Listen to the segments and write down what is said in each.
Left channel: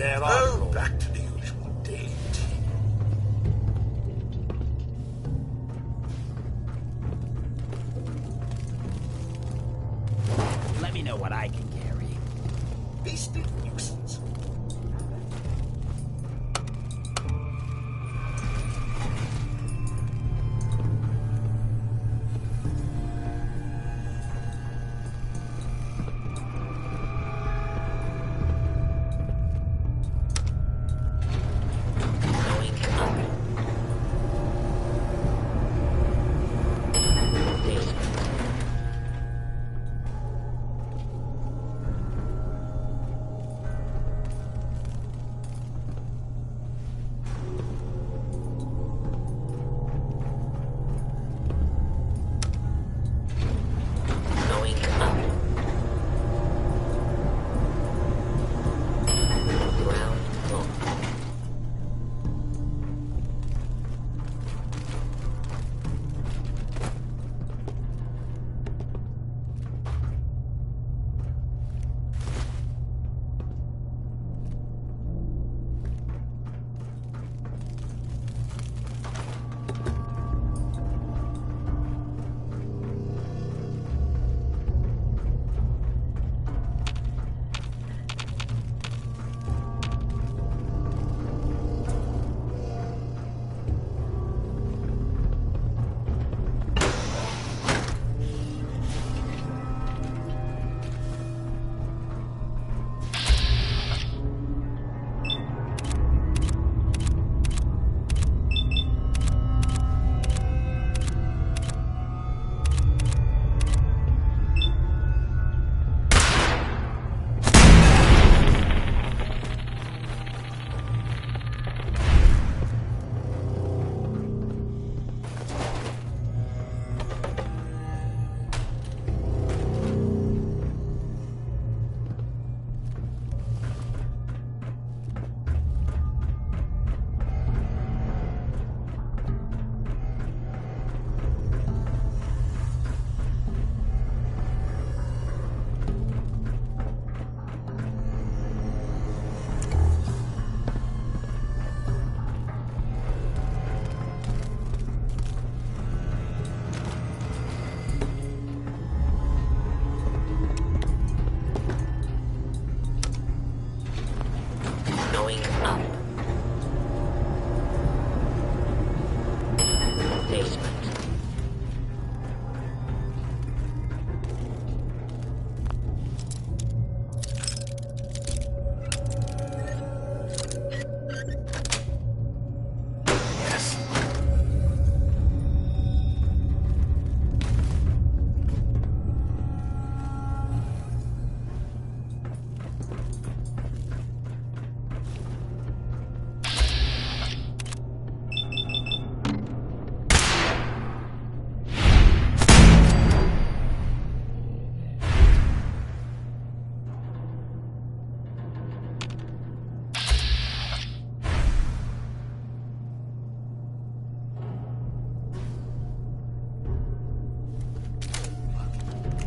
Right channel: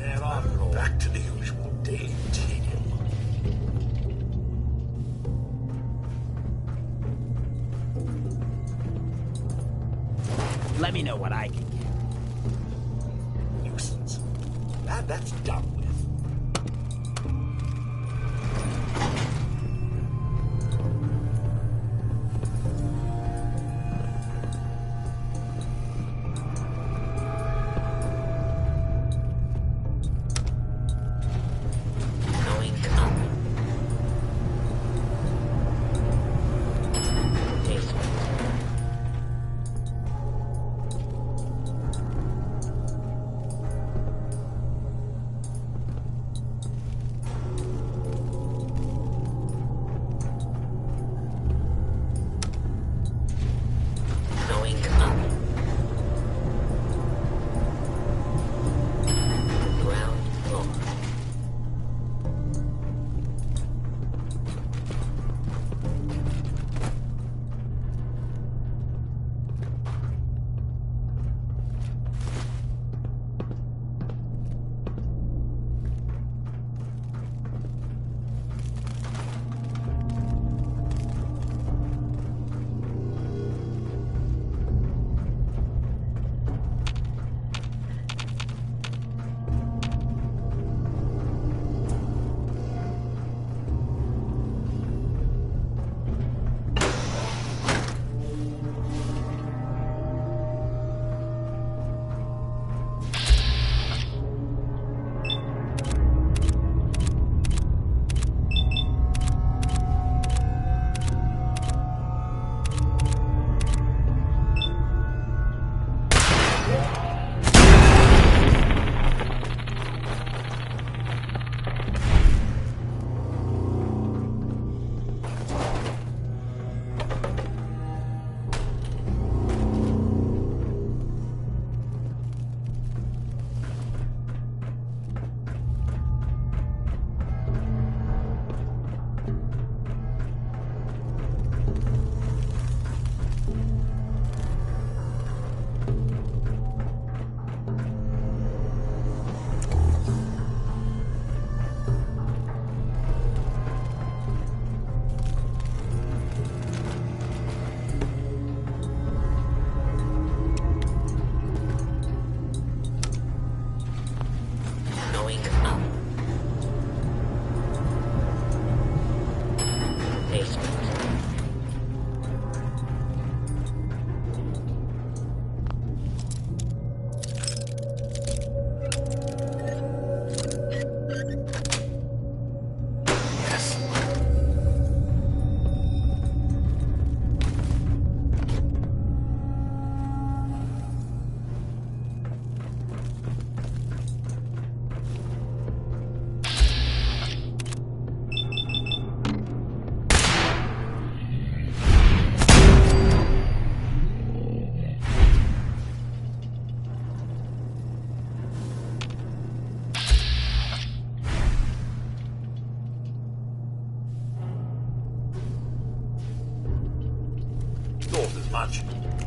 there after all. Back to the usual daily tedium. Let me know what I can carry. Beastly nuisance. Glad that's done with.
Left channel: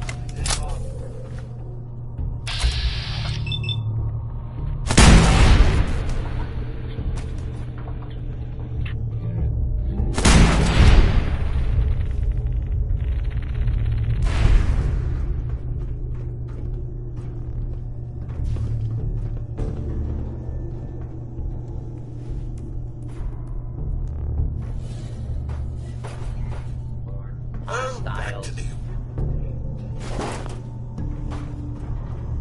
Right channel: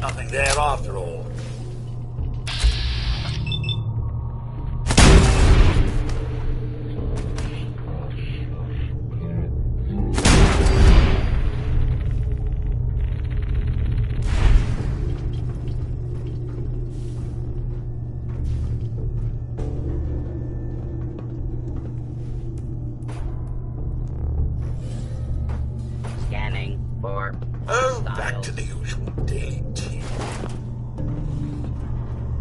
Nothing there after all. Scanning for Back to the usual daily tedium.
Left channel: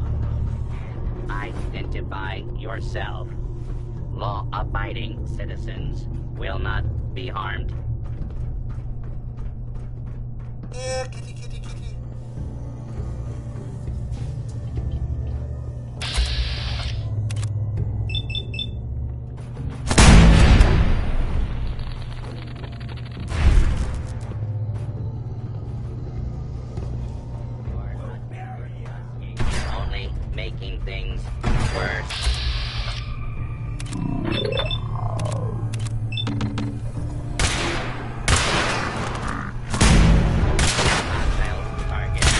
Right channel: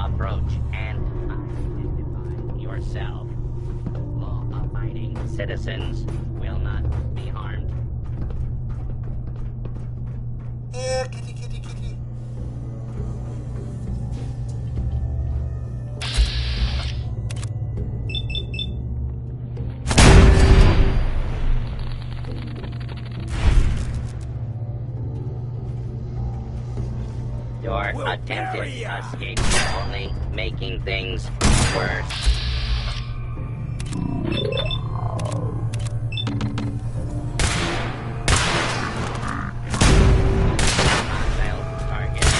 Approach and identify yourself. Law-abiding citizens will not be harmed. Yeah, kitty, kitty, kitty. Your attempted escape is only making things worse. Hostile target.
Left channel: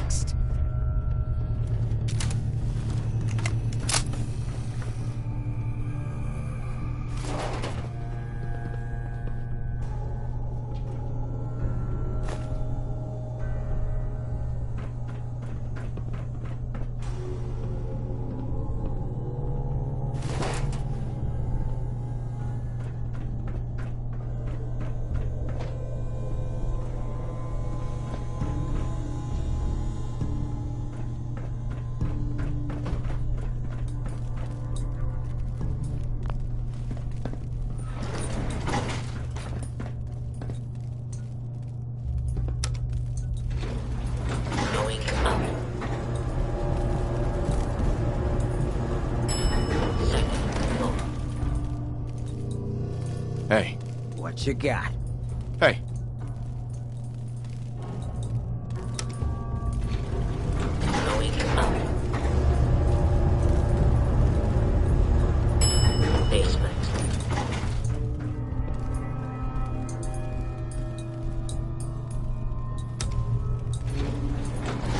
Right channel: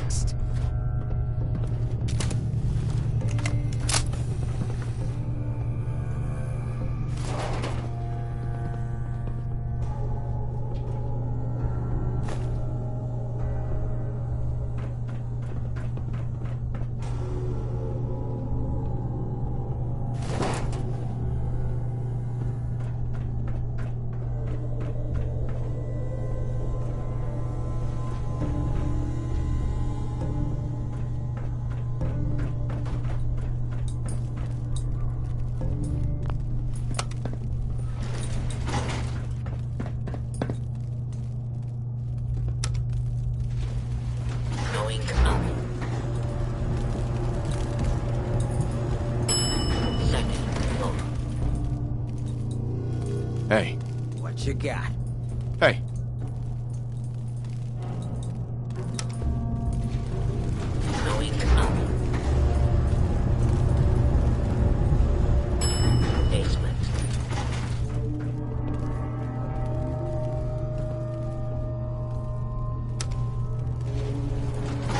Next. Hey. What you got? Hey. Going up. Basement.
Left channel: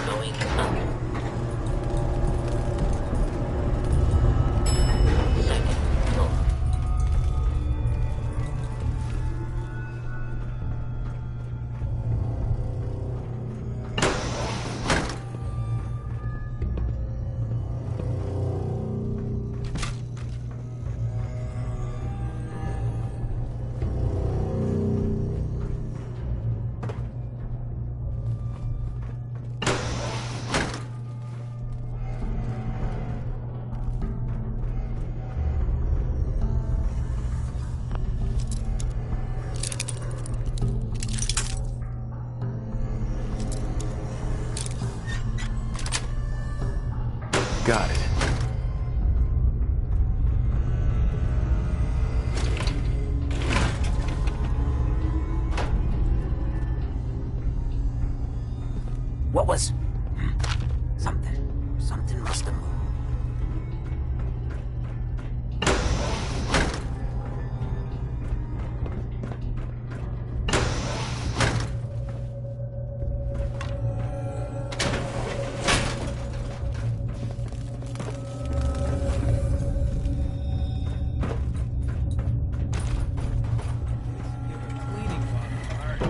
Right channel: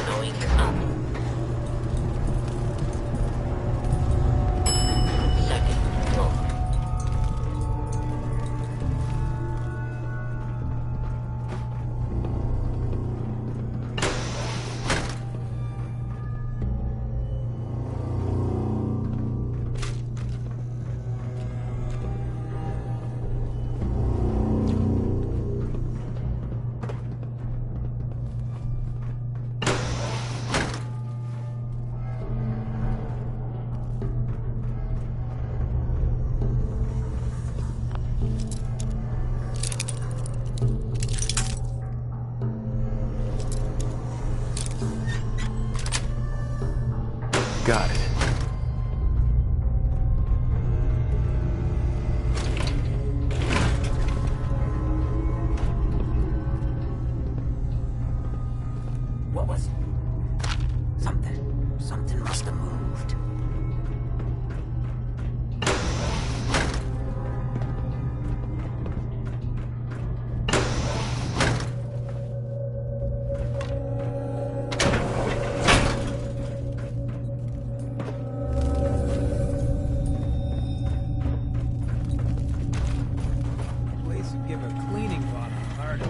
Going up. Second floor. Got it. What was... Something must have moved. Place would give a cleaning bottle a heart.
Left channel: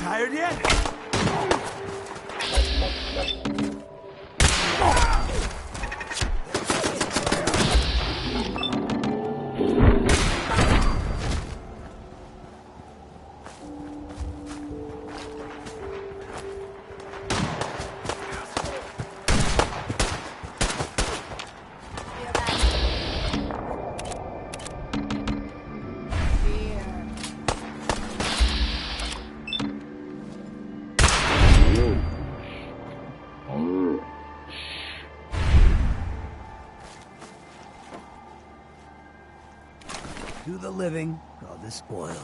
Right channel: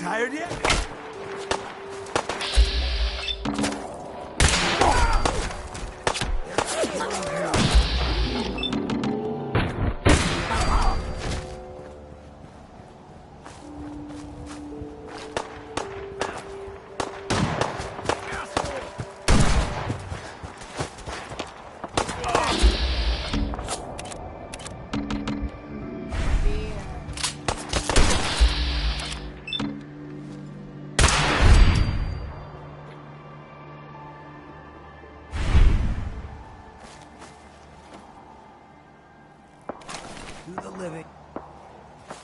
Tired yet? Do the living while the spoils.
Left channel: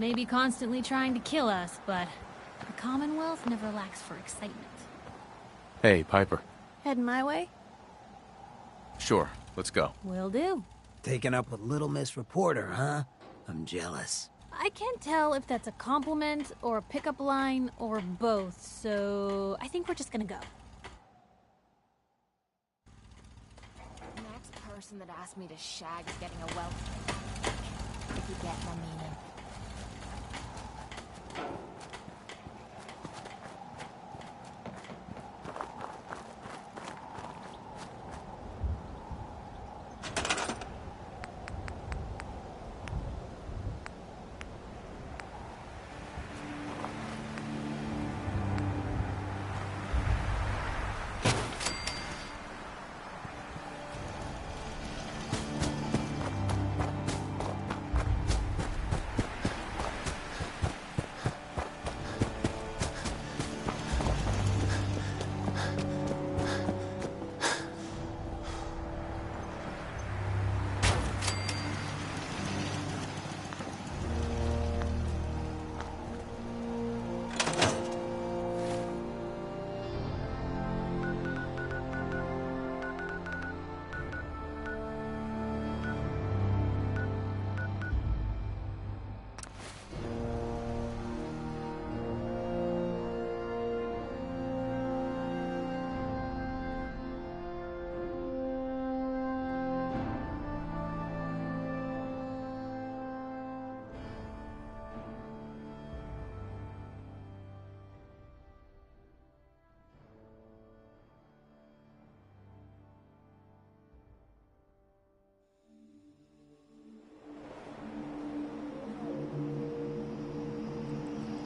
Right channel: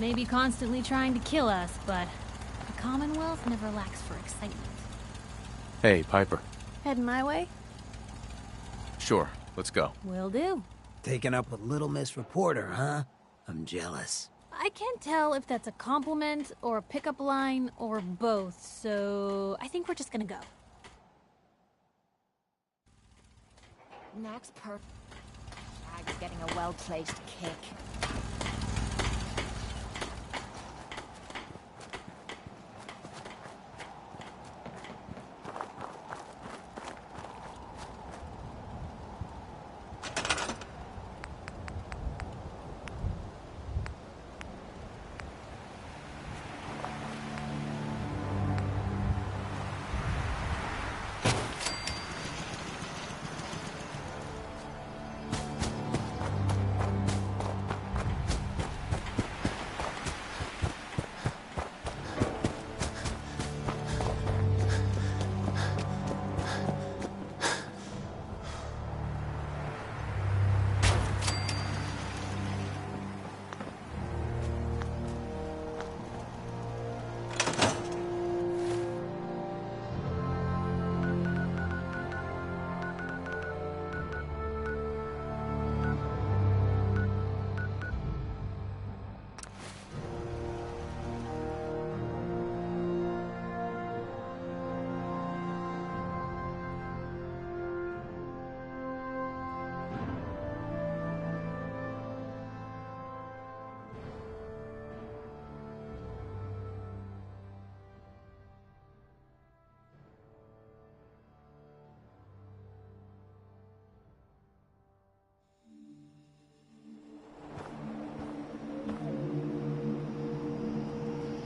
may be constantly trying to kill us, but the Commonwealth never lacks for excitement. Hey, Piper. Heading my way? Sure, let's go. Will do. Taking up with Little Miss Reporter, huh? I'm jealous. I can't tell if that's a compliment or a pickup line or both, so I think we're just gonna go. Next person that asks me to shag is getting a well-placed kick. Keep that coming.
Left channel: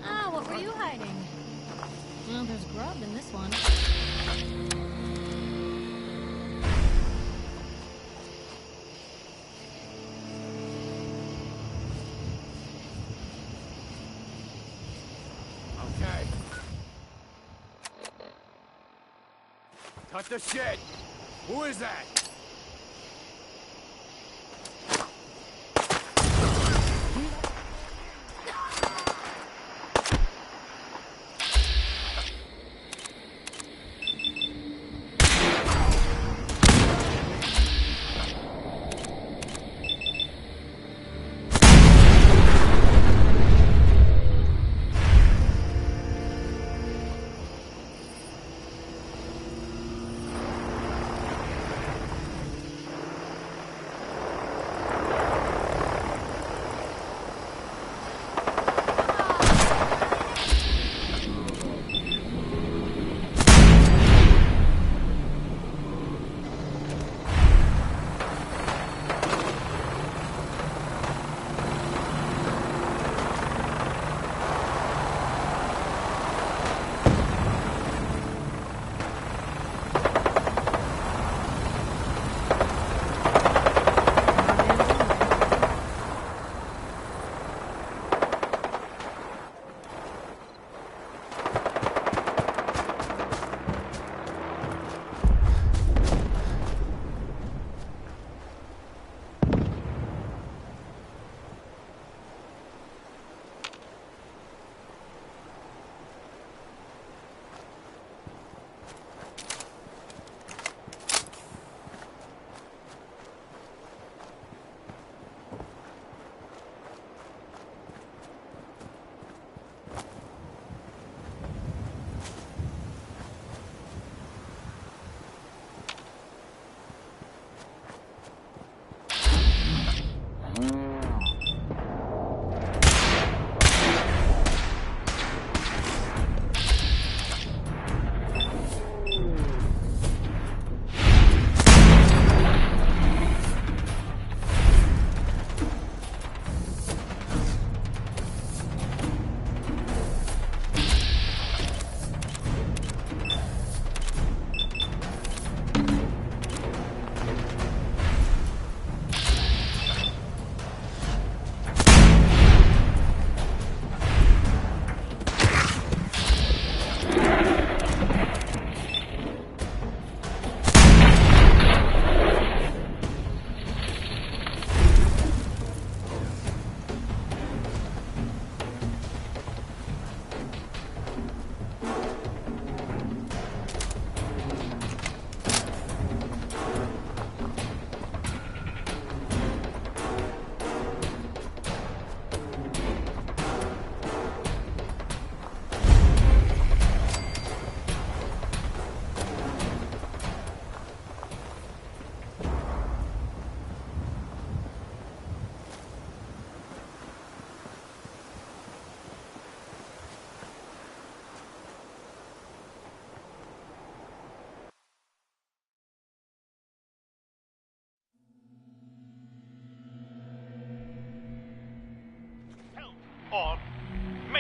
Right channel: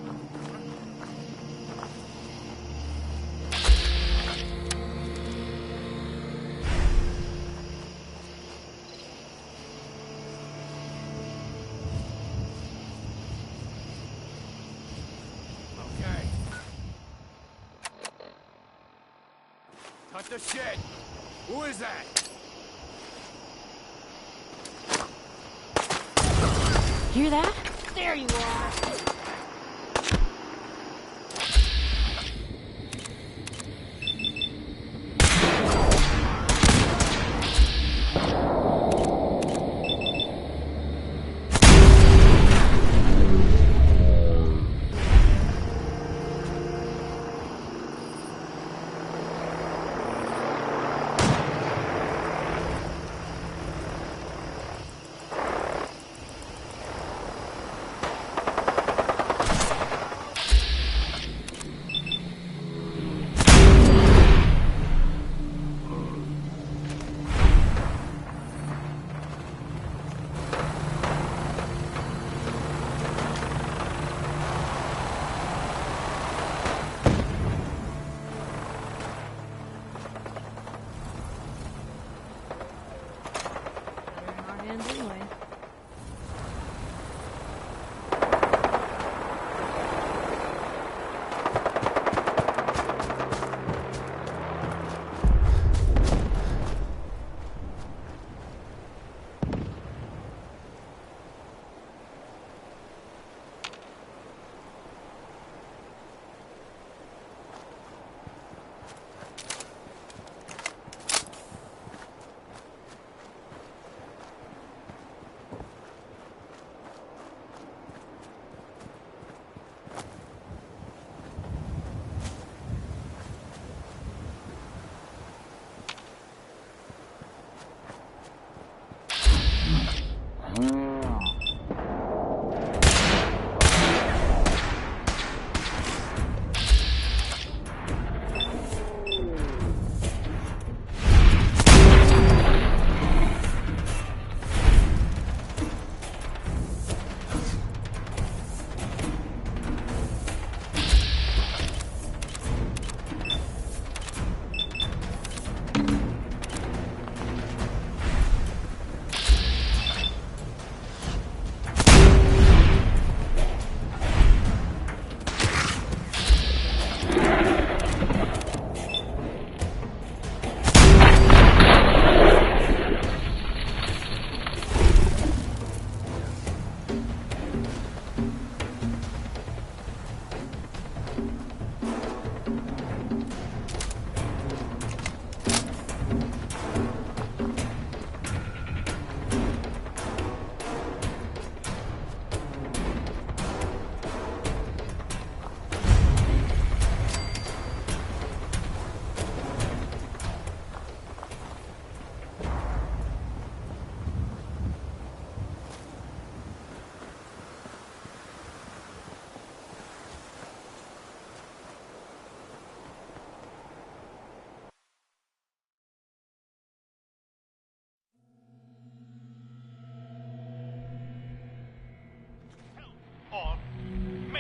Ah, what were you hiding? Well, there's grub in this one. Okay. Cut the shit! Who is that? Hear that? There you are.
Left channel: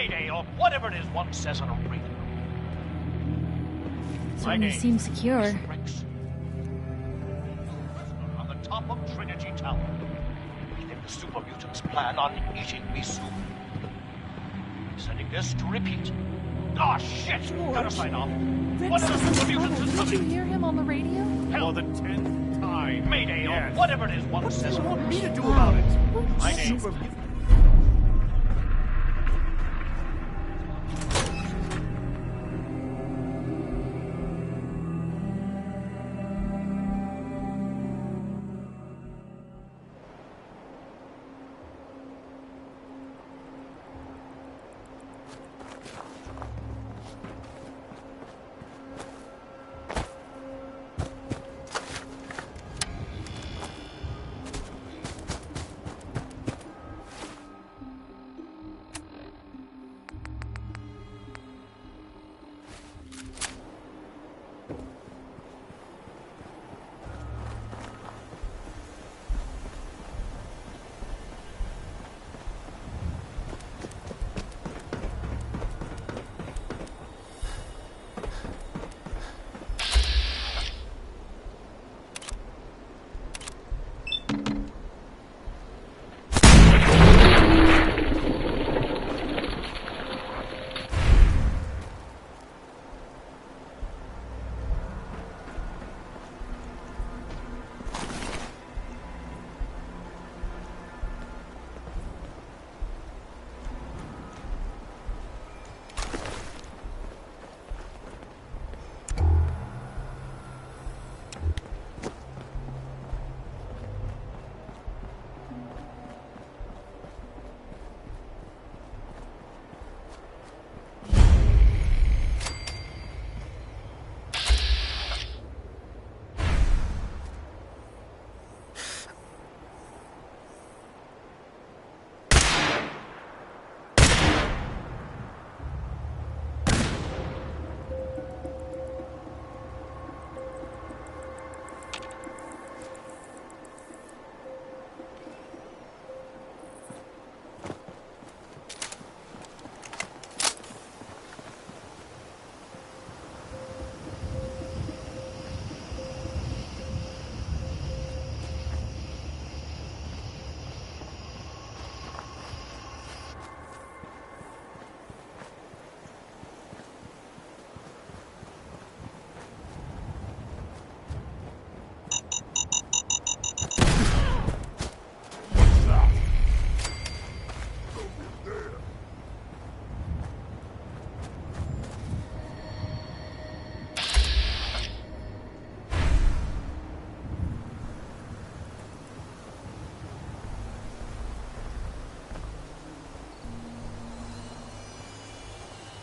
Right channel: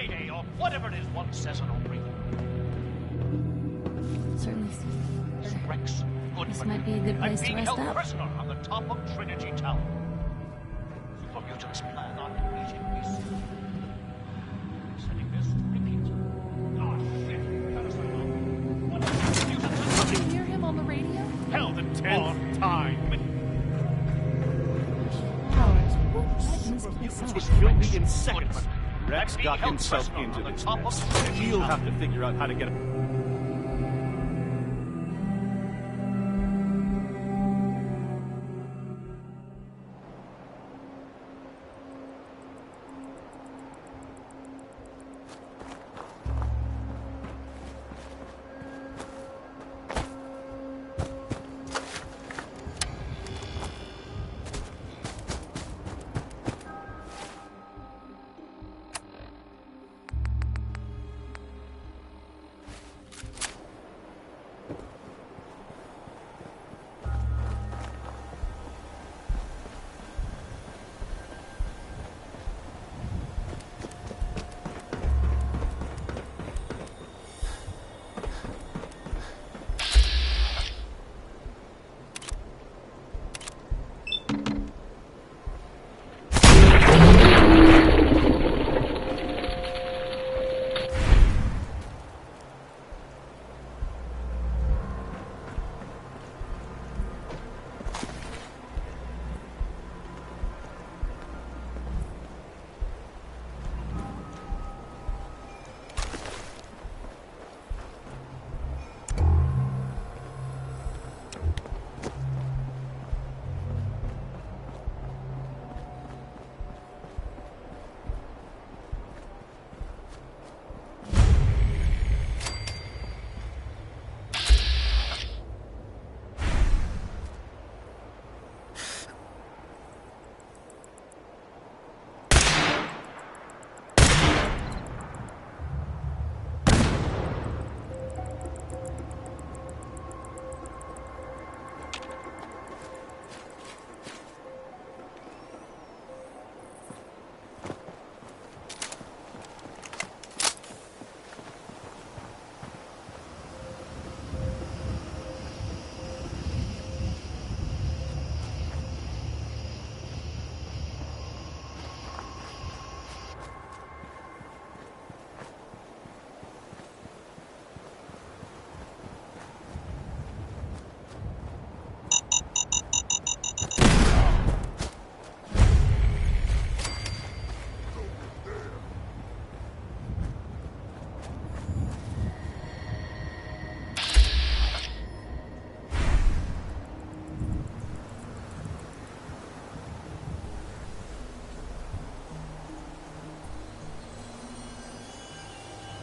Mayday, or whatever it is one says on a radio. Certainly seems secure. Is Rex Goodman. This might be a good I'm place to being rest held up. prisoner on the top of Trinity Tower. The super mutants plan on eating me soon. Setting this to repeat. Oh shit! Gotta sign off. One of the super mutants is Did you coming. hear him on the radio? Hell, the 10th time. Mayday, or whatever it is one says on a radio. to do about it? What My is name this Super place mutants up? was filthy in seconds. Rex Being got held himself prisoner into on the this. top of He'll have to figure out how to get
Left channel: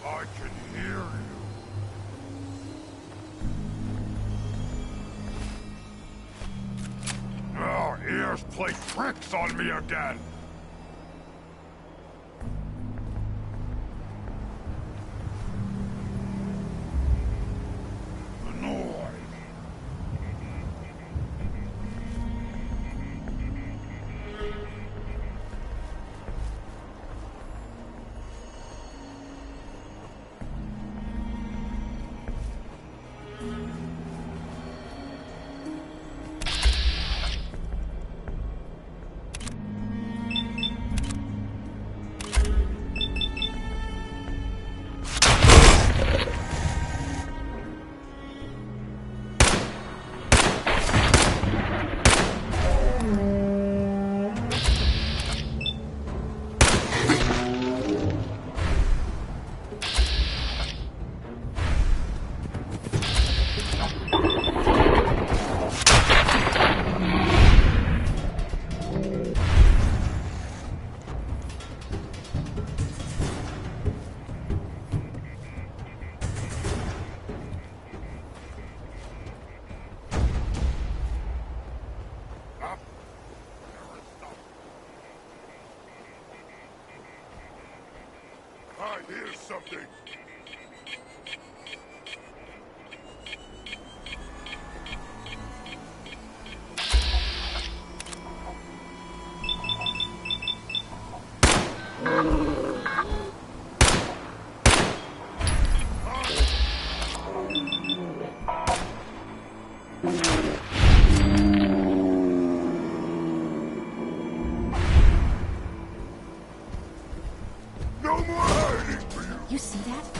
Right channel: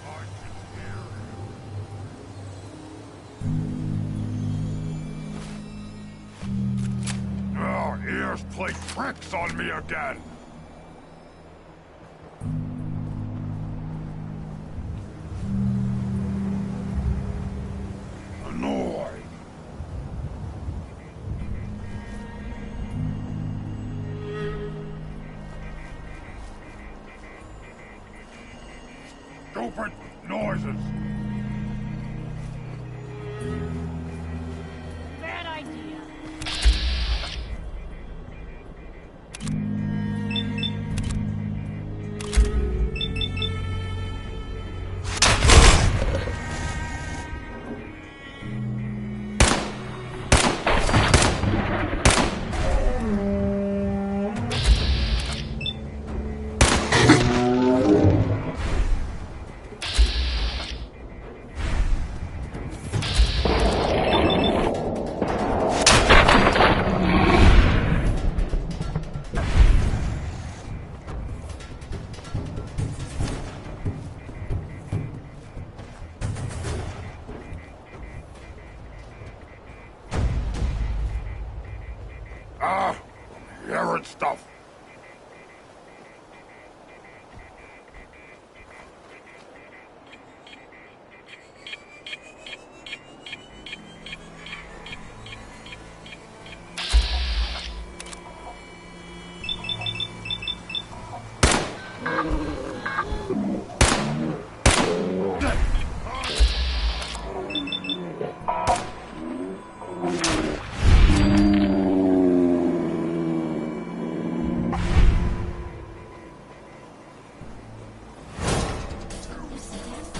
I can hear you. Oh, ears play tricks on me again. Annoyed. Stupid noises. Bad idea. Ah, hearing stuff. I hear something. You see that?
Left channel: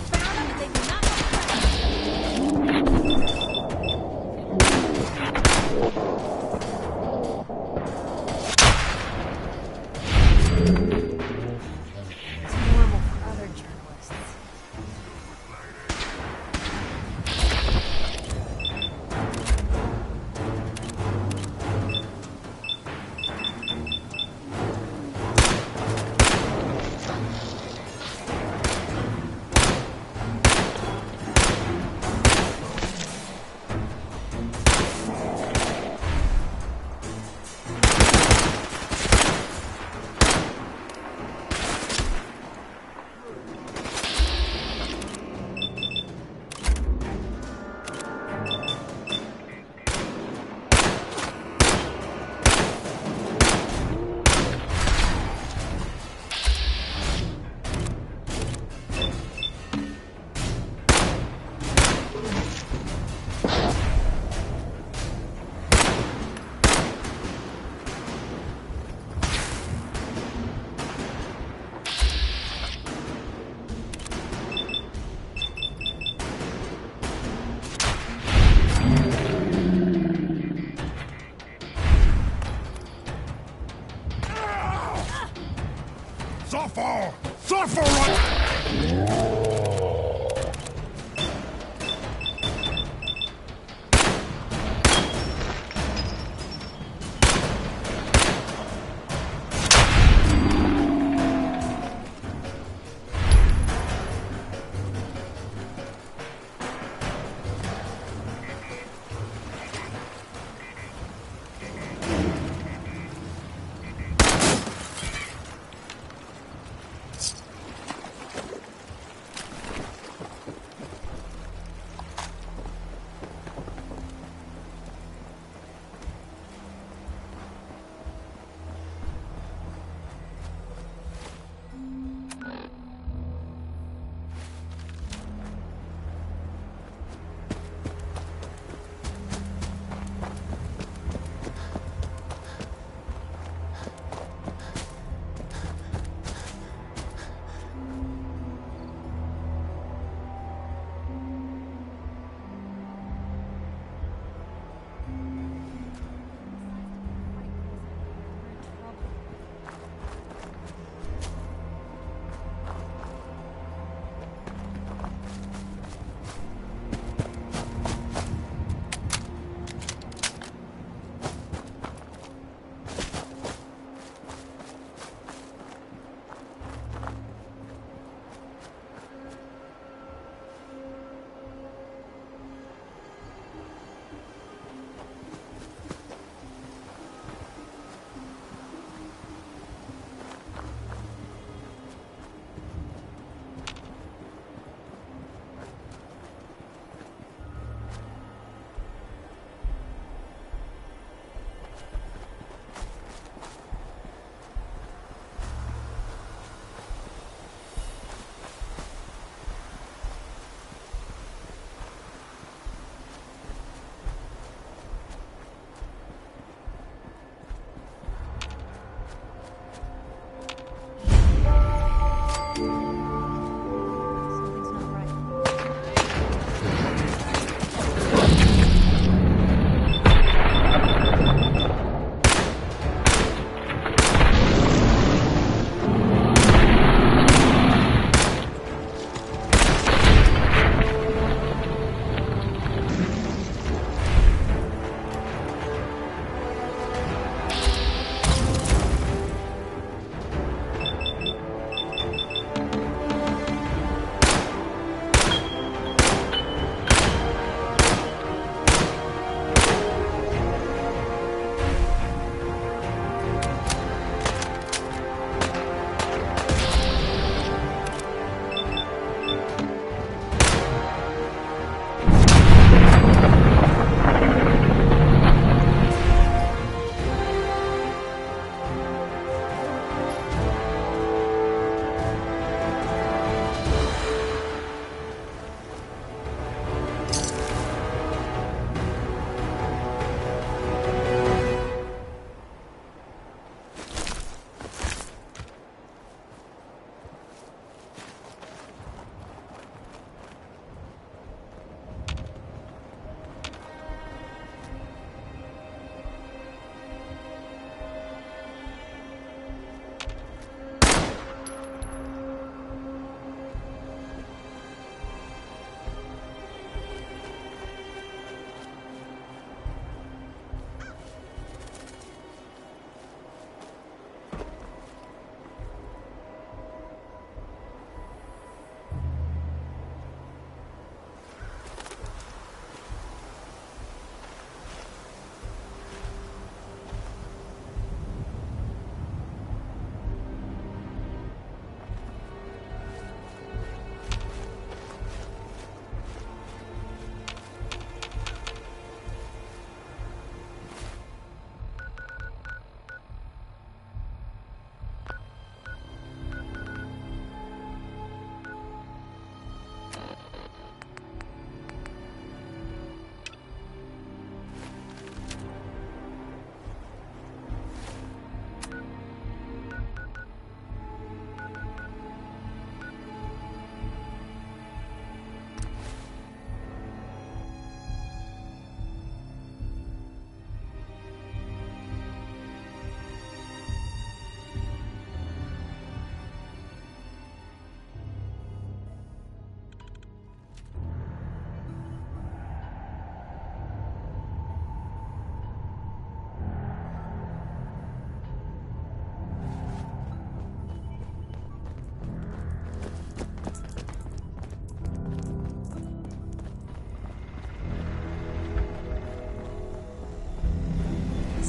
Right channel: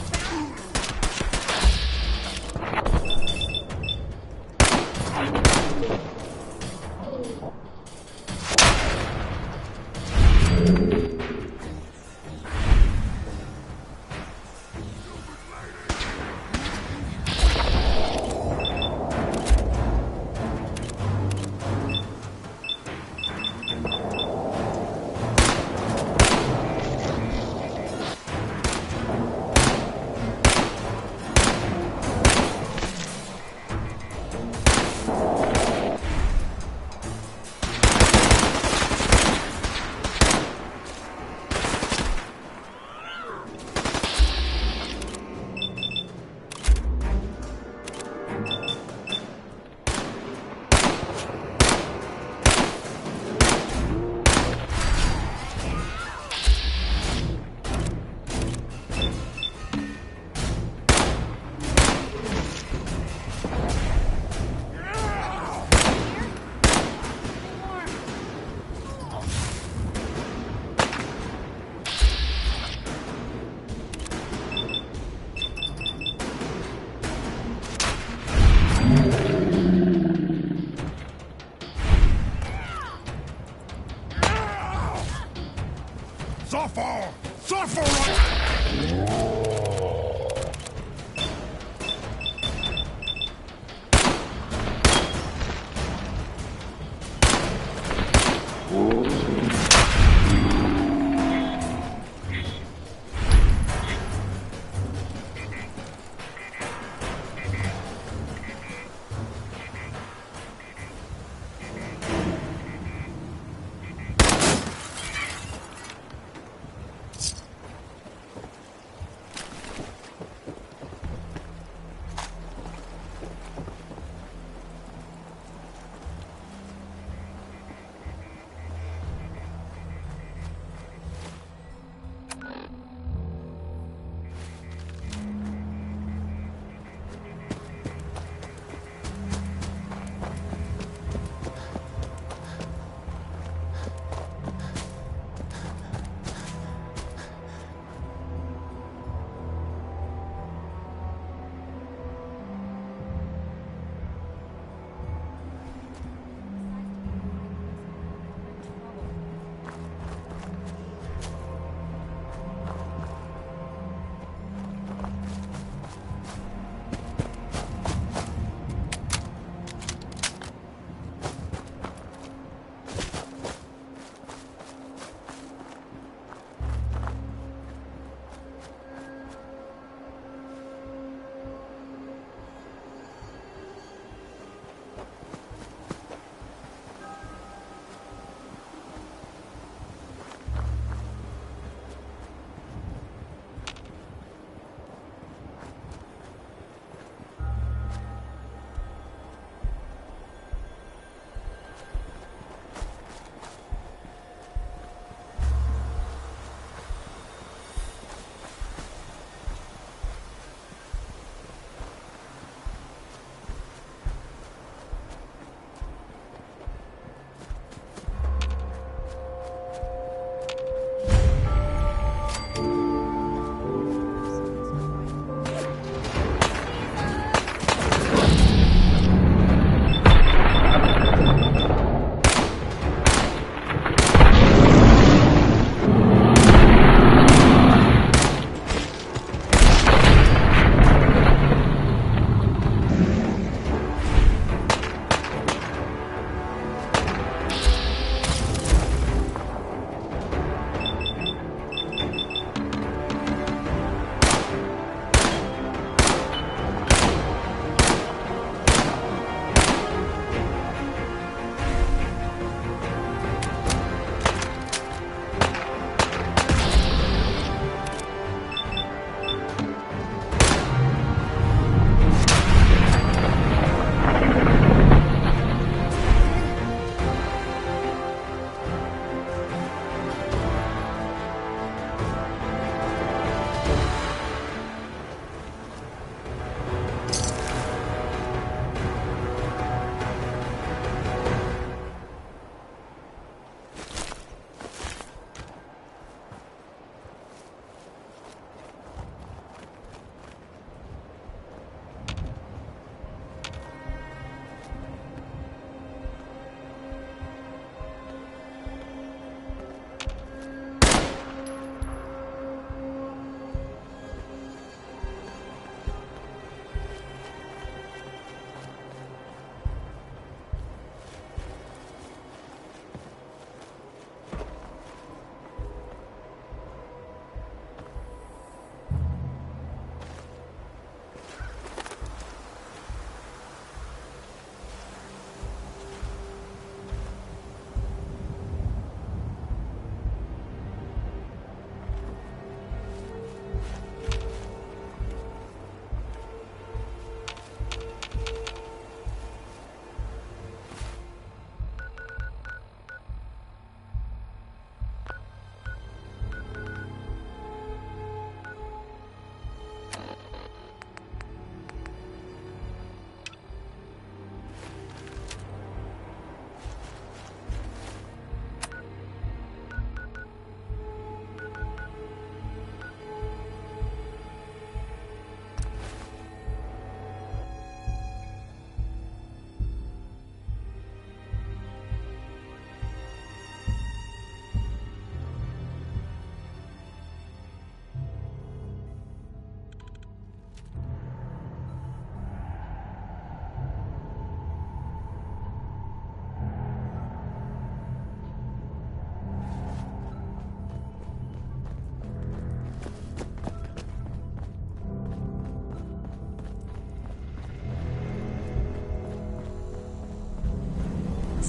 Suffer! Suffer right!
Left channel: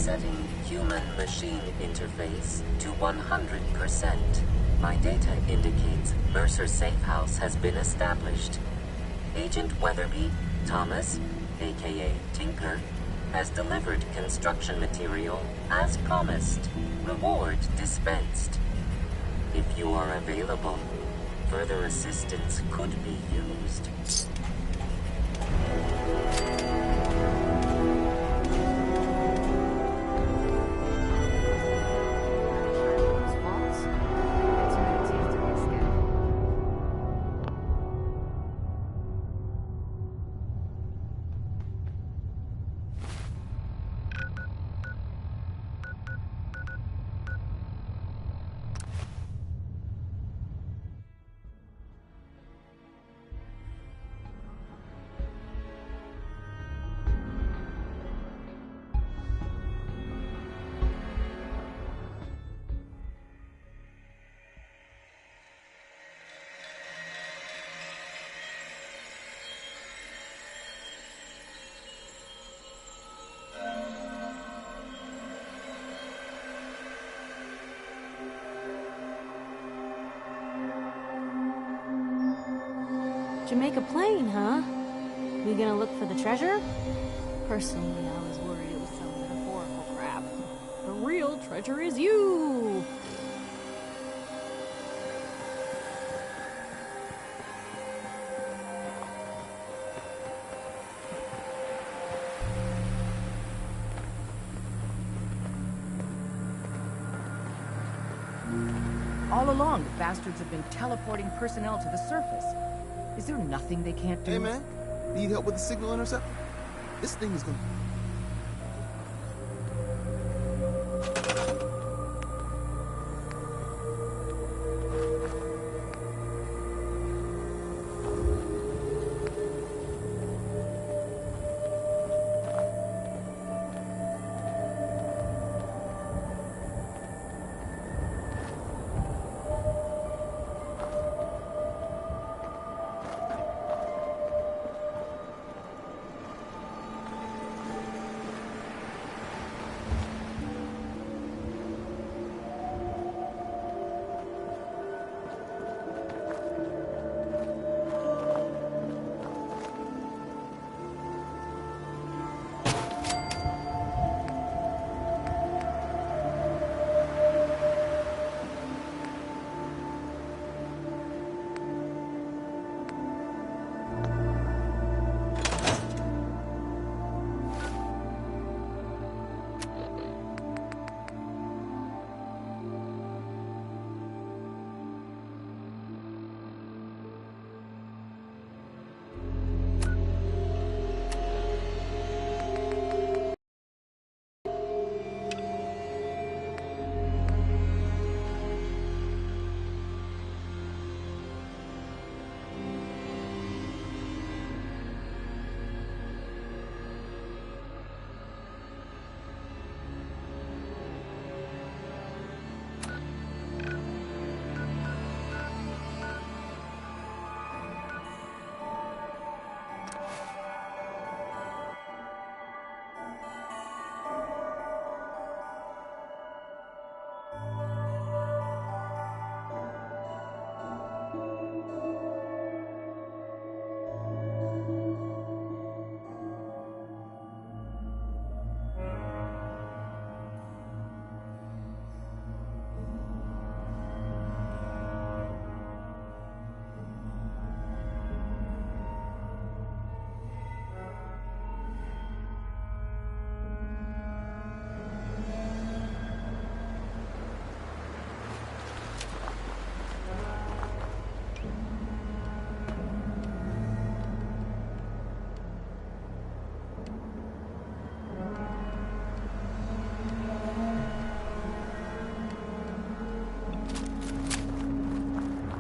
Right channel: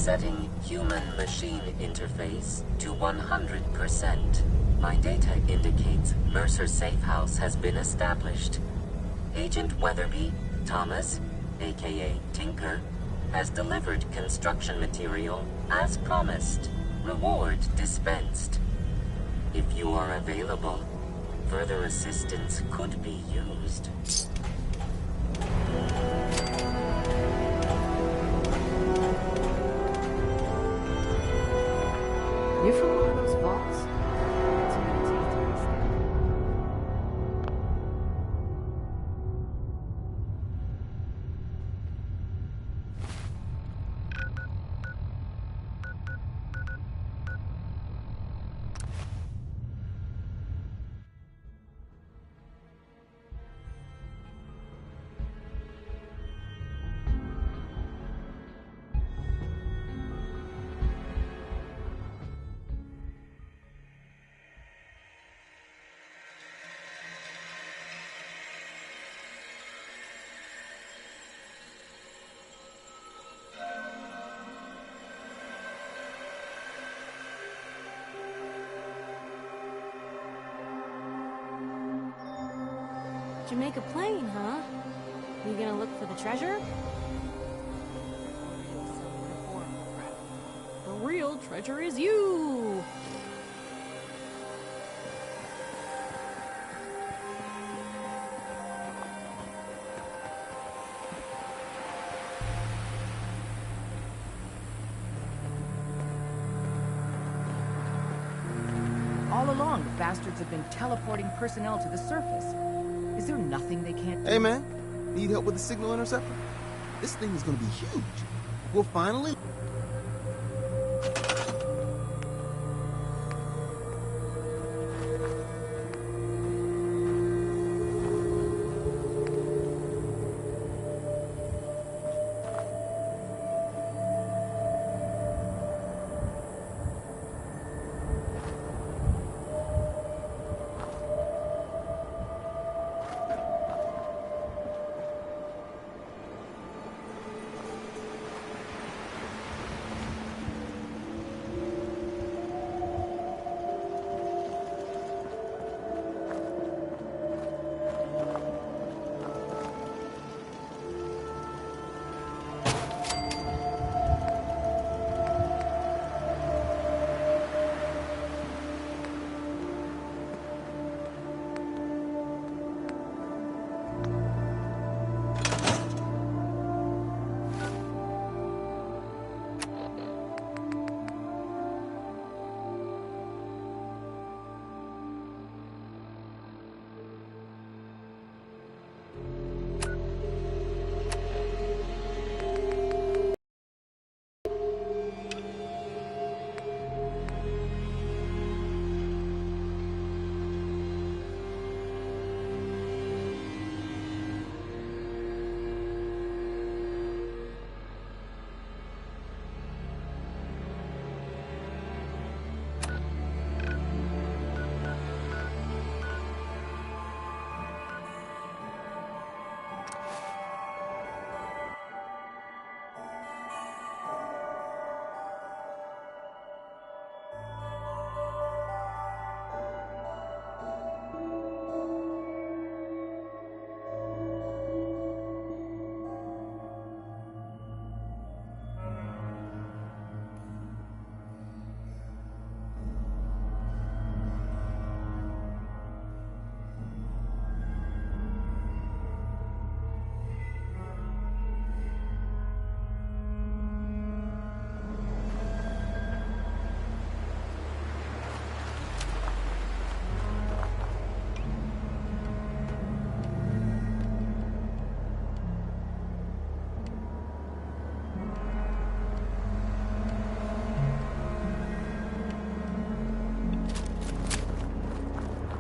Setting human-machine interface to 100%. My data indicates Mercer Safe House has been established. Agent Weatherby, Thomas, aka Tinker, has delivered construction material as promised. Reward dispensed. If you are available, further assistance could be used. Different one of those vaults? Got too many teeth to my skin. Jamaica Plain, huh? You gonna look for the treasure? Personally, I was worried it was some metaphorical crap. The real treasure is you! All along, the bastards have been teleporting personnel to the surface. Is there nothing they can't do? Hey, man. Need help with the signal interceptor? This thing is gonna be huge. We'll finally...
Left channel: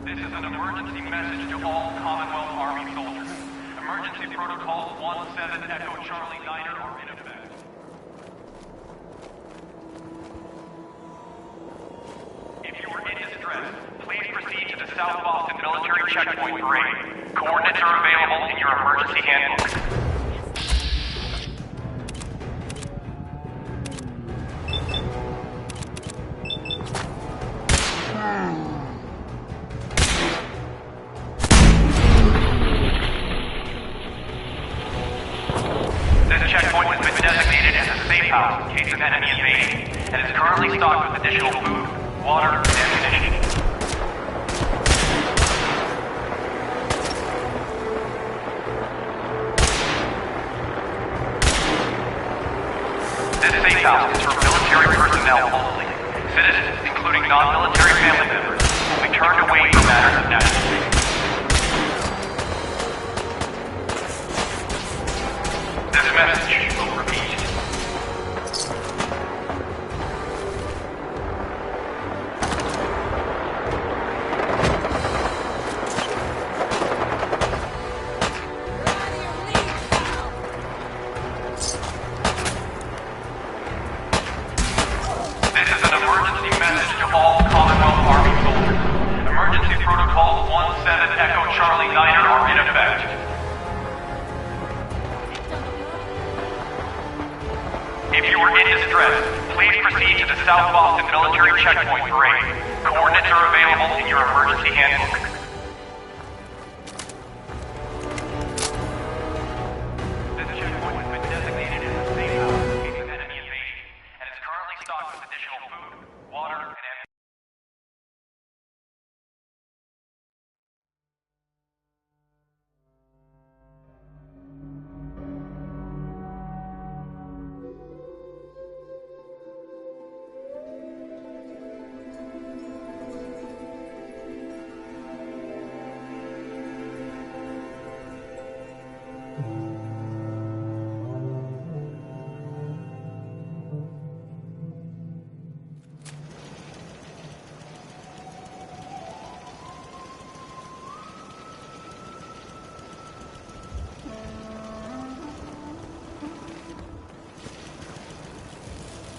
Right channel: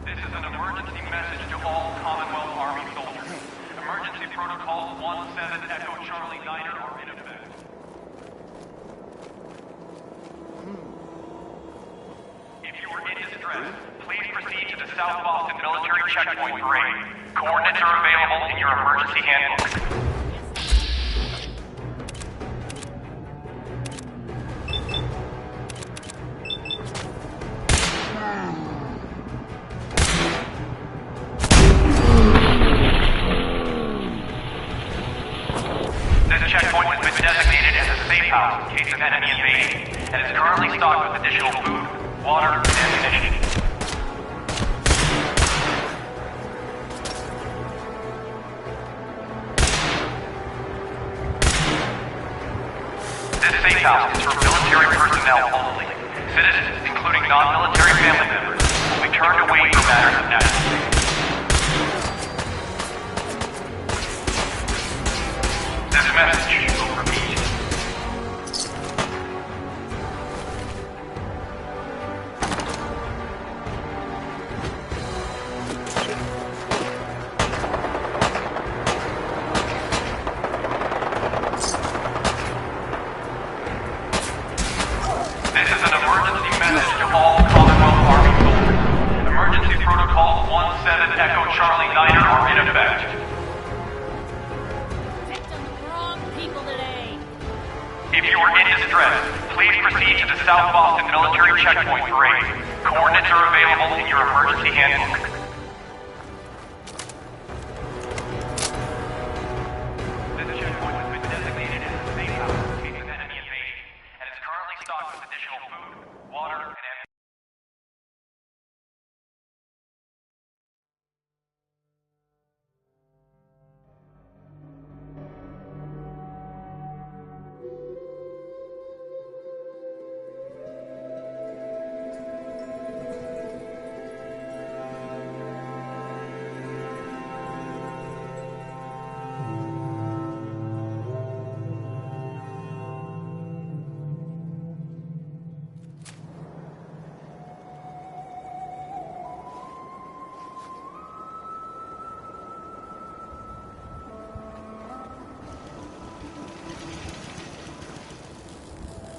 This is an emergency message to all Commonwealth Army soldiers. Emergency protocols 17 Echo Charlie Niner are in effect. If you are in distress, please proceed to the South Boston Military Checkpoint Parade. Coordinates are available in your emergency handbook. safe house in case of enemy invasion, and is currently stocked with additional food, water, and ammunition. This safe house is for military personnel only. Citizens, including non-military family members, will be turned away from matters of national safety. This message will repeat. This is an emergency message to all Commonwealth Army soldiers. Emergency Protocol 17 Echo Charlie Niner are in effect. If you are in distress, please proceed to the South Boston Military Checkpoint Parade. Coordinates are available in your emergency handbook. This checkpoint has been designated as a safe house in case of enemy invasion, and is currently stocked with additional food, water, and ammunition.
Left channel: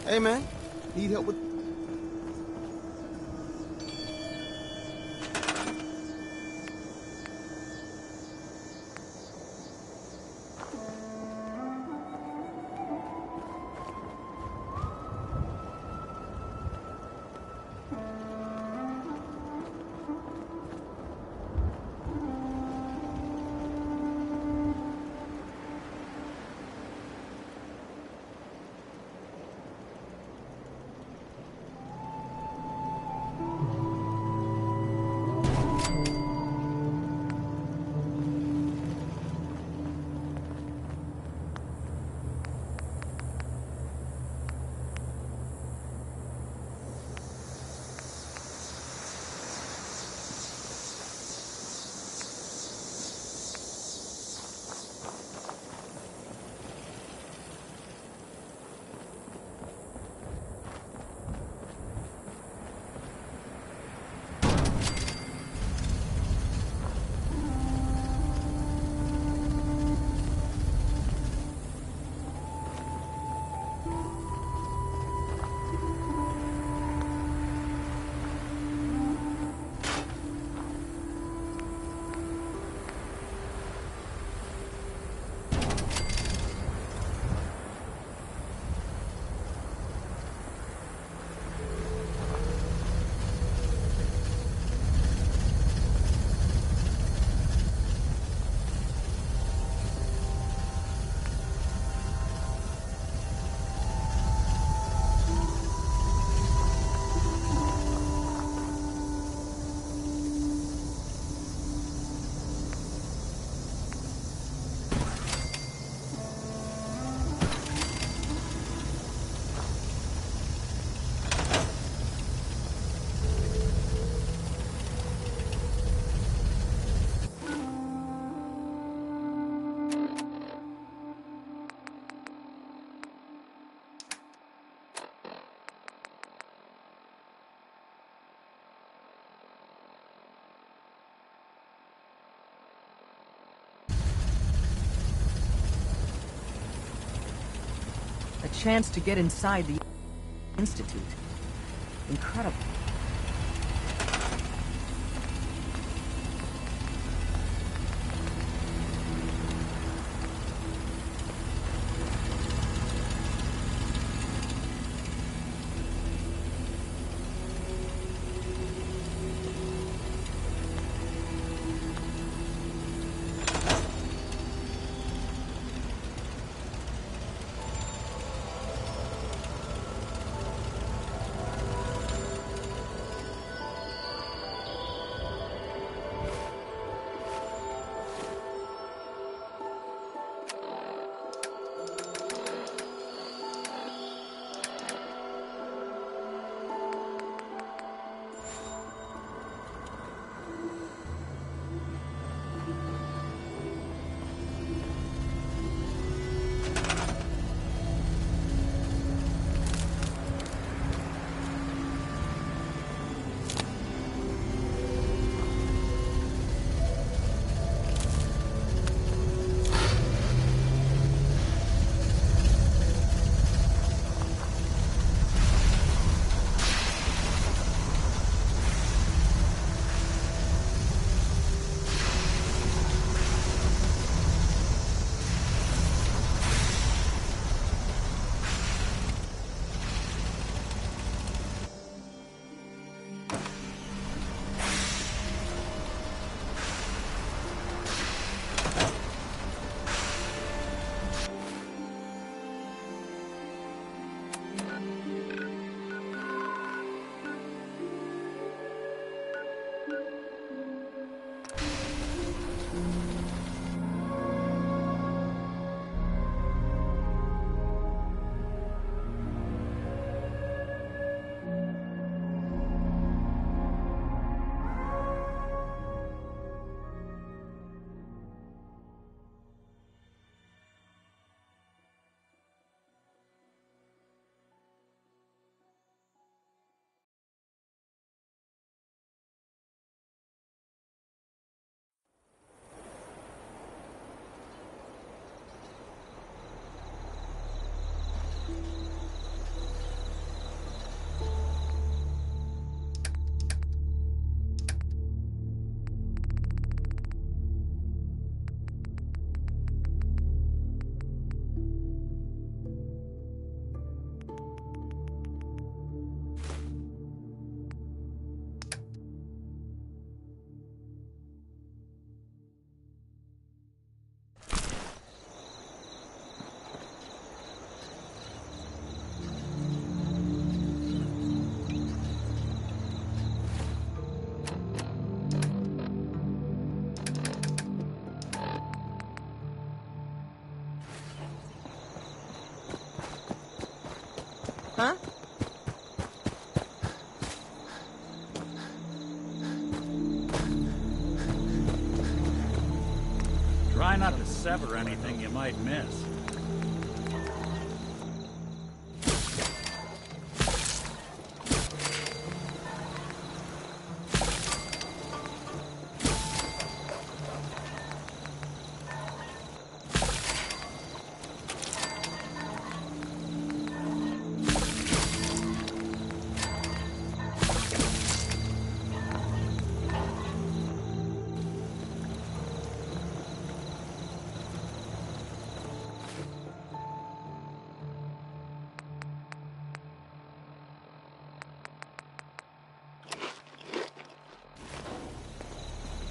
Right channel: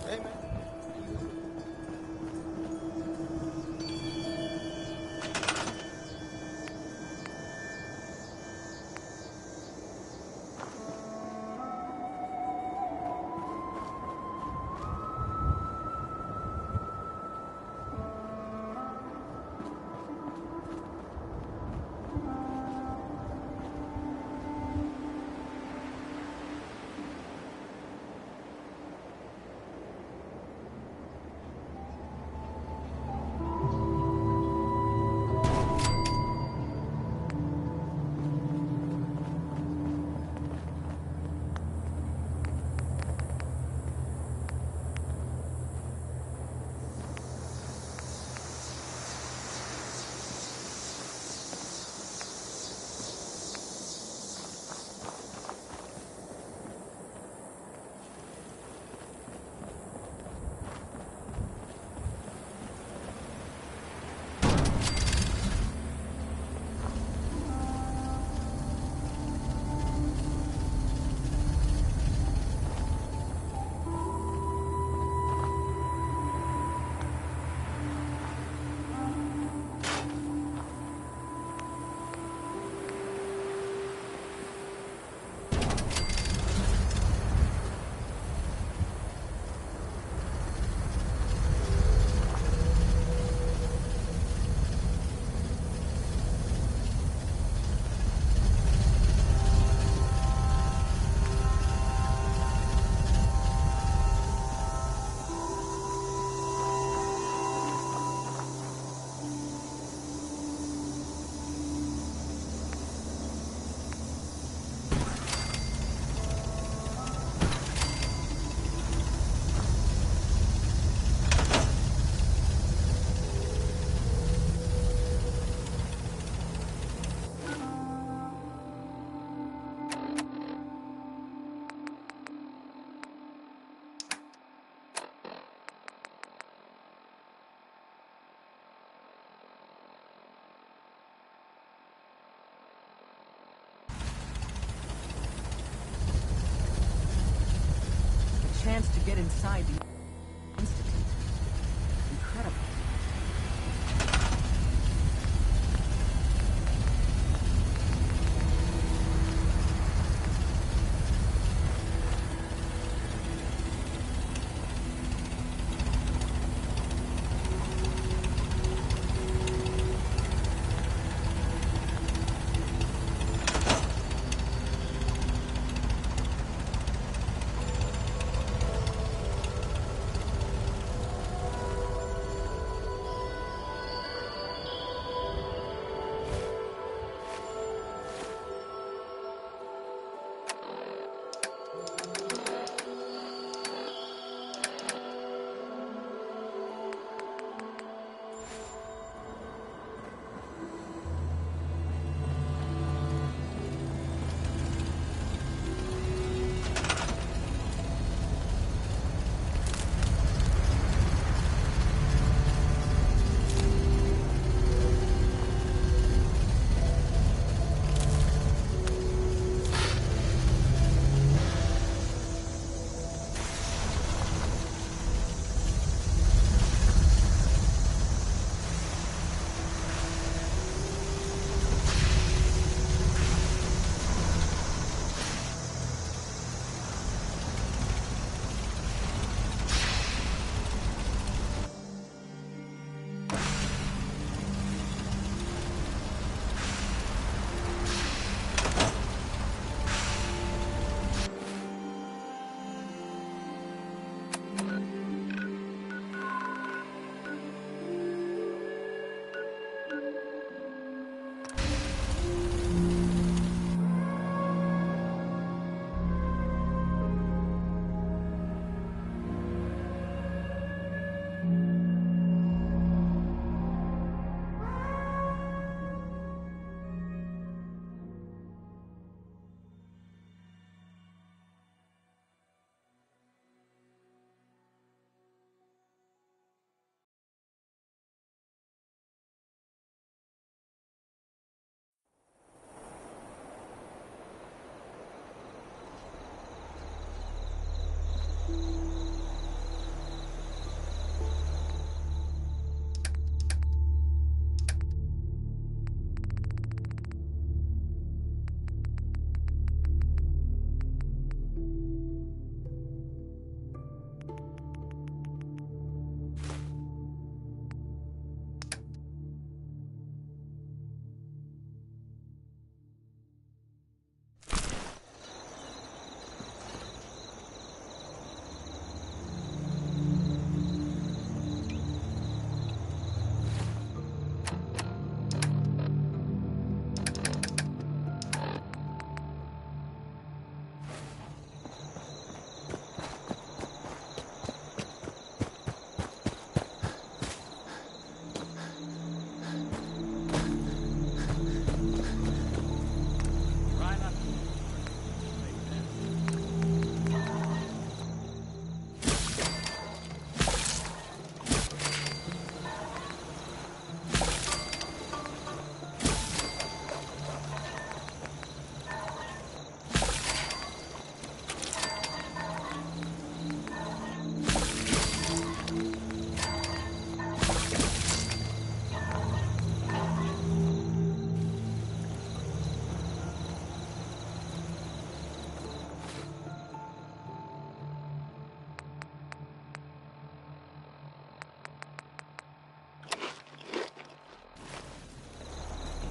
Hey, man. Need help with... Chance to get inside the Institute. Incredible. might miss.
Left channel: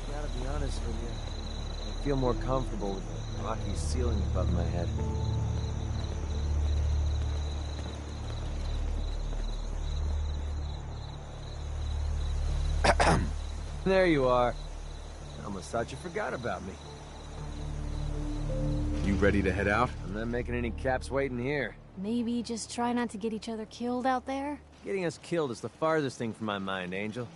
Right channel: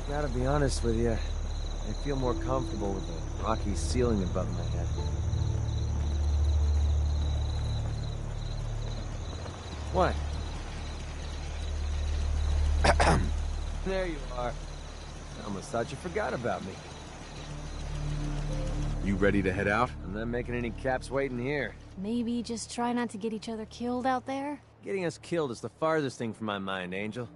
Gotta be honest with you, I feel more comfortable with a rocky ceiling above my head. What? There you are. I almost thought you forgot about me. You ready to head out? I'm not making any caps waiting here. Maybe just try not to get each other killed out there? Getting us killed is the farthest thing from my mind, Angel.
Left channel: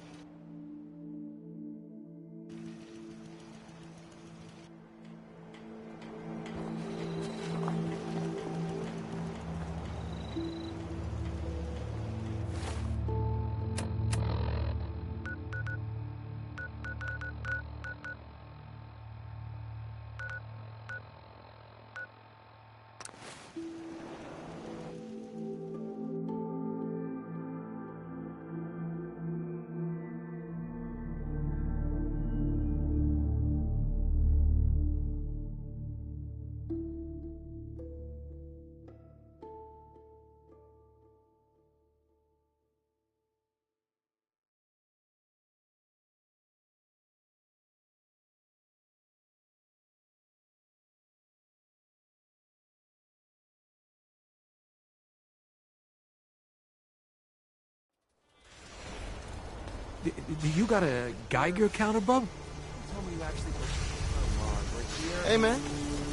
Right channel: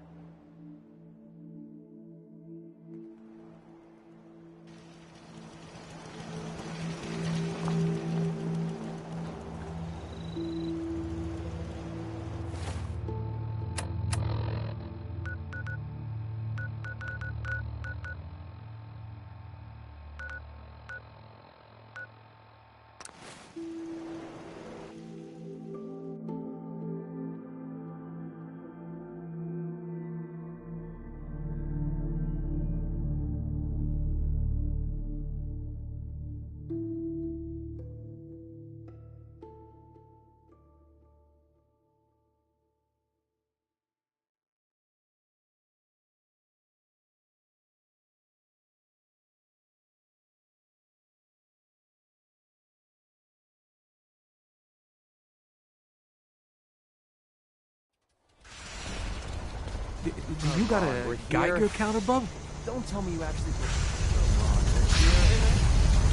Do you got a Geiger counter, bub? Don't tell me you actually believe. Come on, we're here. Hey, man.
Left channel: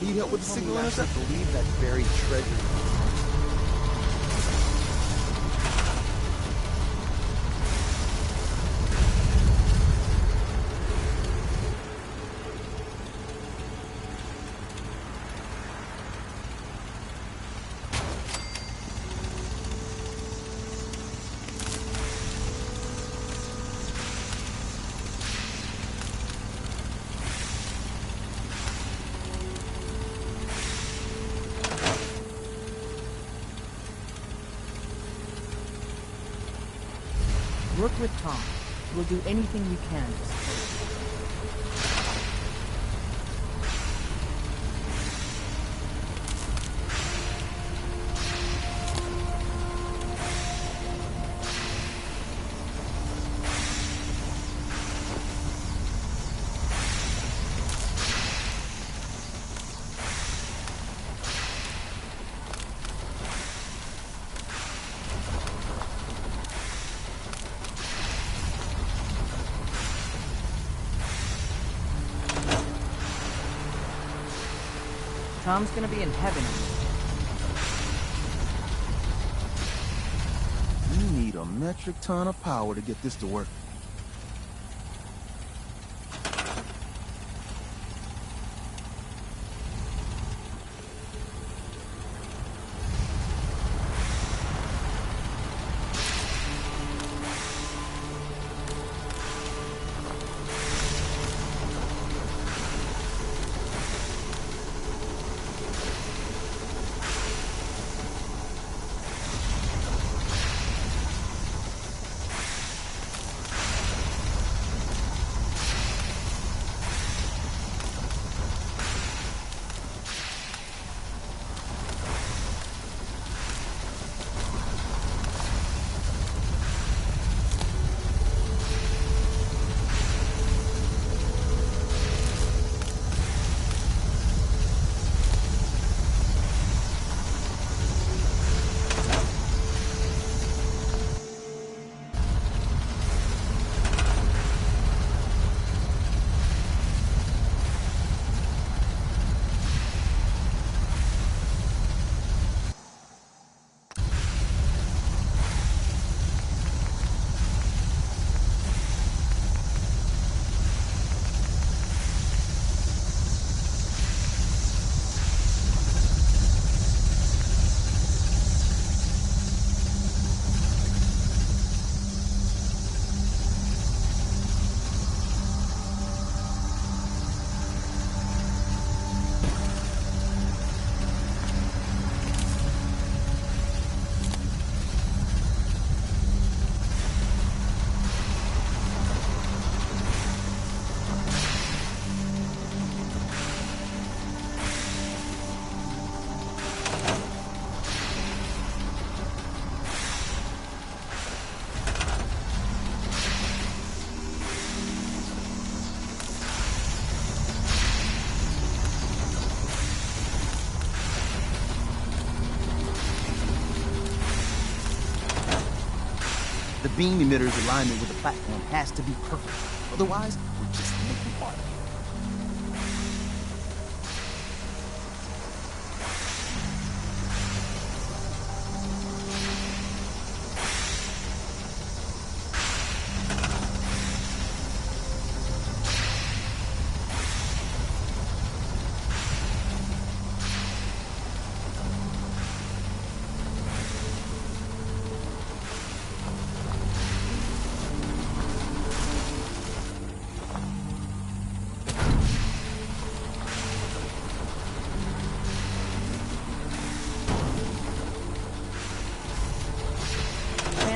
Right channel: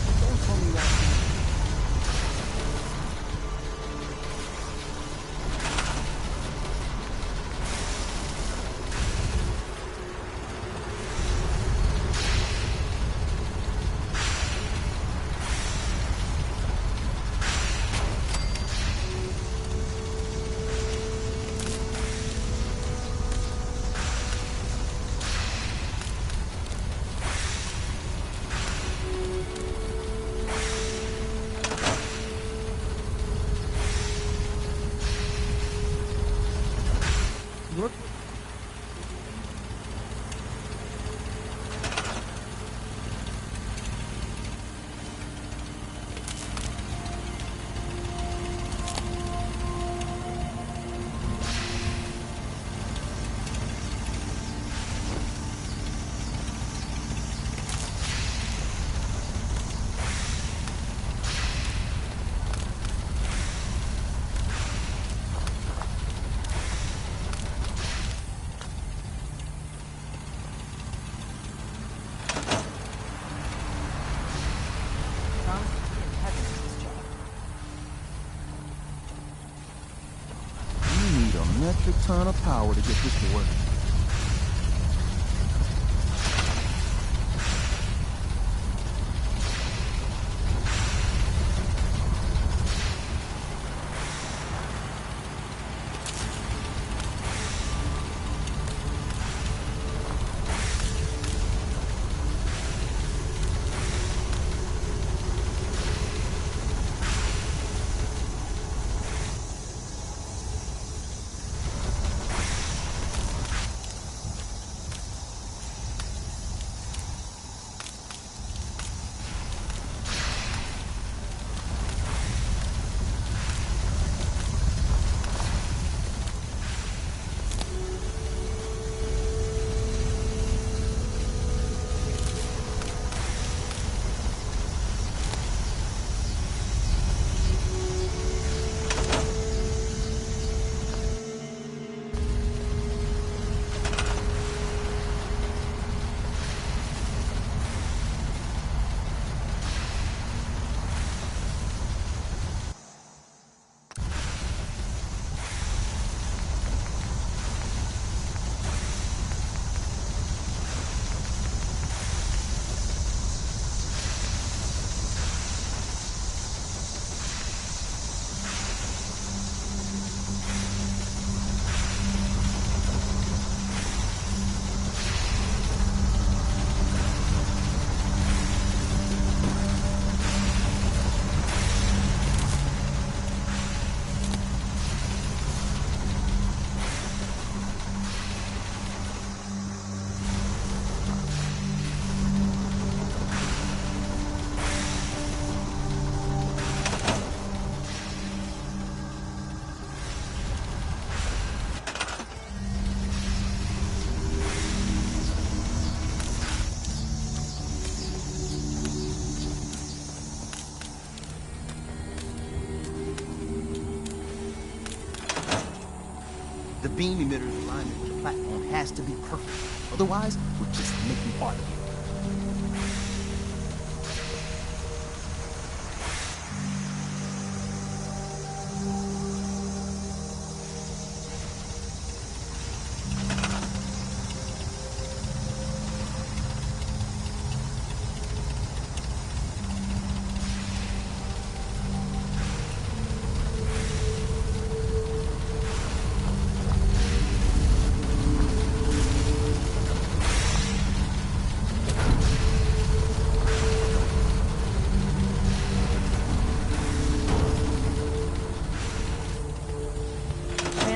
You know what's Tell me you actually believe that buried treasure. Work with Tom. We'll do anything we can. Tom's gonna be in heaven on this job. You need a metric ton of power to get this to work. beam emitter's alignment with the platform has to be perfect. Otherwise, we're just making art here.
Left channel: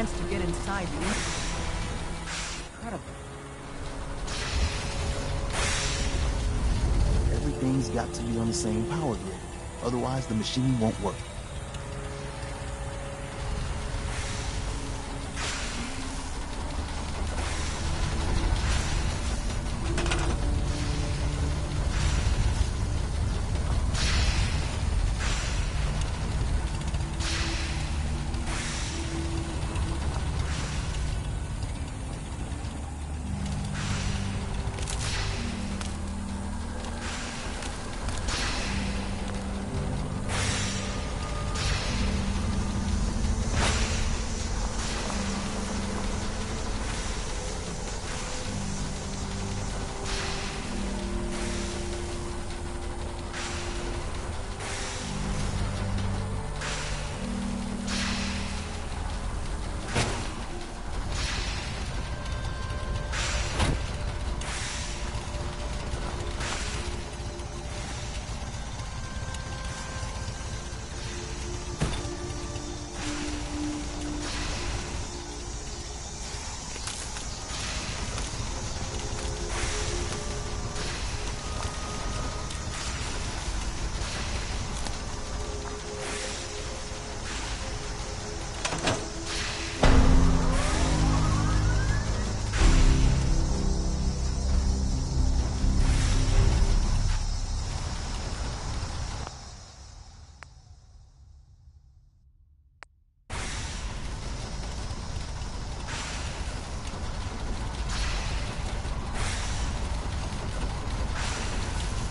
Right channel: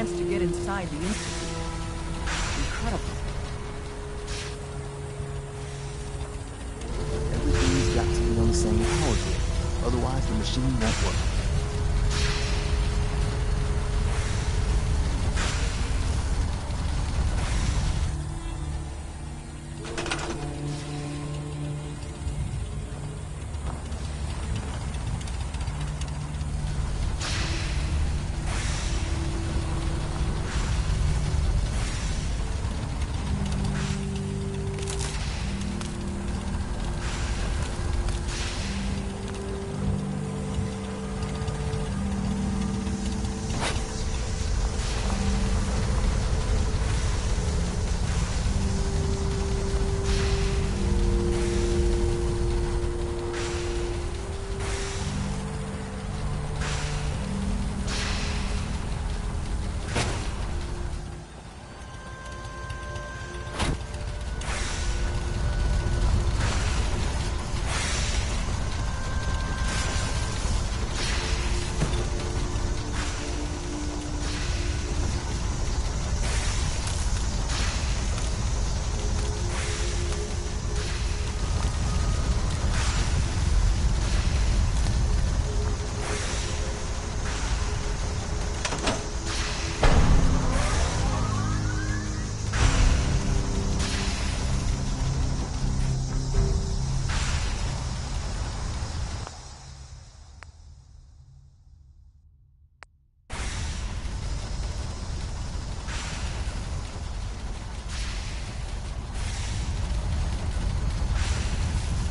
To get inside the Institute. Incredible. Everything's got to be on the same power grid. Otherwise, the machine won't work.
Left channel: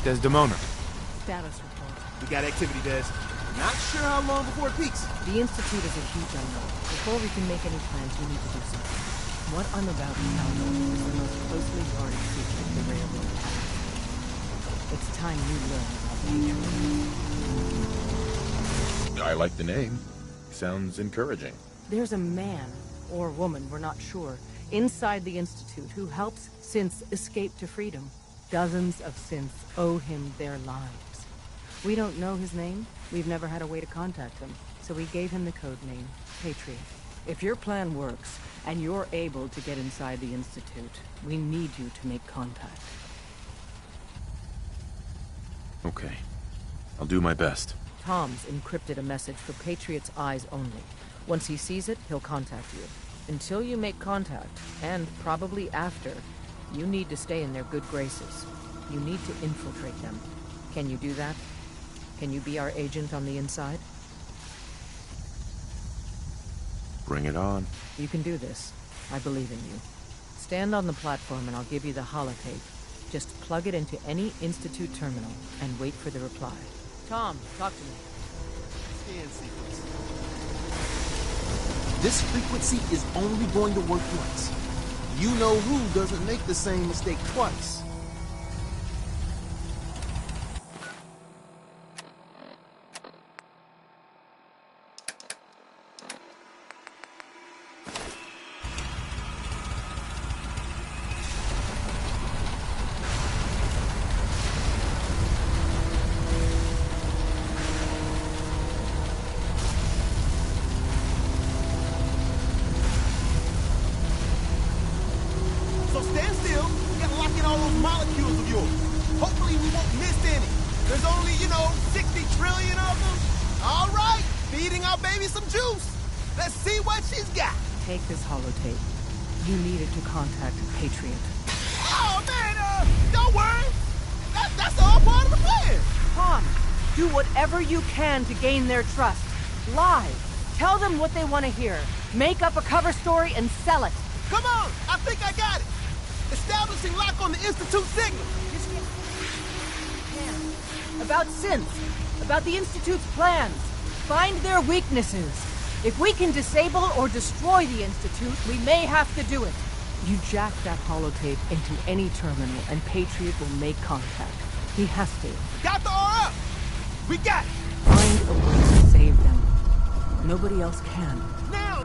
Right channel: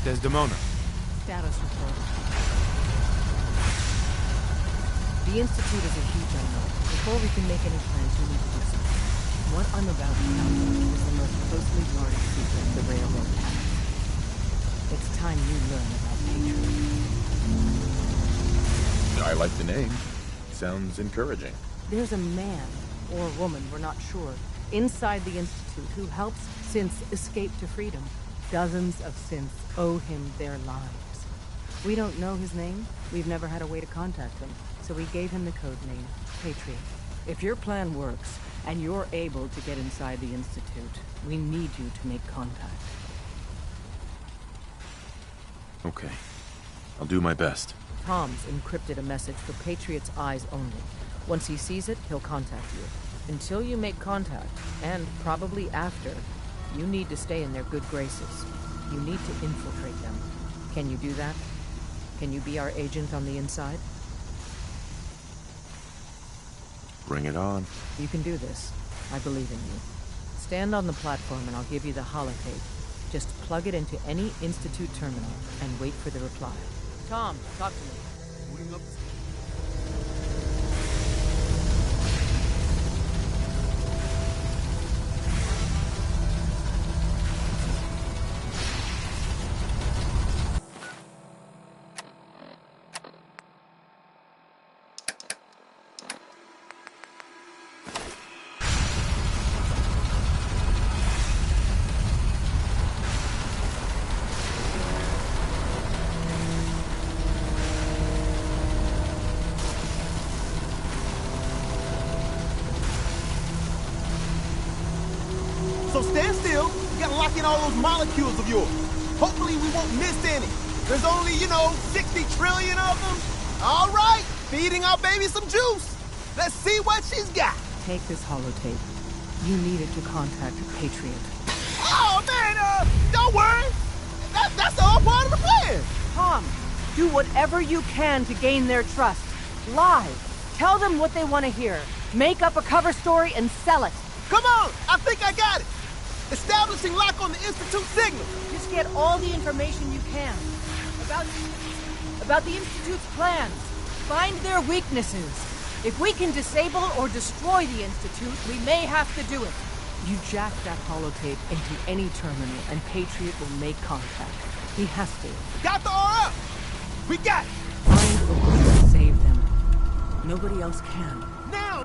Desdemona. Status report. You got activity, Des. Not sure how long before it peaks. The Institute is a huge unknown. Before we can make any plans, we need to do something. What I'm about to tell you is the most closely guarded secret the railroad has. It's time you learn about Patriot. I like the name. Sounds encouraging. There's a man, or woman, we're not sure, inside the Institute who helps synths escape to freedom. Dozens of synths owe him their lives. We don't know his name. We've never had a way to contact him. So we gave him the code name, Patriot. If your plan works, and you're able to get inside the Institute, we need you to make contact. Okay. I'll do my best. Tom's encrypted a message for Patriot's eyes only. Once he sees it, he'll contact you. Until you make contact, and probably after, you need to stay in their good graces. You need to infiltrate them. Can you do that? Can you be our agent on the inside? Bring it on. You can do this. I believe in you. Stand on the platform and I'll give you the holotape. Just plug it into any Institute terminal and wait for the reply. Tom, talk to me. This frequency is only going to work for us. You know who doesn't make the same mistake twice. So stand still. We gotta lock in all those molecules of yours. Hopefully we won't miss any. There's only, 60 trillion of them. All right, feeding our baby some juice. Let's see what she's got. Take this holotape. You need it to contact Patriot. Oh, man, don't worry. That's all part of the plan. Tom, do whatever you can to gain their trust. Lie. Tell them what they want to hear. Make up a cover story and sell it. Come on! I think I got it! Establishing lock on the Institute signal! Just get all the information you can. About synths, about the Institute's plans. Find their weaknesses. If we can disable or destroy the Institute, we may have to do it. You jack that holotape into any terminal and Patriot will make contact. He has to. Got the RF! We got it! Find a way to save them. Nobody else can. Now!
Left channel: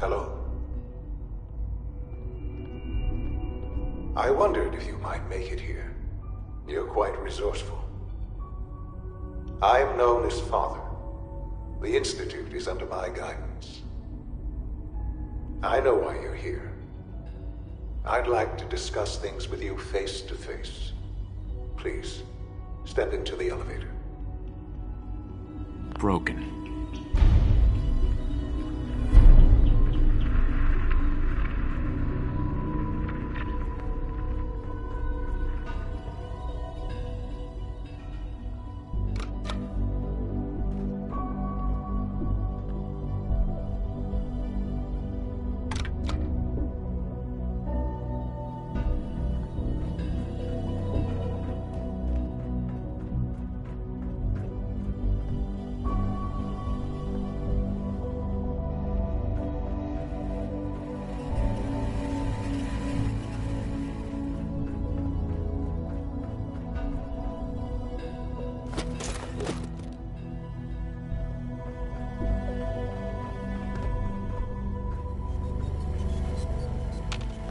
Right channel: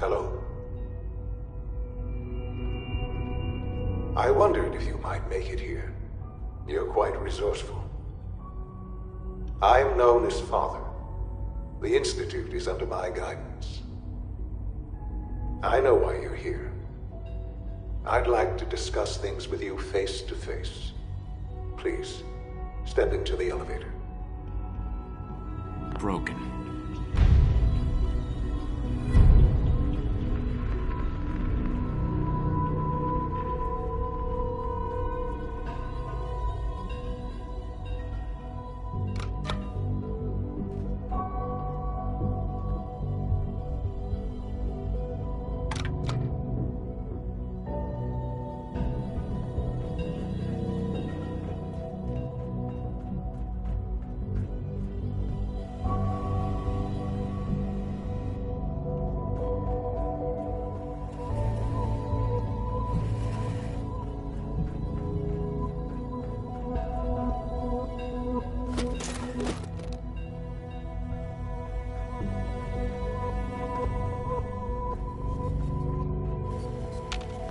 Hello. I wondered if you might make it here. You're quite resourceful. I'm known as Father. The Institute is under my guidance. I know why you're here. I'd like to discuss things with you face to face. Please, step into the elevator. Broken.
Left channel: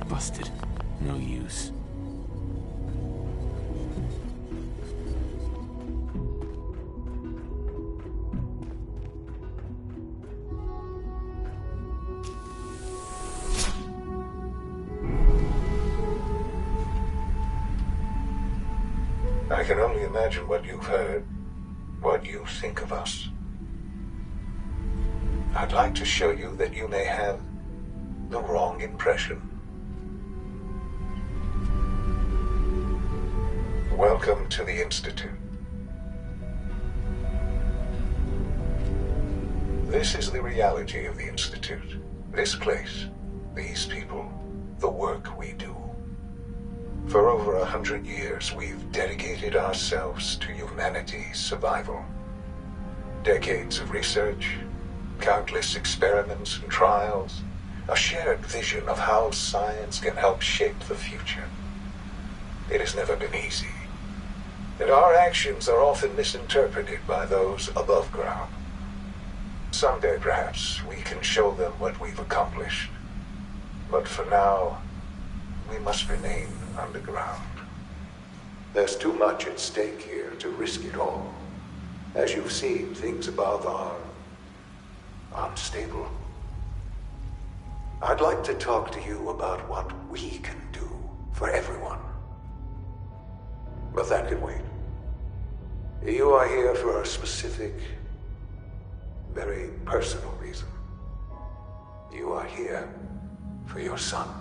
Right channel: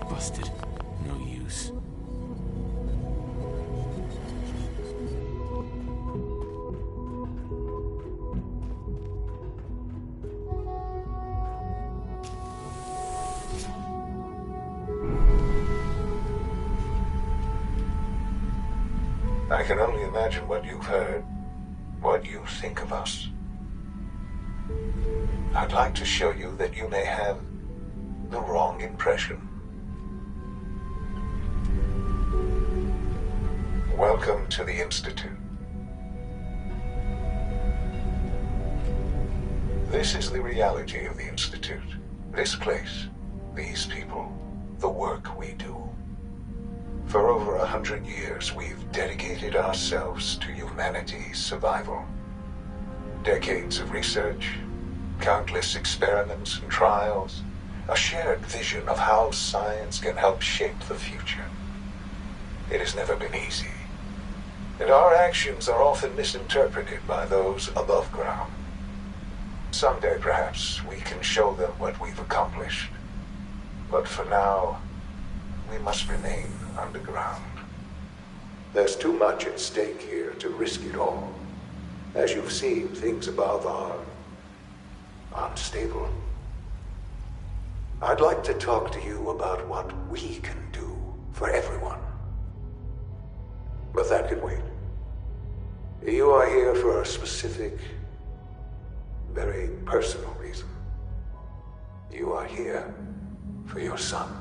Busted. No use. I can only imagine what you've heard, what you think of us. I'd like to show you that you may have the wrong impression. Welcome to the Institute. This is the reality of the Institute. This place, these people, the work we do. For over 100 years, we've dedicated ourselves to humanity's survival. Decades of research, countless experiments and trials, a shared vision of how science can help shape the future. It has never been easy, and our actions are often misinterpreted by those above ground. Someday, perhaps, we can show them what we've accomplished. But for now, we must remain underground. There's too much at stake here to risk it all. As you've seen, things above are unstable. I'd like to talk to you about what we can do for everyone. But that can wait. You are here for a specific, very personal reason. You are here for your son.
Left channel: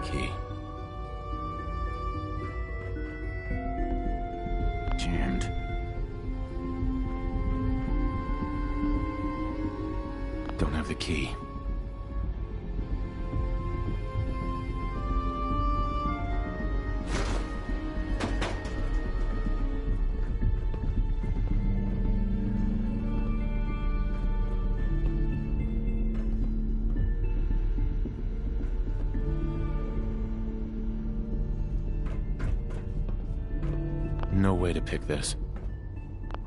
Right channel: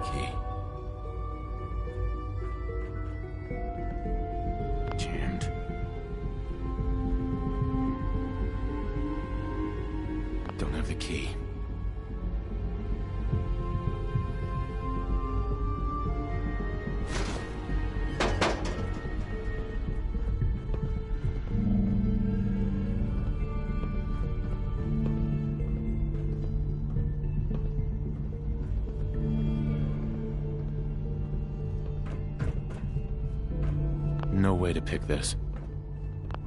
the key. Jammed. Don't have the key. No way to pick this.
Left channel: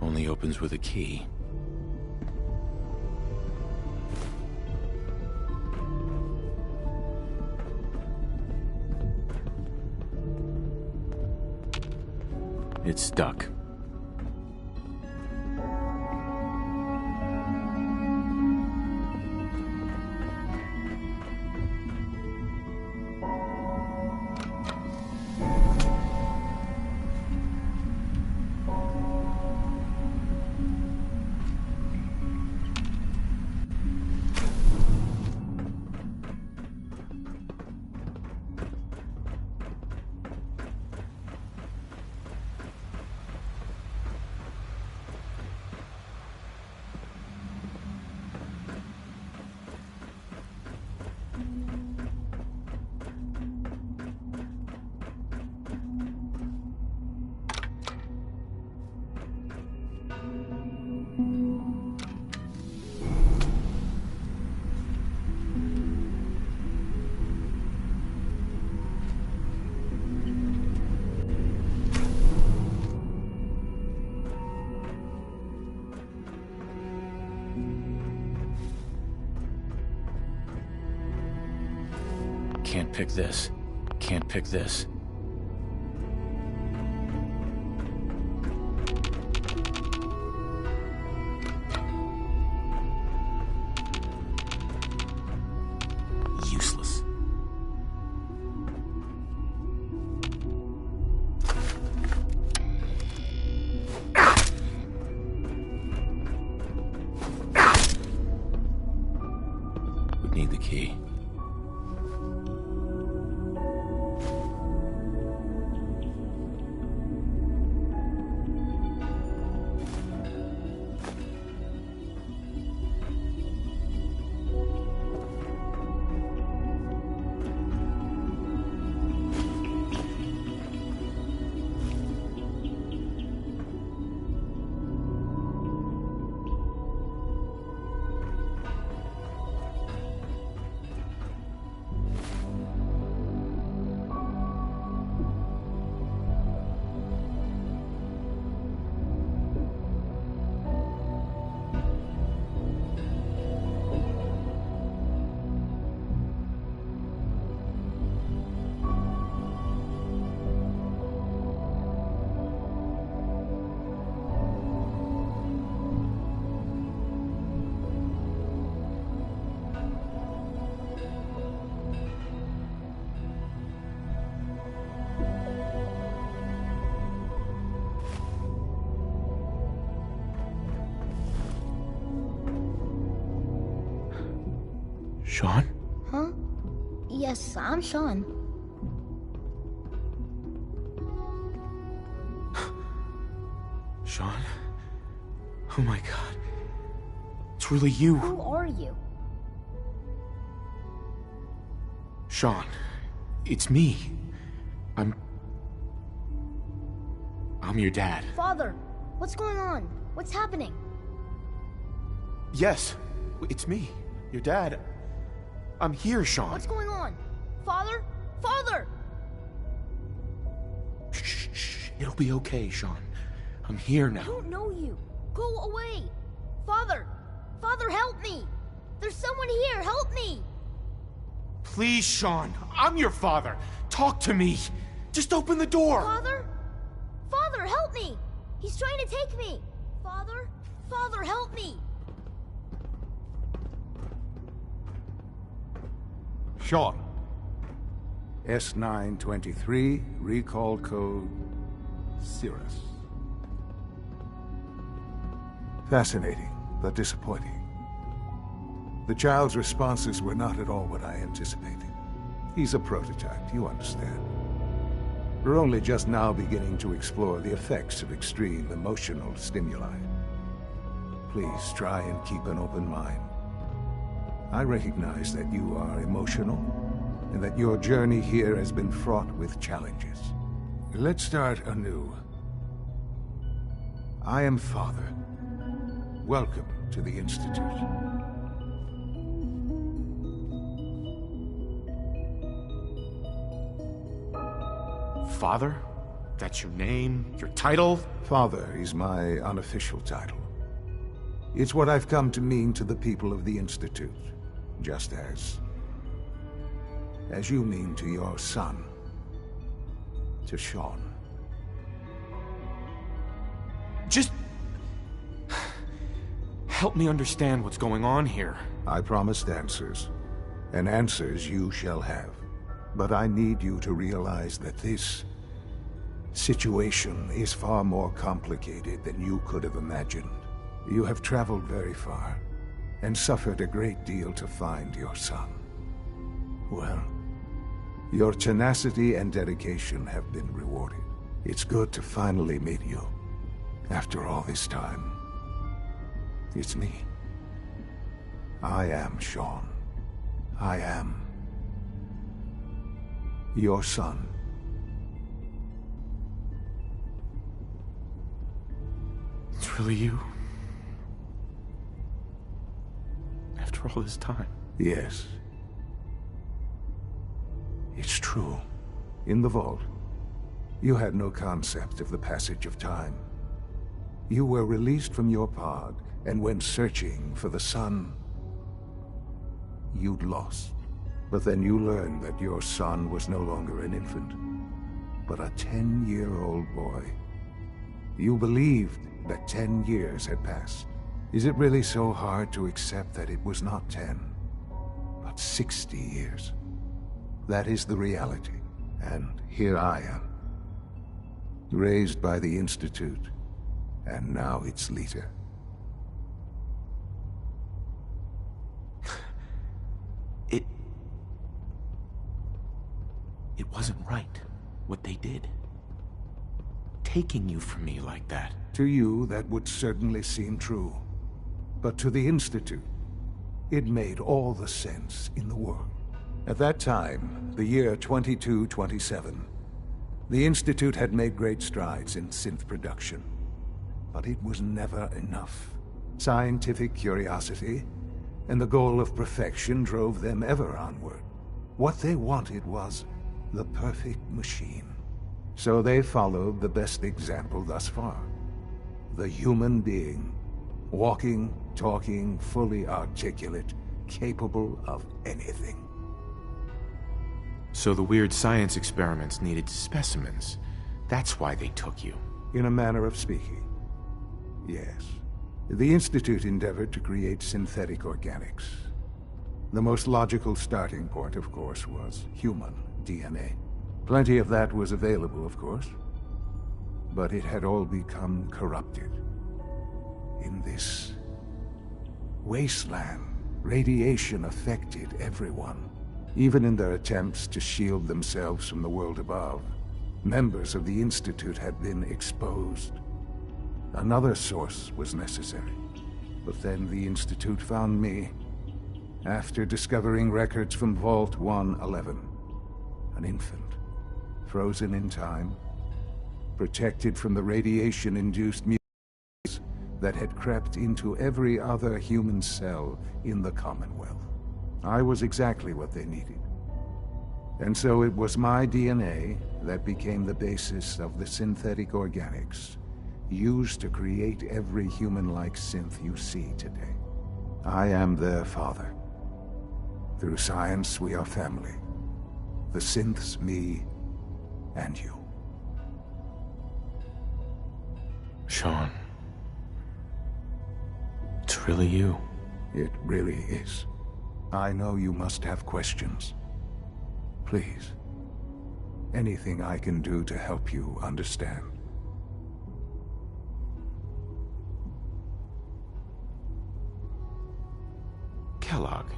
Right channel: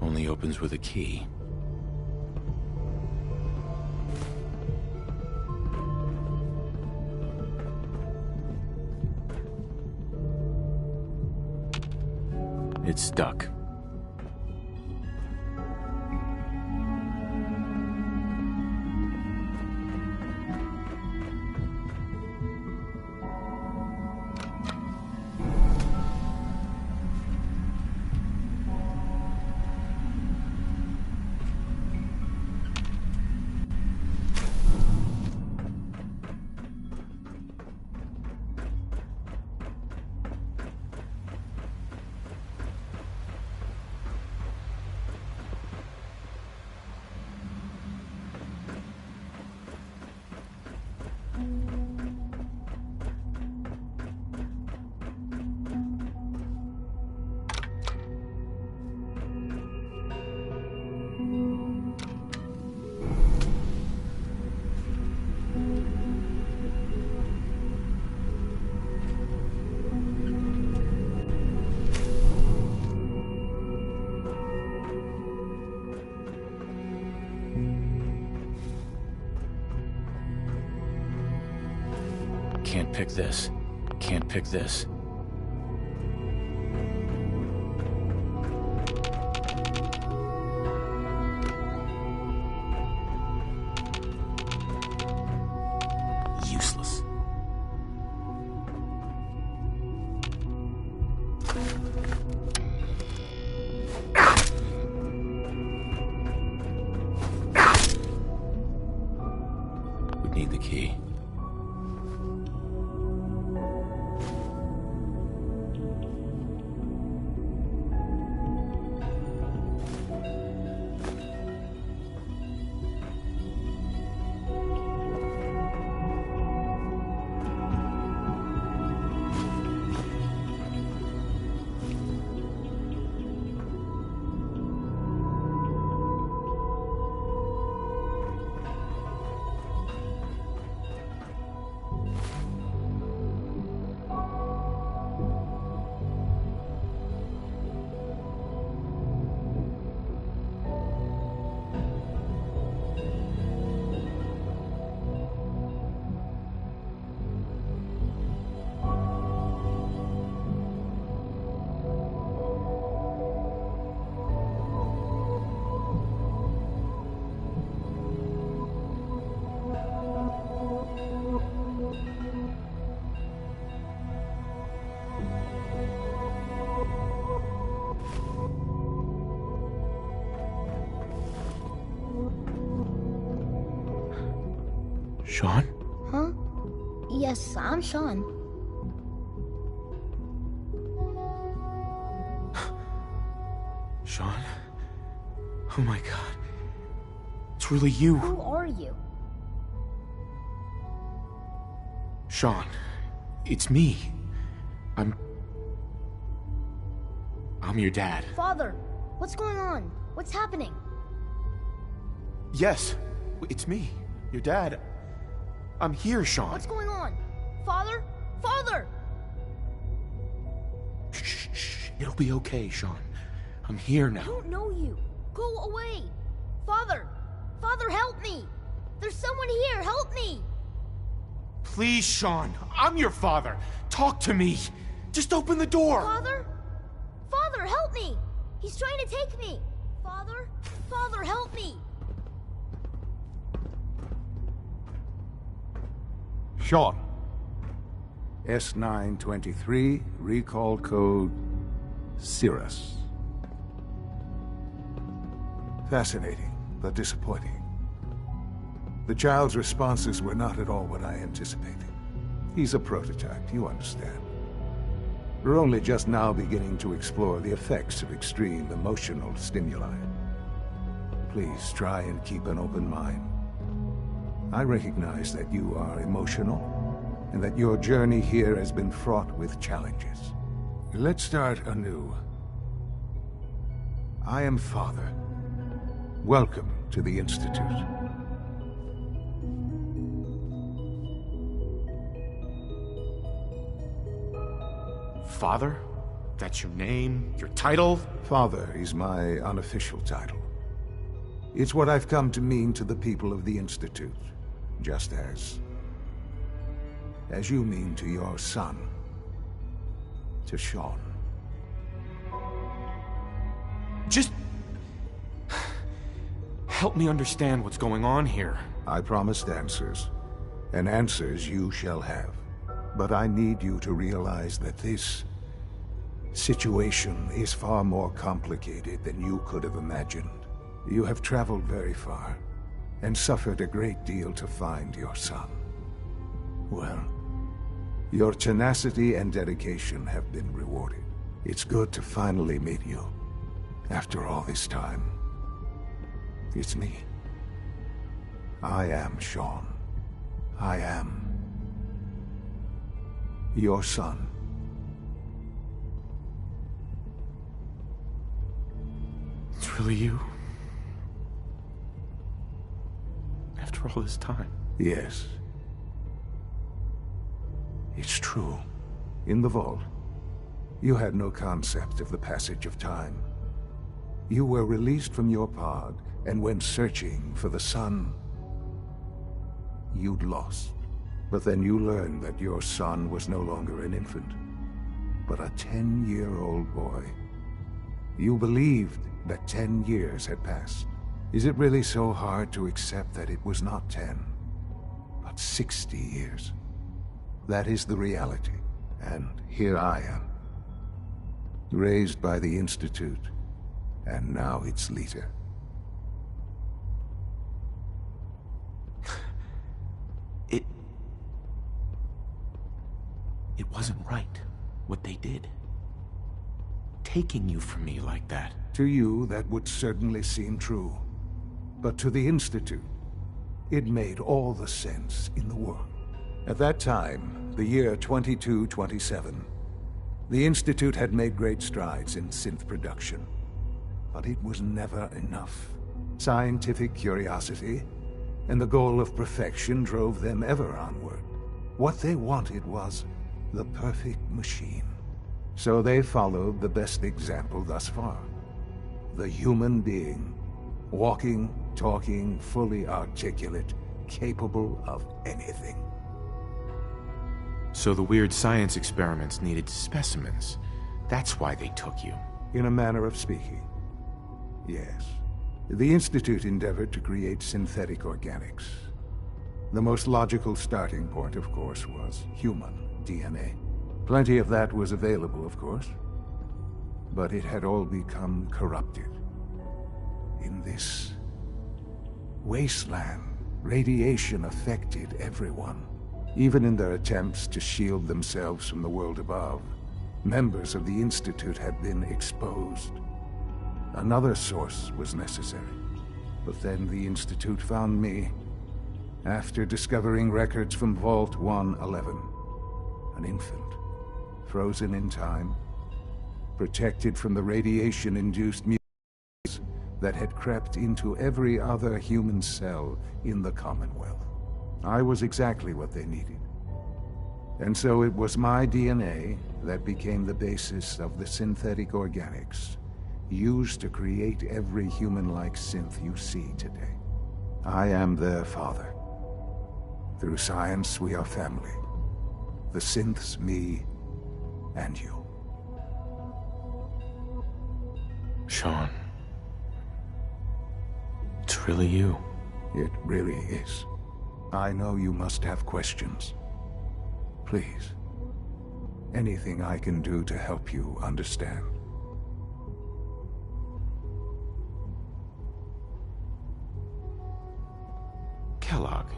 Only opens with a key. It's stuck. Can't pick this. Can't pick this. Useless. Would need the key. Sean? Huh? Yes, I'm Sean. Sean? Oh my god. It's really you. Who are you? Sean, it's me. I'm your dad. Father, what's going on? What's happening? Yes, it's me, your dad. I'm here, Sean. What's going on? Father? Father! Shh. It'll be okay, Sean. I'm here now. I don't know you. Go away. Father! Father, help me! There's someone here. Help me! Please, Sean. I'm your father. Talk to me. Just open the door. Father? Father, help me! He's trying to take me. Father? Father, help me! Sean. S923, recall code Cirrus. Fascinating, but disappointing. The child's responses were not at all what I anticipated. He's a prototype, you understand. We're only just now beginning to explore the effects of extreme emotional stimuli. Please try and keep an open mind. I recognize that you are emotional, and that your journey here has been fraught with challenges. Let's start anew. I am Father. Welcome to the Institute. Father? That's your name? Your title? Father is my unofficial title. It's what I've come to mean to the people of the Institute, just as you mean to your son, to Sean. Just help me understand what's going on here. I promised answers, and answers you shall have. But I need you to realize that this situation is far more complicated than you could have imagined. You have traveled very far, and suffered a great deal to find your son. Well, your tenacity and dedication have been rewarded. It's good to finally meet you, after all this time. It's me. I am Sean. I am your son. It's really you? After all this time? Yes. It's true. In the vault, you had no concept of the passage of time. You were released from your pod, and when searching for the sun, you'd lost. But then you learned that your son was no longer an infant, but a 10-year-old boy. You believed that 10 years had passed. Is it really so hard to accept that it was not 10, but 60 years? That is the reality, and here I am, raised by the Institute, and now its leader. It wasn't right, what they did. Taking you from me like that. To you, that would certainly seem true. But to the Institute, it made all the sense in the world. At that time, the year 2227, the Institute had made great strides in synth production. But it was never enough. Scientific curiosity and the goal of perfection drove them ever onward. What they wanted was the perfect machine. So they followed the best example thus far. The human being. Walking, talking, fully articulate, capable of anything. So the weird science experiments needed specimens. That's why they took you. In a manner of speaking, yes. The Institute endeavored to create synthetic organics. The most logical starting point, of course, was human DNA. Plenty of that was available, of course. But it had all become corrupted. In this wasteland, radiation affected everyone. Even in their attempts to shield themselves from the world above, members of the Institute had been exposed. Another source was necessary. But then the Institute found me, after discovering records from Vault 111. An infant, frozen in time, protected from the radiation-induced mutations that had crept into every other human cell in the Commonwealth. I was exactly what they needed. And so it was my DNA that became the basis of the synthetic organics used to create every human-like synth you see today. I am their father. Through science, we are family. The synths, me, and you. Sean. It's really you. It really is. I know you must have questions. Please. Anything I can do to help you understand. Kellogg.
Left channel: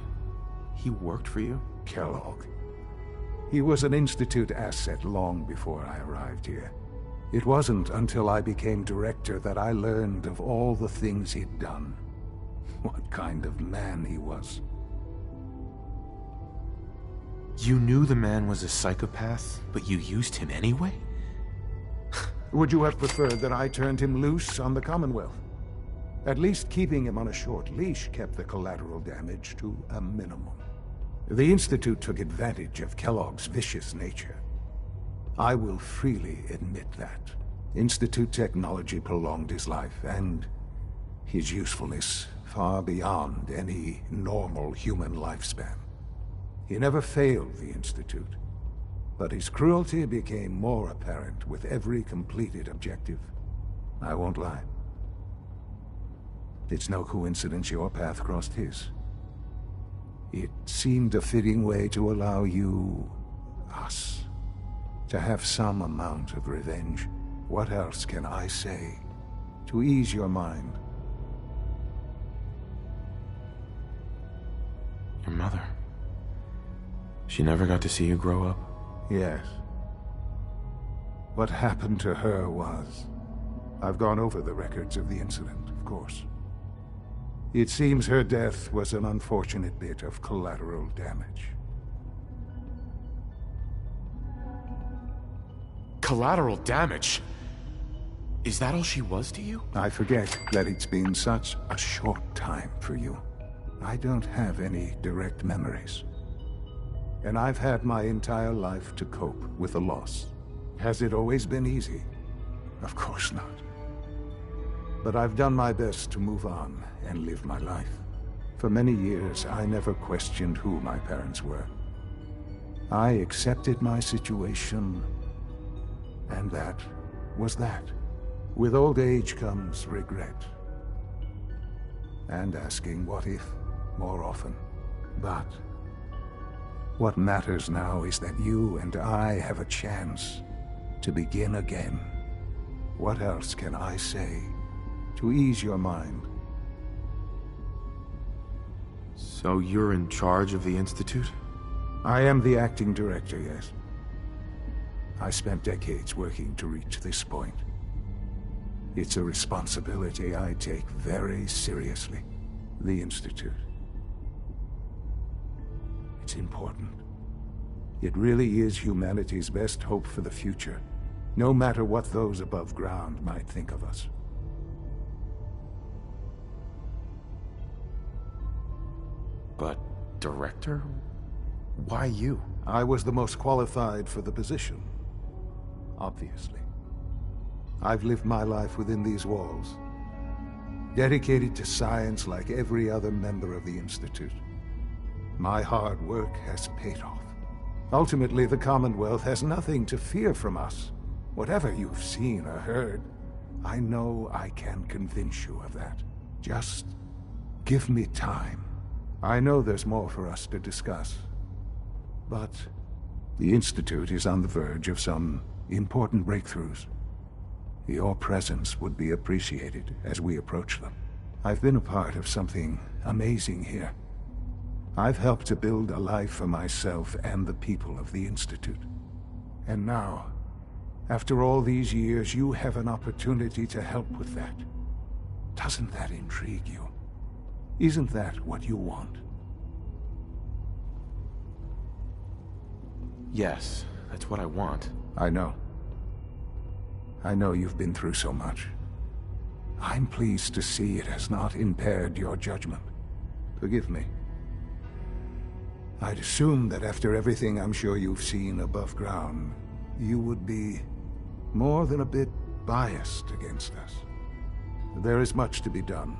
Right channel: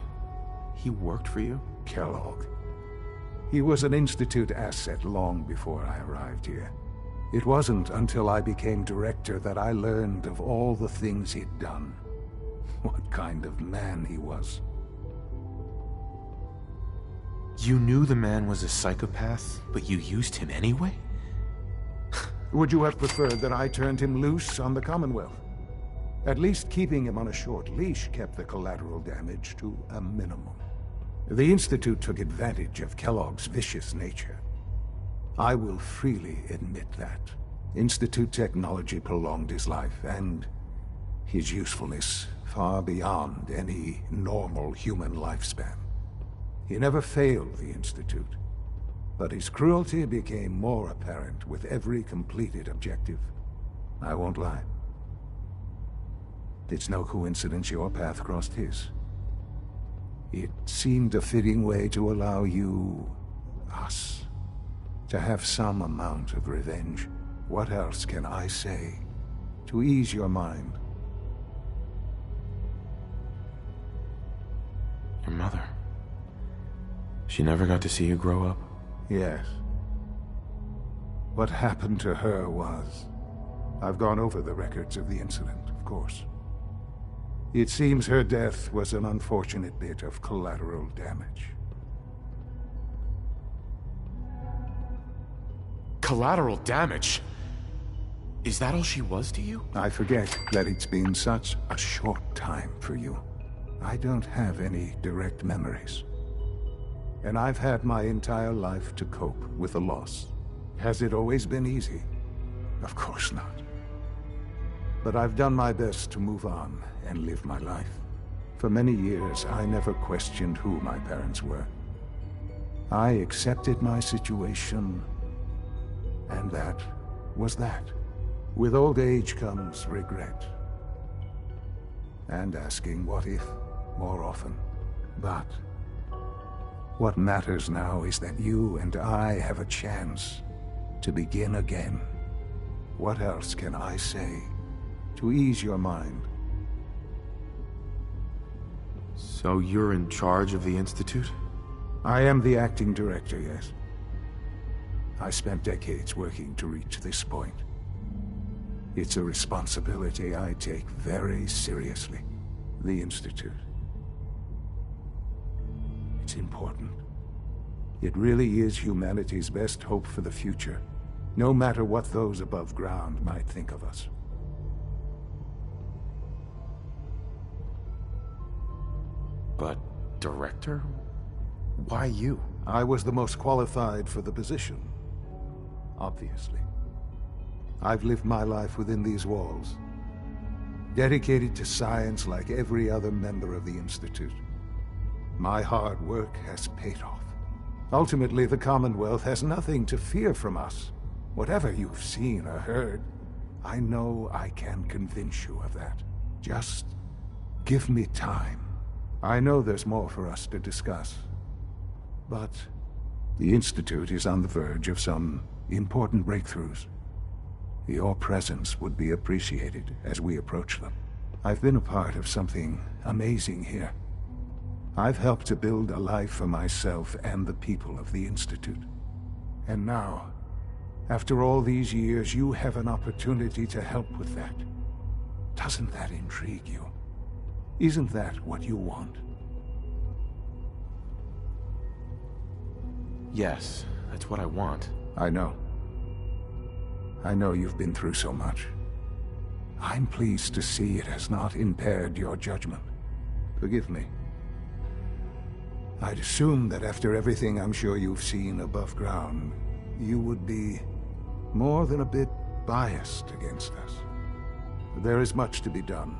He worked for you? Kellogg. He was an Institute asset long before I arrived here. It wasn't until I became director that I learned of all the things he'd done. What kind of man he was. You knew the man was a psychopath, but you used him anyway? Would you have preferred that I turned him loose on the Commonwealth? At least keeping him on a short leash kept the collateral damage to a minimum. The Institute took advantage of Kellogg's vicious nature. I will freely admit that. Institute technology prolonged his life, and his usefulness far beyond any normal human lifespan. He never failed the Institute, but his cruelty became more apparent with every completed objective. I won't lie. It's no coincidence your path crossed his. It seemed a fitting way to allow you, us, to have some amount of revenge. What else can I say to ease your mind? Your mother. She never got to see you grow up? Yes. What happened to her was... I've gone over the records of the incident, of course. It seems her death was an unfortunate bit of collateral damage. Collateral damage? Is that all she was to you? I forget that it's been such a short time for you. I don't have any direct memories. And I've had my entire life to cope with the loss. Has it always been easy? Of course not. But I've done my best to move on and live my life. For many years, I never questioned who my parents were. I accepted my situation, and that was that. With old age comes regret. And asking what if more often. But what matters now is that you and I have a chance to begin again. What else can I say to ease your mind? So you're in charge of the Institute? I am the acting director, yes. I spent decades working to reach this point. It's a responsibility I take very seriously. The Institute. It's important. It really is humanity's best hope for the future, no matter what those above ground might think of us. But, director? Why you? I was the most qualified for the position, obviously. I've lived my life within these walls, dedicated to science like every other member of the Institute. My hard work has paid off. Ultimately, the Commonwealth has nothing to fear from us. Whatever you've seen or heard, I know I can convince you of that. Just give me time. I know there's more for us to discuss. But the Institute is on the verge of some important breakthroughs. Your presence would be appreciated as we approach them. I've been a part of something amazing here. I've helped to build a life for myself and the people of the Institute. And now, after all these years, you have an opportunity to help with that. Doesn't that intrigue you? Isn't that what you want? Yes, that's what I want. I know. I know you've been through so much. I'm pleased to see it has not impaired your judgment. Forgive me. I'd assumed that after everything I'm sure you've seen above ground, you would be more than a bit biased against us. There is much to be done.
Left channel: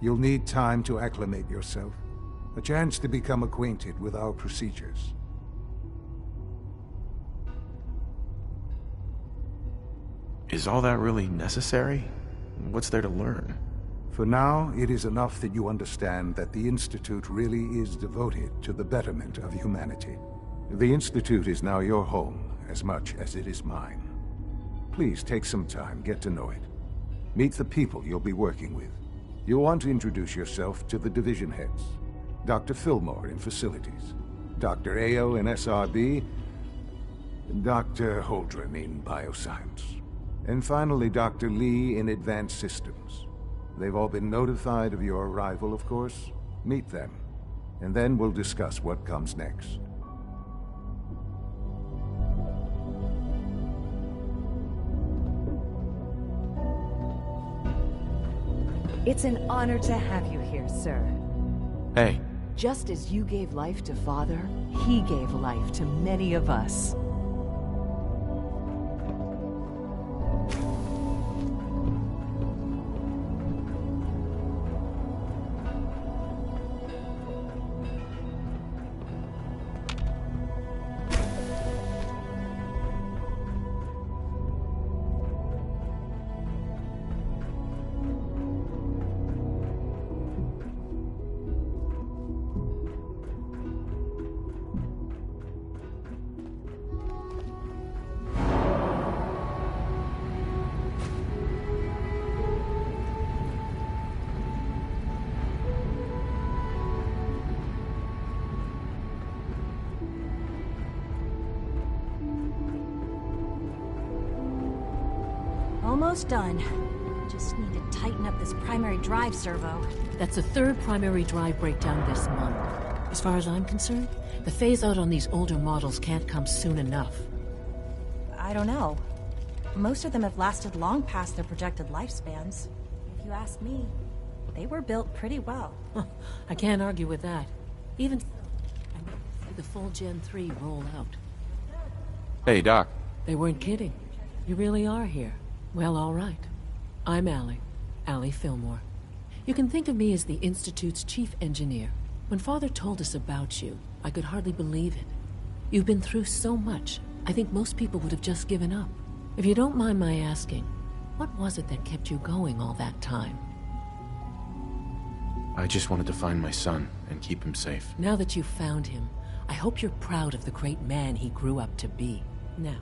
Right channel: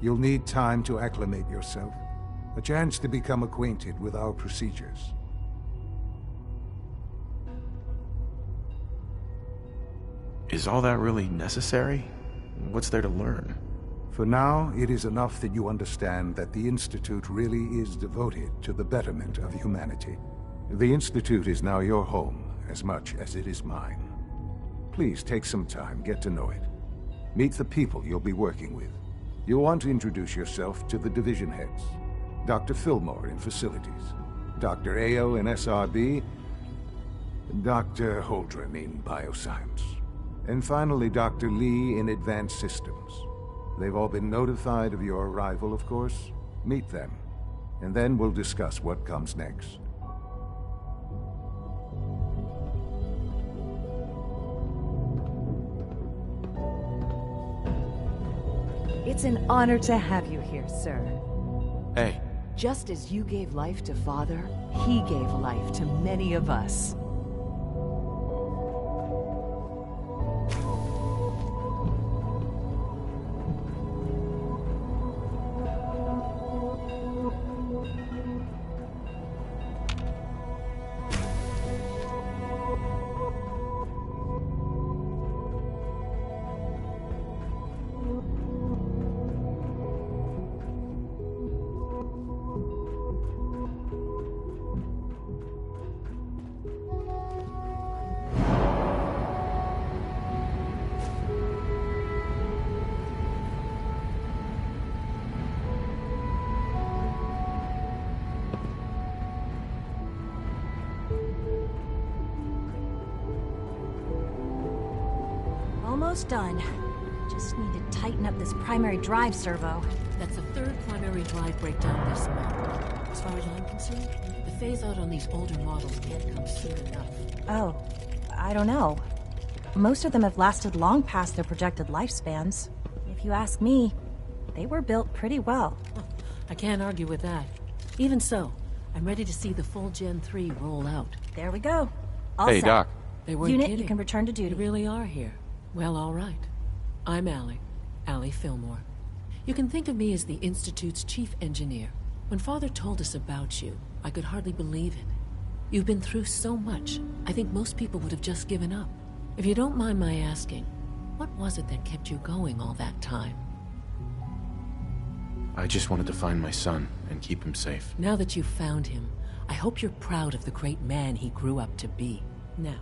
You'll need time to acclimate yourself, a chance to become acquainted with our procedures. Is all that really necessary? What's there to learn? For now, it is enough that you understand that the Institute really is devoted to the betterment of humanity. The Institute is now your home, as much as it is mine. Please take some time, get to know it. Meet the people you'll be working with. You'll want to introduce yourself to the division heads. Dr. Fillmore in facilities. Dr. Ayo in SRB, Dr. Holdren in Bioscience, and finally Dr. Lee in Advanced Systems. They've all been notified of your arrival, of course. Meet them, and then we'll discuss what comes next. It's an honor to have you here, sir. Hey. Just as you gave life to Father, he gave life to many of us. Almost done. Just need to tighten up this primary drive servo. That's the third primary drive breakdown this month. As far as I'm concerned, the phase-out on these older models can't come soon enough. Oh, I don't know. Most of them have lasted long past their projected lifespans. If you ask me, they were built pretty well. I can't argue with that. Even so, I'm ready to see the full Gen 3 roll out. There we go. All Hey, set. Doc. They weren't Unit, kidding. You can return to duty. You really are here. Well, all right. I'm Allie Fillmore. You can think of me as the Institute's chief engineer. When Father told us about you, I could hardly believe it. You've been through so much, I think most people would have just given up. If you don't mind my asking, what was it that kept you going all that time? I just wanted to find my son and keep him safe. Now that you've found him, I hope you're proud of the great man he grew up to be. Now,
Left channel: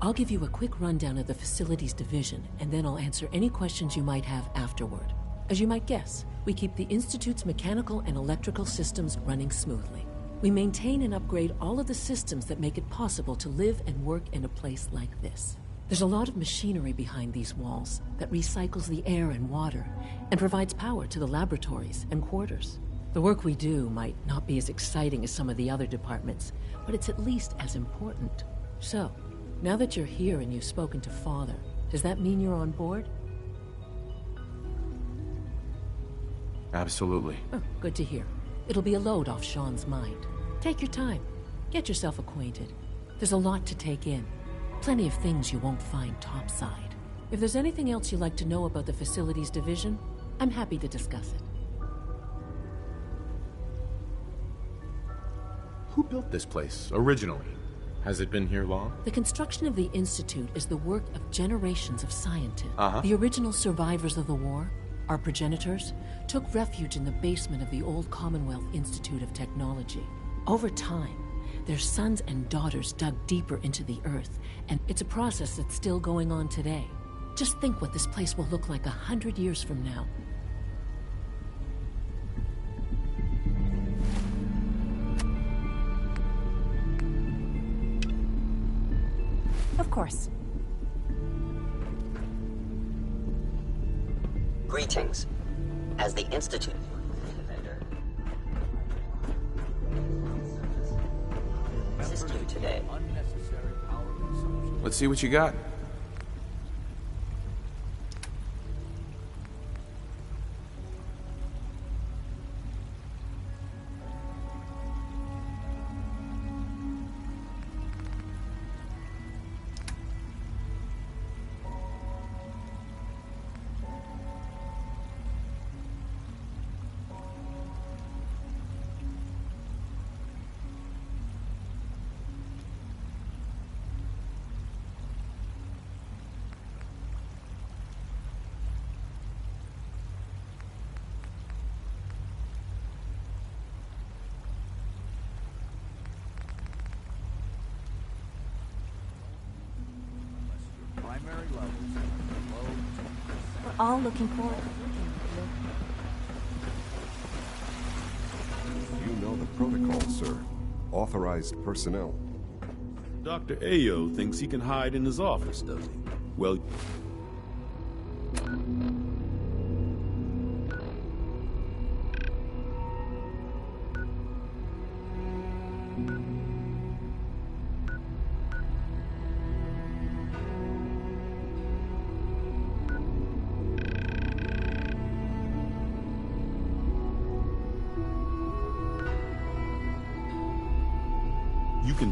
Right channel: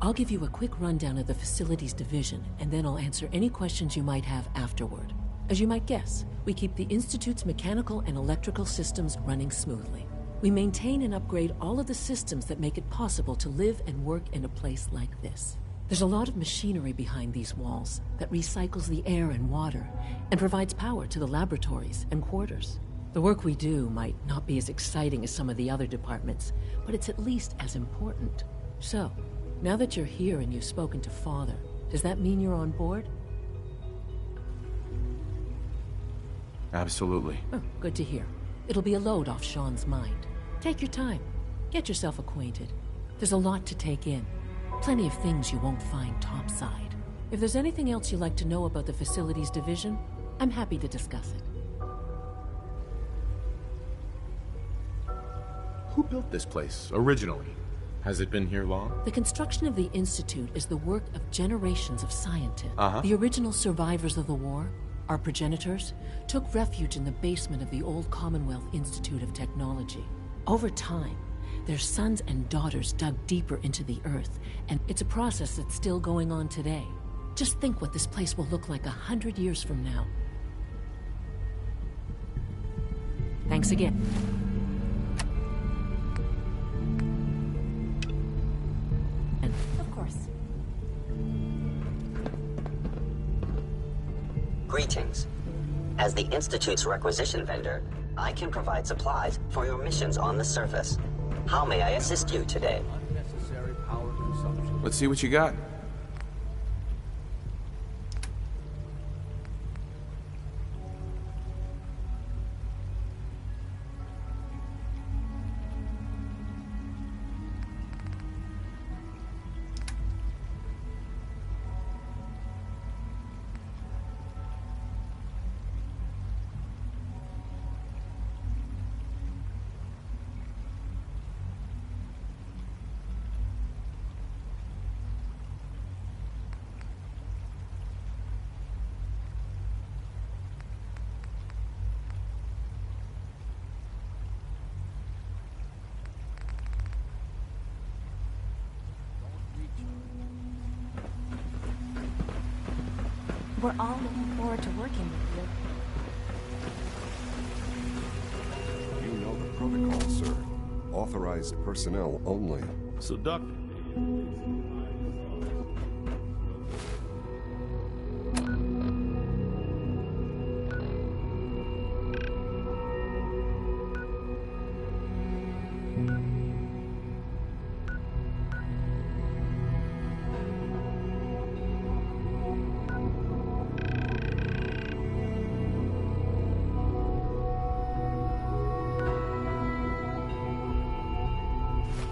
I'll give you a quick rundown of the Facilities Division, and then I'll answer any questions you might have afterward. As you might guess, we keep the Institute's mechanical and electrical systems running smoothly. We maintain and upgrade all of the systems that make it possible to live and work in a place like this. There's a lot of machinery behind these walls that recycles the air and water and provides power to the laboratories and quarters. The work we do might not be as exciting as some of the other departments, but it's at least as important. So, now that you're here and you've spoken to Father, does that mean you're on board? Absolutely. Oh, good to hear. It'll be a load off Sean's mind. Take your time. Get yourself acquainted. There's a lot to take in. Plenty of things you won't find topside. If there's anything else you'd like to know about the Facilities Division, I'm happy to discuss it. Who built this place, originally? Has it been here long? The construction of the Institute is the work of generations of scientists. Uh-huh. The original survivors of the war, our progenitors, took refuge in the basement of the old Commonwealth Institute of Technology. Over time, their sons and daughters dug deeper into the earth, and it's a process that's still going on today. Just think what this place will look like 100 years from now. Thanks again. Of course. Greetings. As the Institute's requisition vendor, I can provide supplies for your missions on the surface. How may I assist you today? Unnecessary power consumption. Let's see what you got. We're all looking forward to working with you. You know the protocol, sir. Authorized personnel only. So Dr. Ayo thinks he can hide in his office, does he? Well...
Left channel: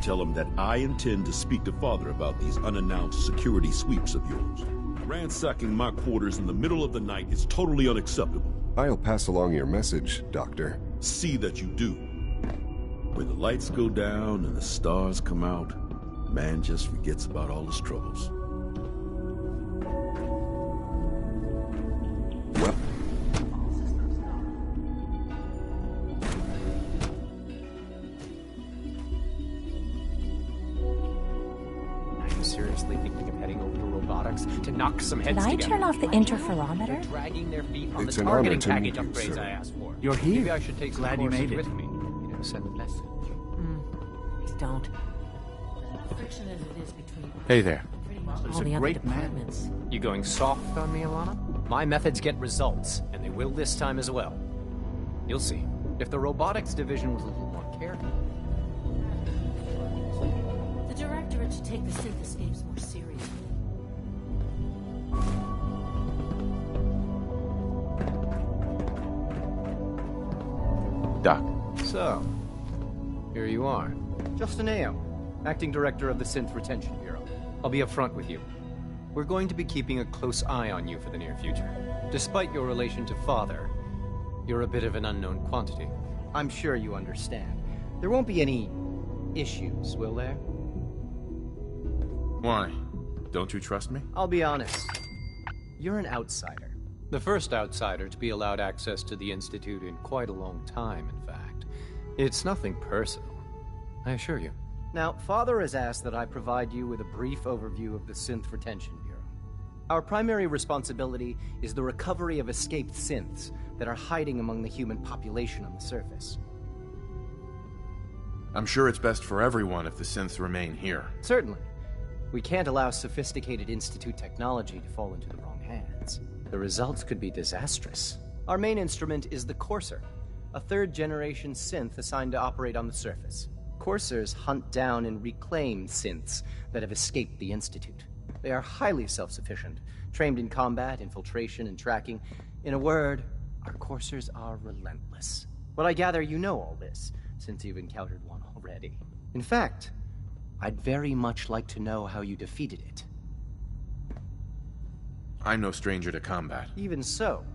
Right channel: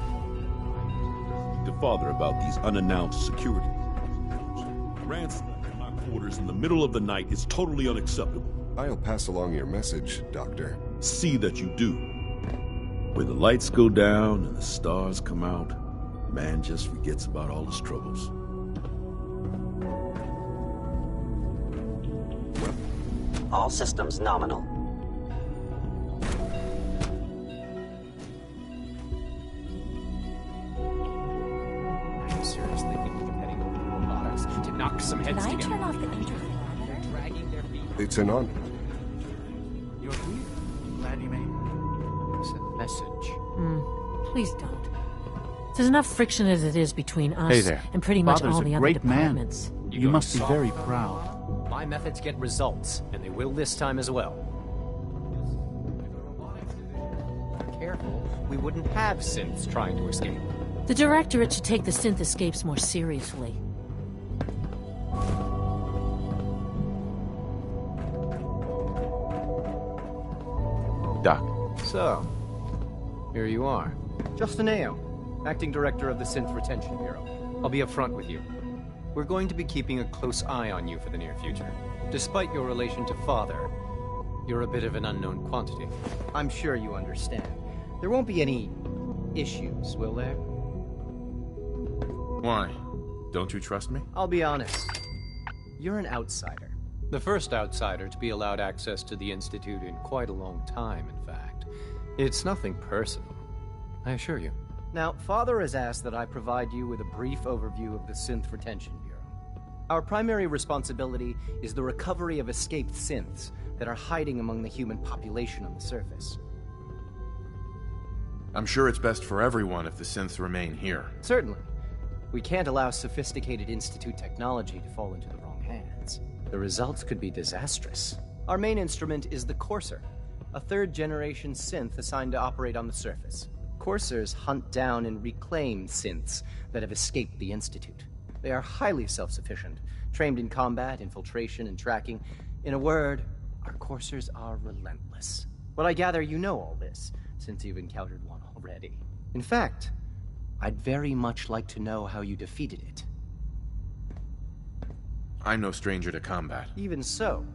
Tell him that I intend to speak to Father about these unannounced security sweeps of yours. Ransacking my quarters in the middle of the night is totally unacceptable. I'll pass along your message, Doctor. See that you do. Where the lights go down and the stars come out, man just forgets about all his troubles. Well, all systems nominal. Seriously thinking of heading over to robotics to knock some heads together. Can I turn off the interferometer? They're dragging their feet on It's the an honor targeting to package meet you, upgrades sir. I asked for. You're here. Maybe I should take some Glad you courses made it. with me. Send a message. Please don't. There's enough friction as it is between us Hey there. and pretty much Father's all a the other great man. departments. You You going must be soft very on me, proud. Alana? My methods get results, and they will this time as well. You'll see. If the robotics division was a little more careful, we wouldn't have synths trying to escape. The Directorate should take the synth escapes more seriously. Doc. So, here you are. Justin Ayo, Acting Director of the Synth Retention Bureau. I'll be upfront with you. We're going to be keeping a close eye on you for the near future. Despite your relation to Father, you're a bit of an unknown quantity. I'm sure you understand. There won't be any issues, will there? Why? Don't you trust me? I'll be honest. You're an outsider. The first outsider to be allowed access to the Institute in quite a long time, in fact. It's nothing personal, I assure you. Now, Father has asked that I provide you with a brief overview of the Synth Retention Bureau. Our primary responsibility is the recovery of escaped synths that are hiding among the human population on the surface. I'm sure it's best for everyone if the synths remain here. Certainly. We can't allow sophisticated Institute technology to fall into the wrong hands. The results could be disastrous. Our main instrument is the Courser, a third-generation synth assigned to operate on the surface. Coursers hunt down and reclaim synths that have escaped the Institute. They are highly self-sufficient, trained in combat, infiltration, and tracking. In a word, our Coursers are relentless. But I gather you know all this, since you've encountered one already. In fact, I'd very much like to know how you defeated it. I'm no stranger to combat. Even so,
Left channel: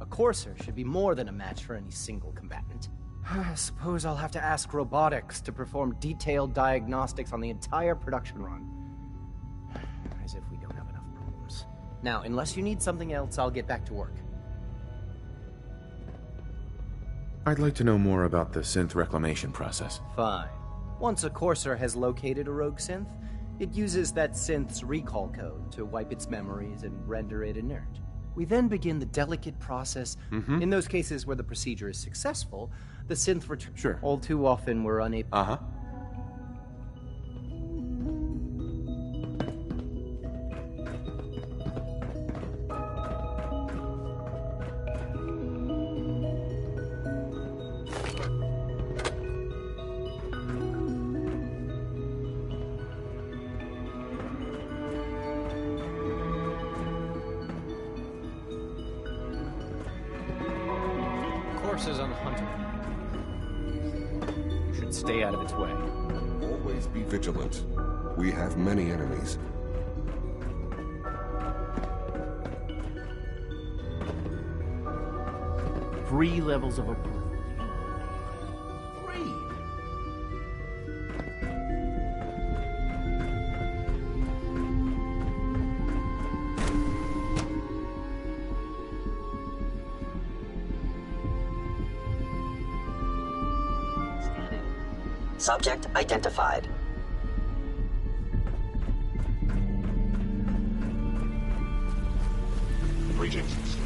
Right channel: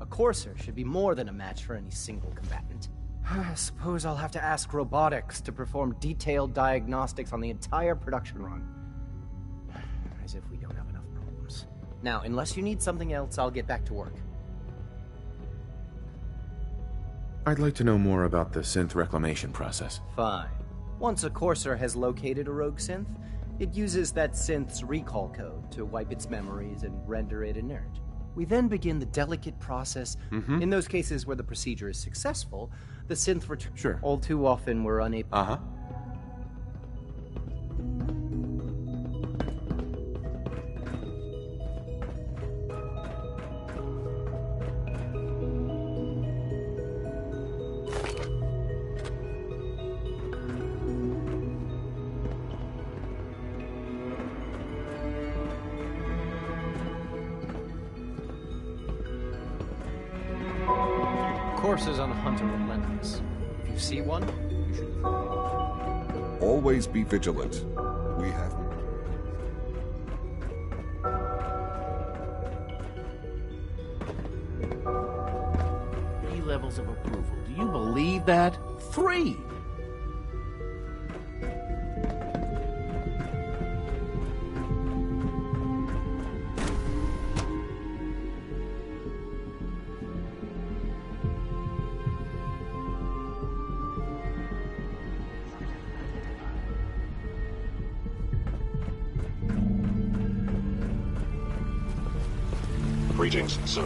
a Courser should be more than a match for any single combatant. I suppose I'll have to ask robotics to perform detailed diagnostics on the entire production run. As if we don't have enough problems. Now, unless you need something else, I'll get back to work. I'd like to know more about the synth reclamation process. Fine. Once a Courser has located a rogue synth, it uses that synth's recall code to wipe its memories and render it inert. We then begin the delicate process. In those cases where the procedure is successful, the synth returns. Sure. All too often we're unable. Coursers on the hunt are relentless. If you see one, you should stay out of its way. Always be vigilant. We have many enemies. 3 levels of approval. Do you believe that? 3! Subject identified. Greetings, sir.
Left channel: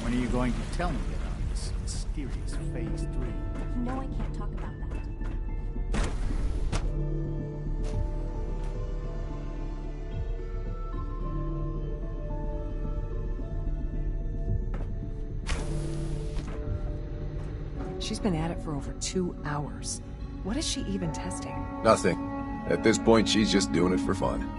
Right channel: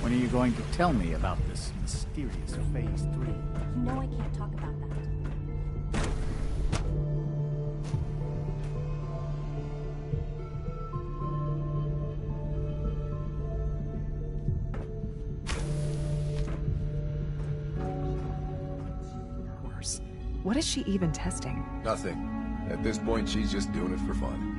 When When are you going to tell me about this mysterious Phase 3? You know I can't talk about that. She's been at it for over 2 hours. What is she even testing? Nothing. At this point, she's just doing it for fun.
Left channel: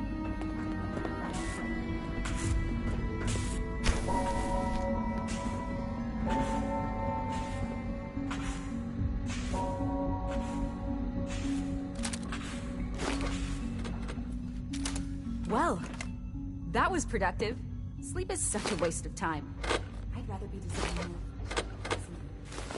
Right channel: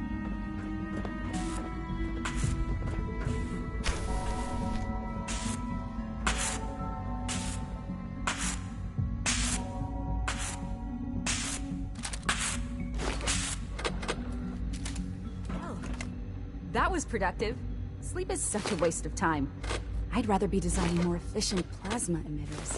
Well, that was productive. Sleep is such a waste of time. I'd rather be designing more efficient plasma emitters.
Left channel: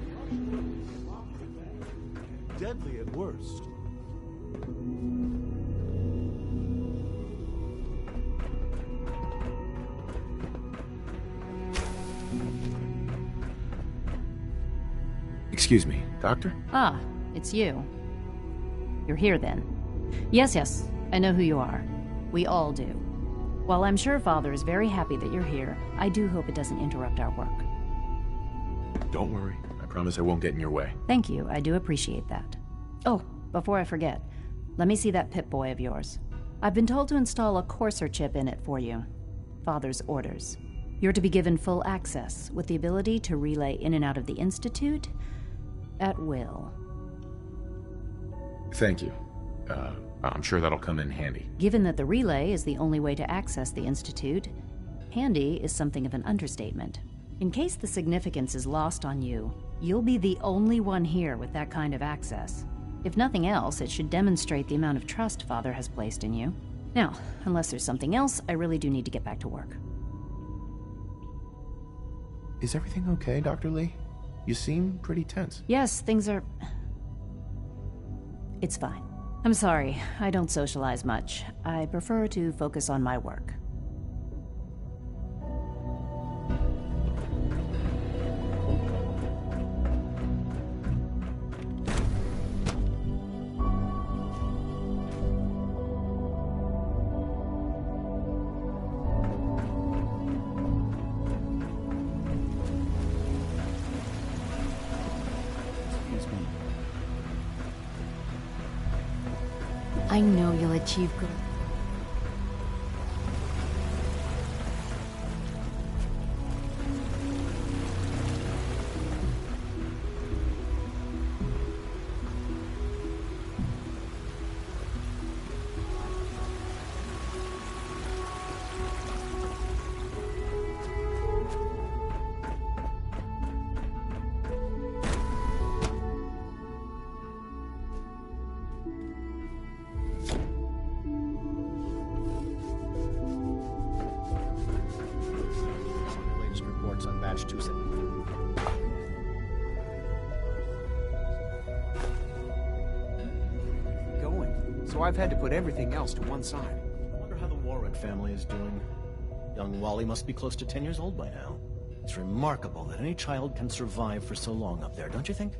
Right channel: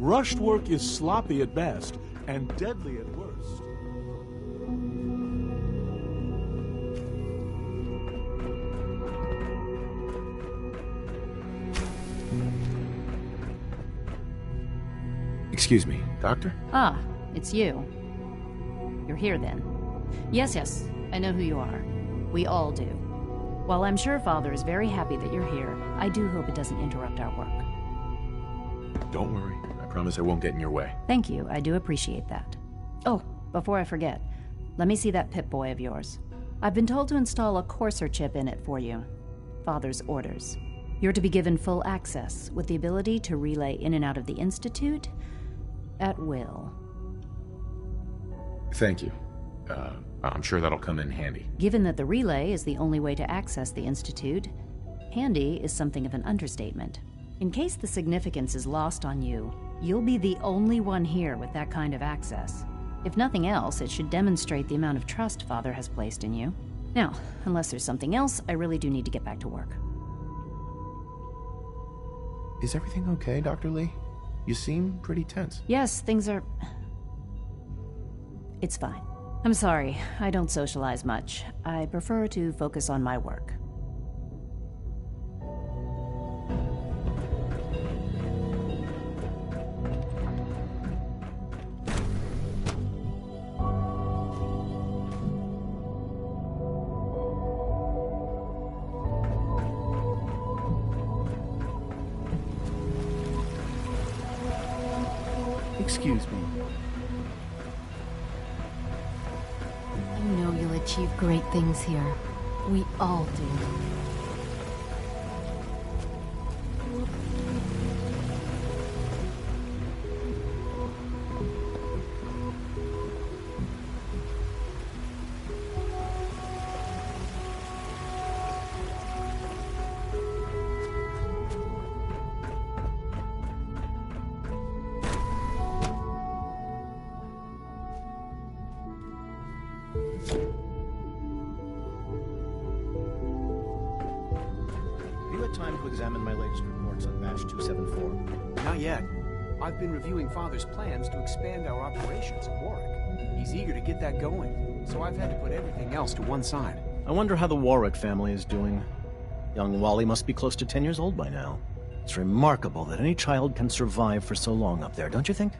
Rushed work is sloppy at best and deadly at worst. Excuse me, Doctor? Ah, it's you. You're here then. Yes, I know who you are. We all do. While I'm sure Father is very happy that you're here, I do hope it doesn't interrupt our work. Don't worry. I promise I won't get in your way. Thank you, I do appreciate that. Oh, before I forget, let me see that Pip-Boy of yours. I've been told to install a Courser chip in it for you. Father's orders. You're to be given full access, with the ability to relay in and out of the Institute at will. Thank you. I'm sure that'll come in handy. Given that the relay is the only way to access the Institute, handy is something of an understatement. In case the significance is lost on you, you'll be the only one here with that kind of access. If nothing else, it should demonstrate the amount of trust Father has placed in you. Now, unless there's something else, I really do need to get back to work. Is everything okay, Dr. Lee? You seem pretty tense. Yes, things are... It's fine. I'm sorry, I don't socialize much. I prefer to focus on my work. Excuse me. I know you'll achieve great things here. We all do. Time to examine my latest reports on Batch 274. Not yet. I've been reviewing Father's plans to expand our operations at Warwick. He's eager to get that going, so I've had to put everything else to one side. I wonder how the Warwick family is doing. Young Wally must be close to 10 years old by now. It's remarkable that any child can survive for so long up there, don't you think?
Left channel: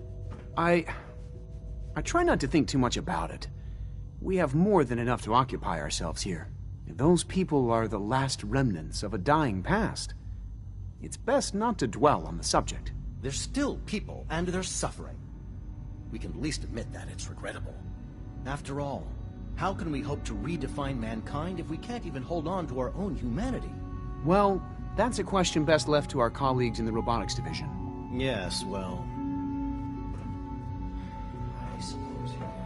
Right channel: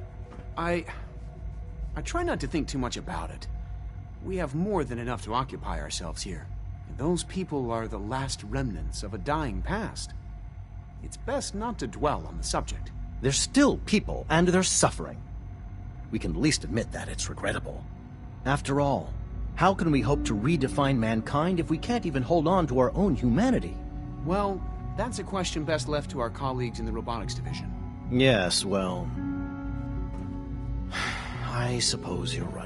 I try not to think too much about it. We have more than enough to occupy ourselves here. Those people are the last remnants of a dying past. It's best not to dwell on the subject. They're still people, and they're suffering. We can at least admit that it's regrettable. After all, how can we hope to redefine mankind if we can't even hold on to our own humanity? Well, that's a question best left to our colleagues in the robotics division. Yes, well... I suppose you're right.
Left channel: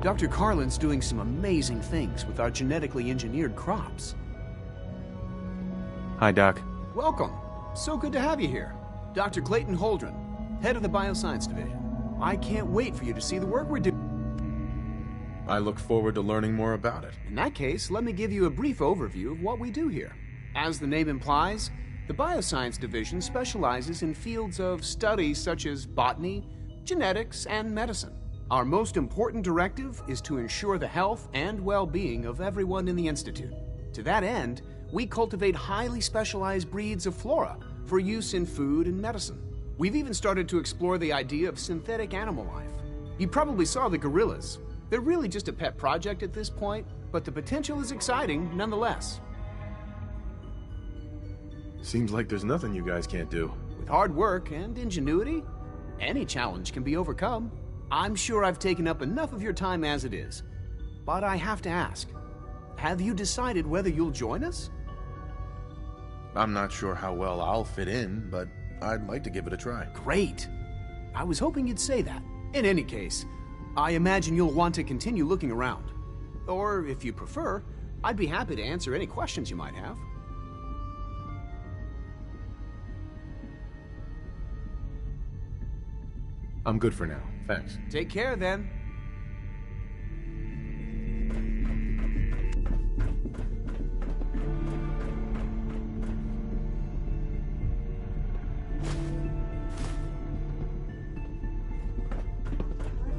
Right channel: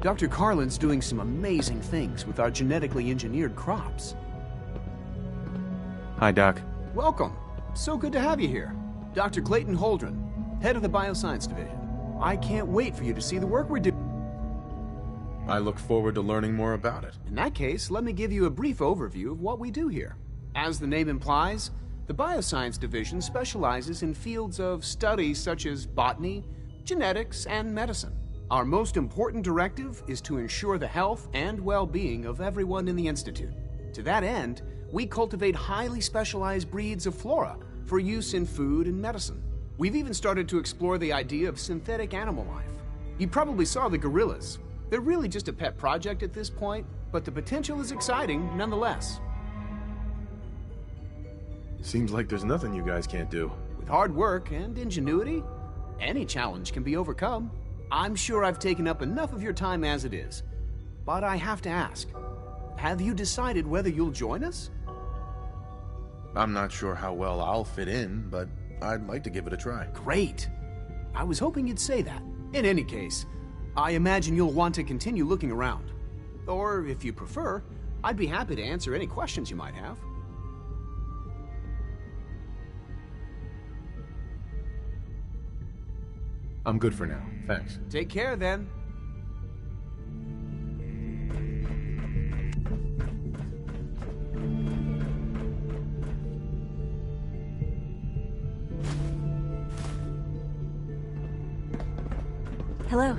Dr. Carlin's doing some amazing things with our genetically engineered crops. Hi, Doc. Welcome. So good to have you here. Dr. Clayton Holdren, head of the Bioscience Division. I can't wait for you to see the work we're doing. I look forward to learning more about it. In that case, let me give you a brief overview of what we do here. As the name implies, the Bioscience Division specializes in fields of study such as botany, genetics, and medicine. Our most important directive is to ensure the health and well-being of everyone in the Institute. To that end, we cultivate highly specialized breeds of flora for use in food and medicine. We've even started to explore the idea of synthetic animal life. You probably saw the gorillas. They're really just a pet project at this point, but the potential is exciting nonetheless. Seems like there's nothing you guys can't do. With hard work and ingenuity, any challenge can be overcome. I'm sure I've taken up enough of your time as it is, but I have to ask, have you decided whether you'll join us? I'm not sure how well I'll fit in, but I'd like to give it a try. Great. I was hoping you'd say that. In any case, I imagine you'll want to continue looking around. Or, if you prefer, I'd be happy to answer any questions you might have. I'm good for now, thanks. Take care, then. Hello.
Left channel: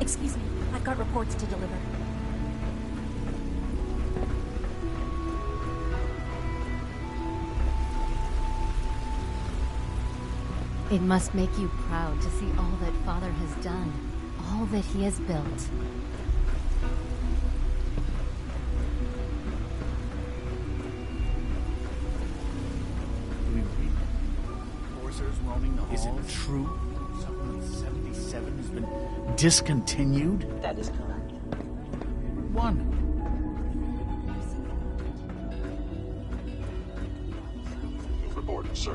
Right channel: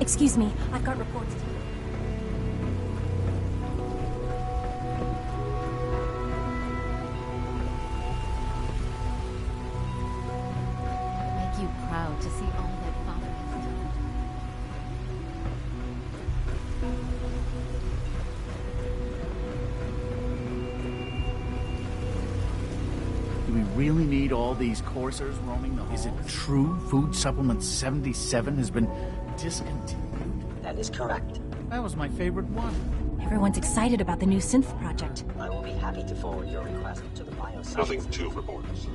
Excuse me, I've got reports to deliver. It must make you proud to see all that Father has done, all that he has built. Do we really need all these coursers roaming the halls? Is it true Food Supplement 77 has been discontinued? That is correct. That was my favorite one. Everyone's excited about the new synth project. I will be happy to forward your request to the bioscience. Nothing to report, sir.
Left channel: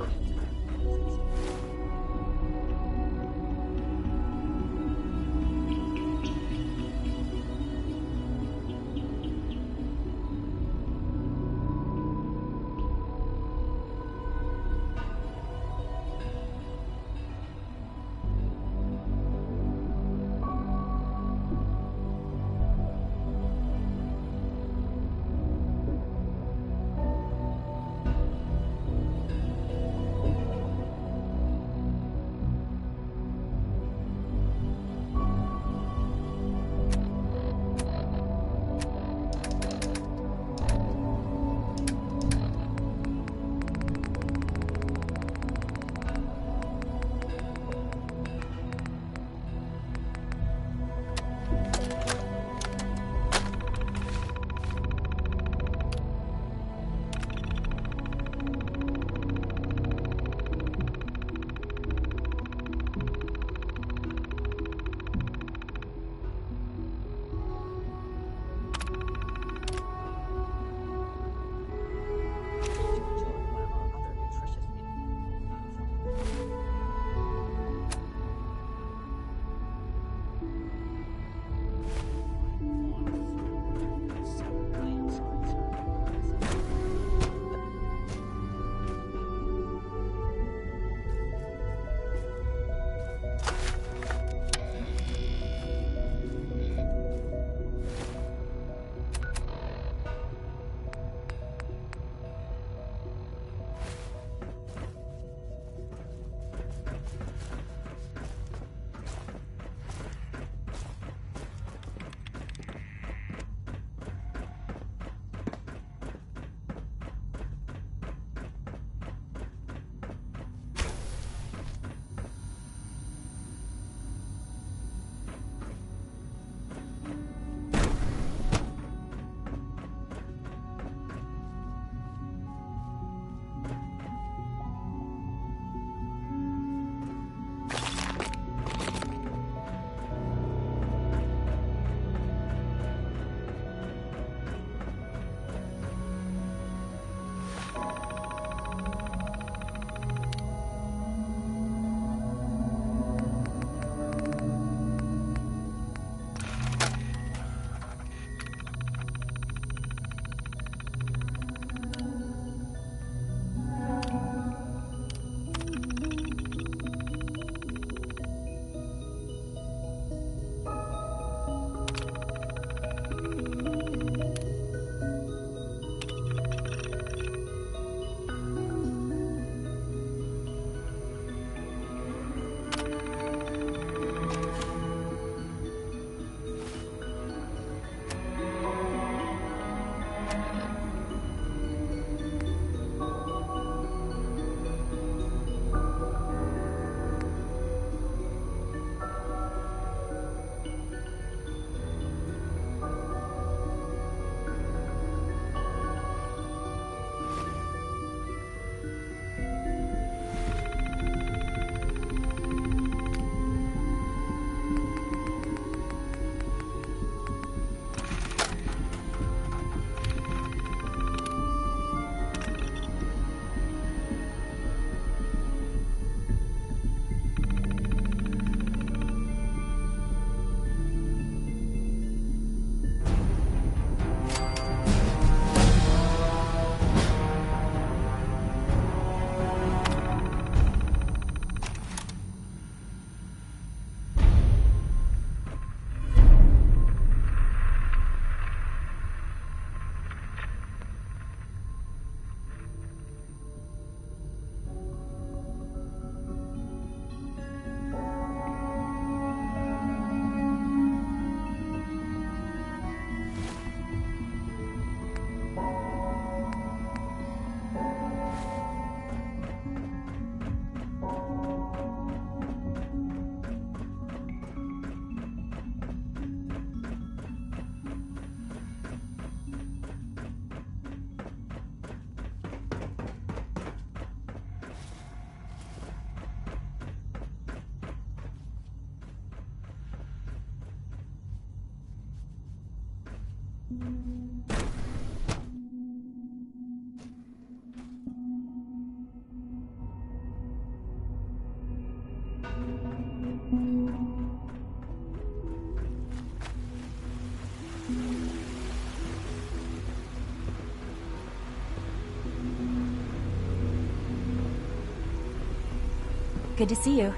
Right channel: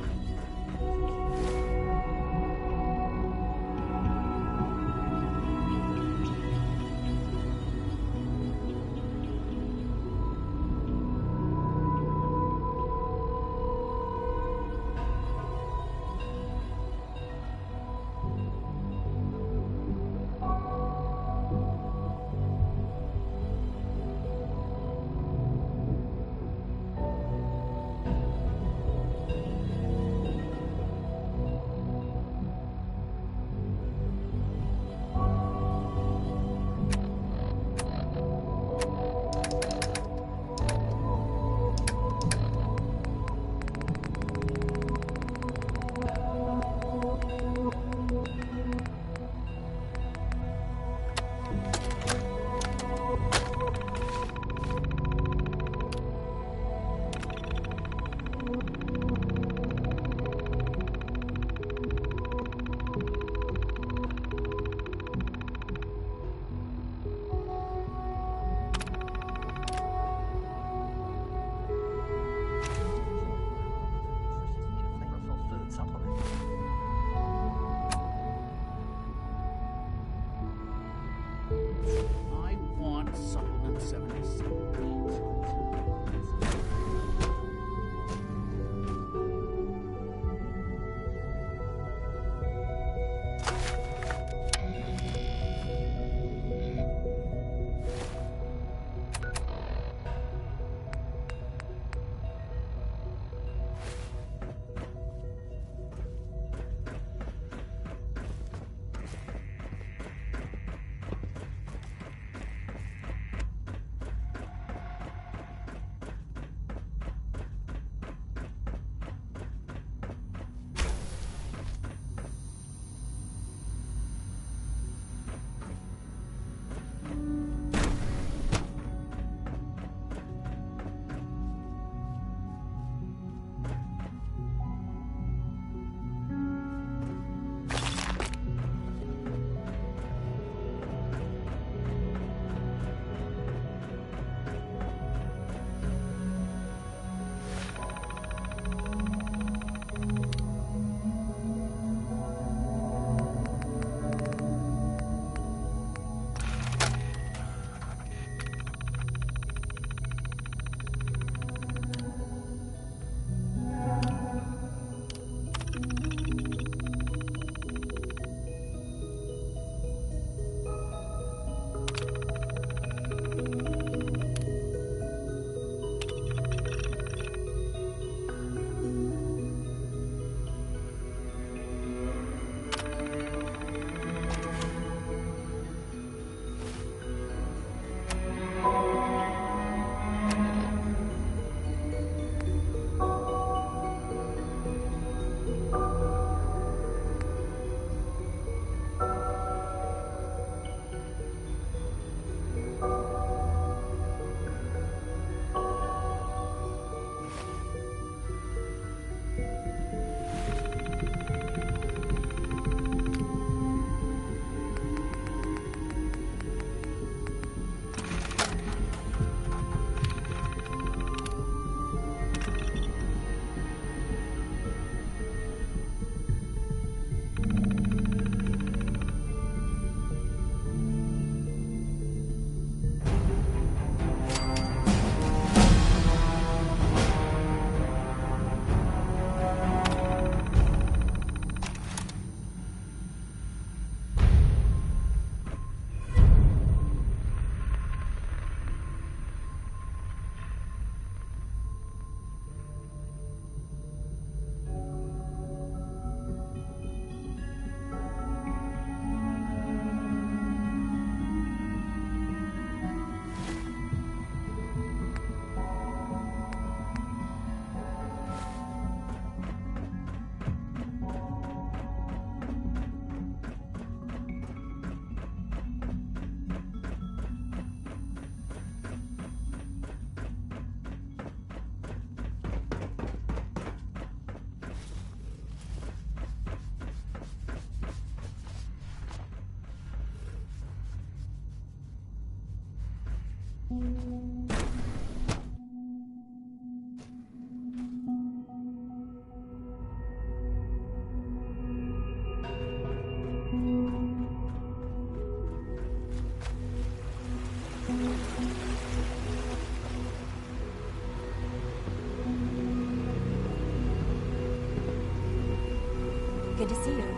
Good to see you.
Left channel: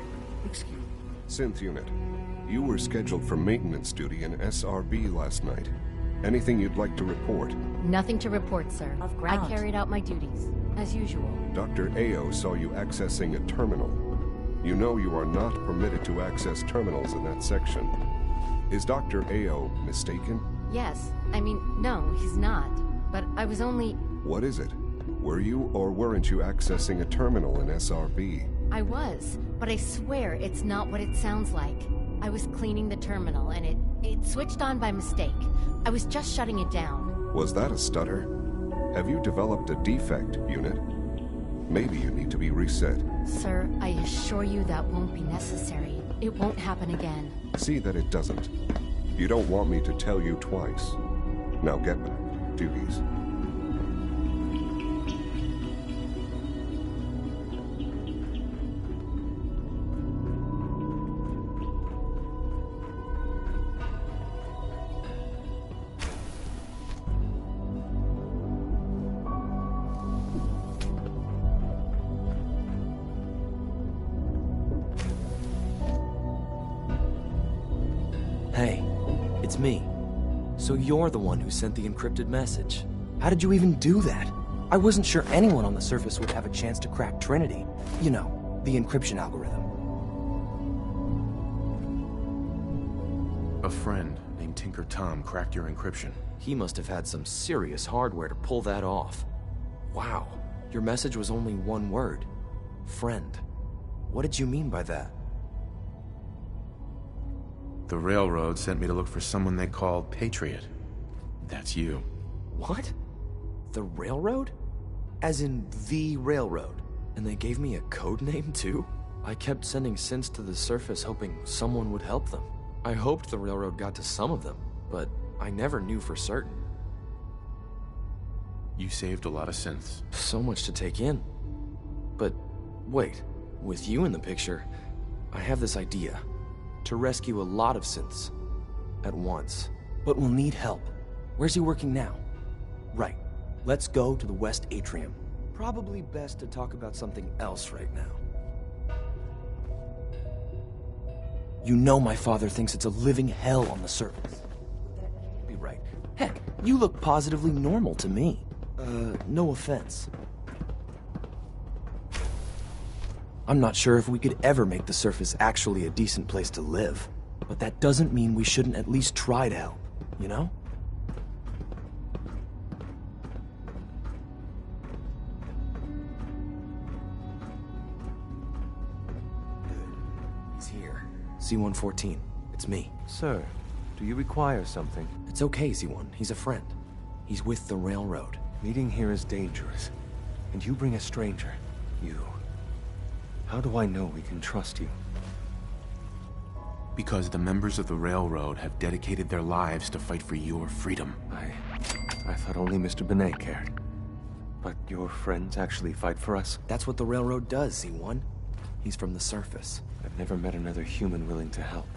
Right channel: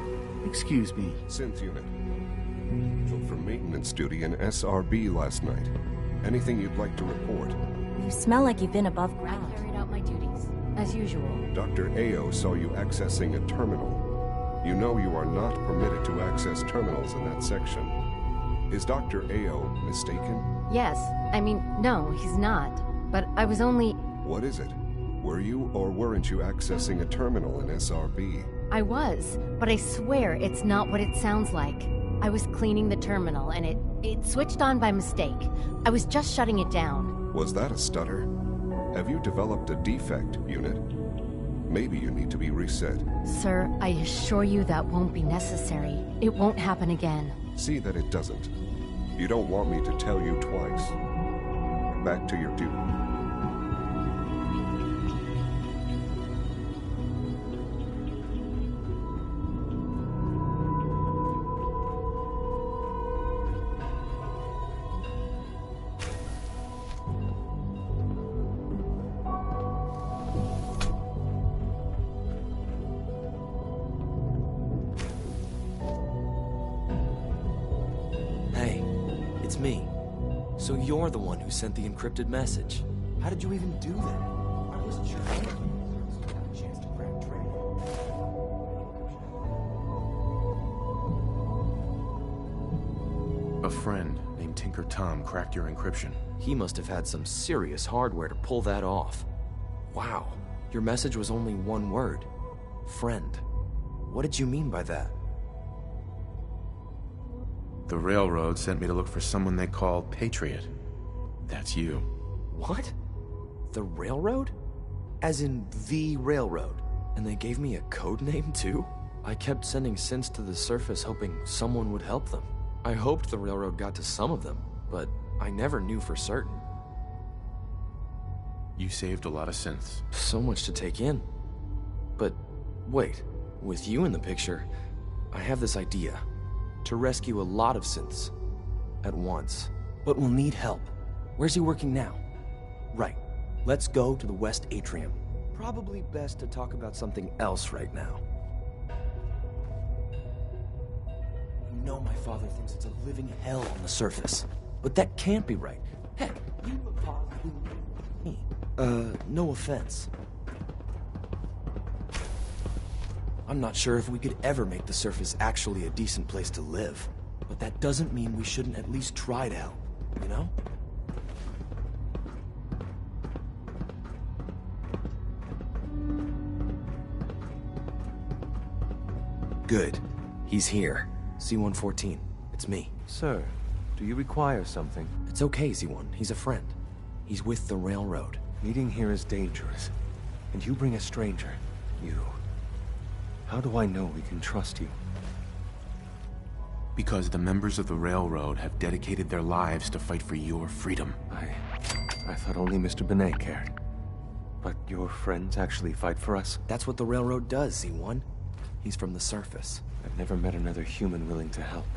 Excuse me. Synth unit, you were scheduled for maintenance duty in SRB last night. Anything you'd like to report? Nothing to Smell report, like you've been sir. above ground. I carried out my duties, as usual. Dr. Ao saw you accessing a terminal. You know you are not permitted to access terminals in that section. Is Dr. Ao mistaken? Yes. I mean, no, he's not. But I was only... What is it? Were you or weren't you accessing a terminal in SRB? I was, but I swear it's not what it sounds like. I was cleaning the terminal, and it switched on by mistake. I was just shutting it down. Was that a stutter? Have you developed a defect, unit? Maybe you need to be reset. Sir, I assure you that won't be necessary. It won't happen again. See that it doesn't. You don't want me to tell you twice. Now get back to your duties. Hey, it's me. So you're the one who sent the encrypted message. How did you even do that? I wasn't sure anyone on the surface would have a chance to crack Trinity. You know, the encryption algorithm. A friend named Tinker Tom cracked your encryption. He must have had some serious hardware to pull that off. Wow, your message was only one word. Friend. What did you mean by that? The Railroad sent me to look for someone they call Patriot. That's you. What? The Railroad? As in the Railroad? And they gave me a code name too? I kept sending synths to the surface hoping someone would help them. I hoped the Railroad got to some of them, but I never knew for certain. You saved a lot of synths. So much to take in. But wait, with you in the picture, I have this idea. To rescue a lot of synths at once. But we'll need help. Where's he working now? Right. Let's go to the West Atrium. Probably best to talk about something else right now. You know my father thinks it's a living hell on the surface. But that can't be right. Heck, you look positively normal to me. No offense. I'm not sure if we could ever make the surface actually a decent place to live. But that doesn't mean we shouldn't at least try to help, you know? Good. He's here. C-114. It's me. Sir, do you require something? It's okay, Z1. He's a friend. He's with the Railroad. Meeting here is dangerous. And you bring a stranger. You. How do I know we can trust you? Because the members of the Railroad have dedicated their lives to fight for your freedom. I thought only Mr. Benet cared. But your friends actually fight for us? That's what the Railroad does, Z1. He's from the surface. I've never met another human willing to help.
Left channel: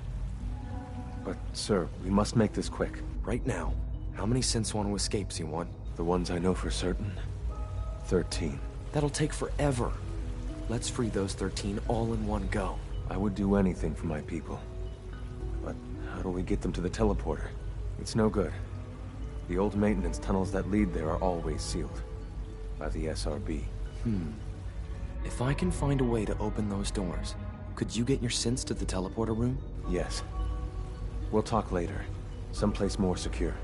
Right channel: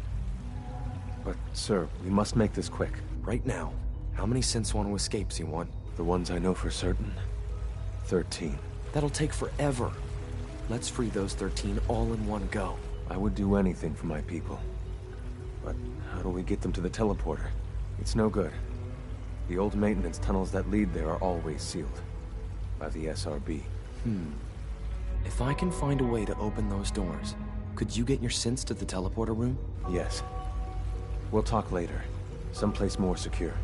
But, sir, we must make this quick. Right now, how many synths want to escape, Z1? The ones I know for certain? 13. That'll take forever. Let's free those 13 all in one go. I would do anything for my people. But how do we get them to the teleporter? It's no good. The old maintenance tunnels that lead there are always sealed. By the SRB. If I can find a way to open those doors, could you get your synths to the teleporter room? Yes. We'll talk later. Someplace more secure.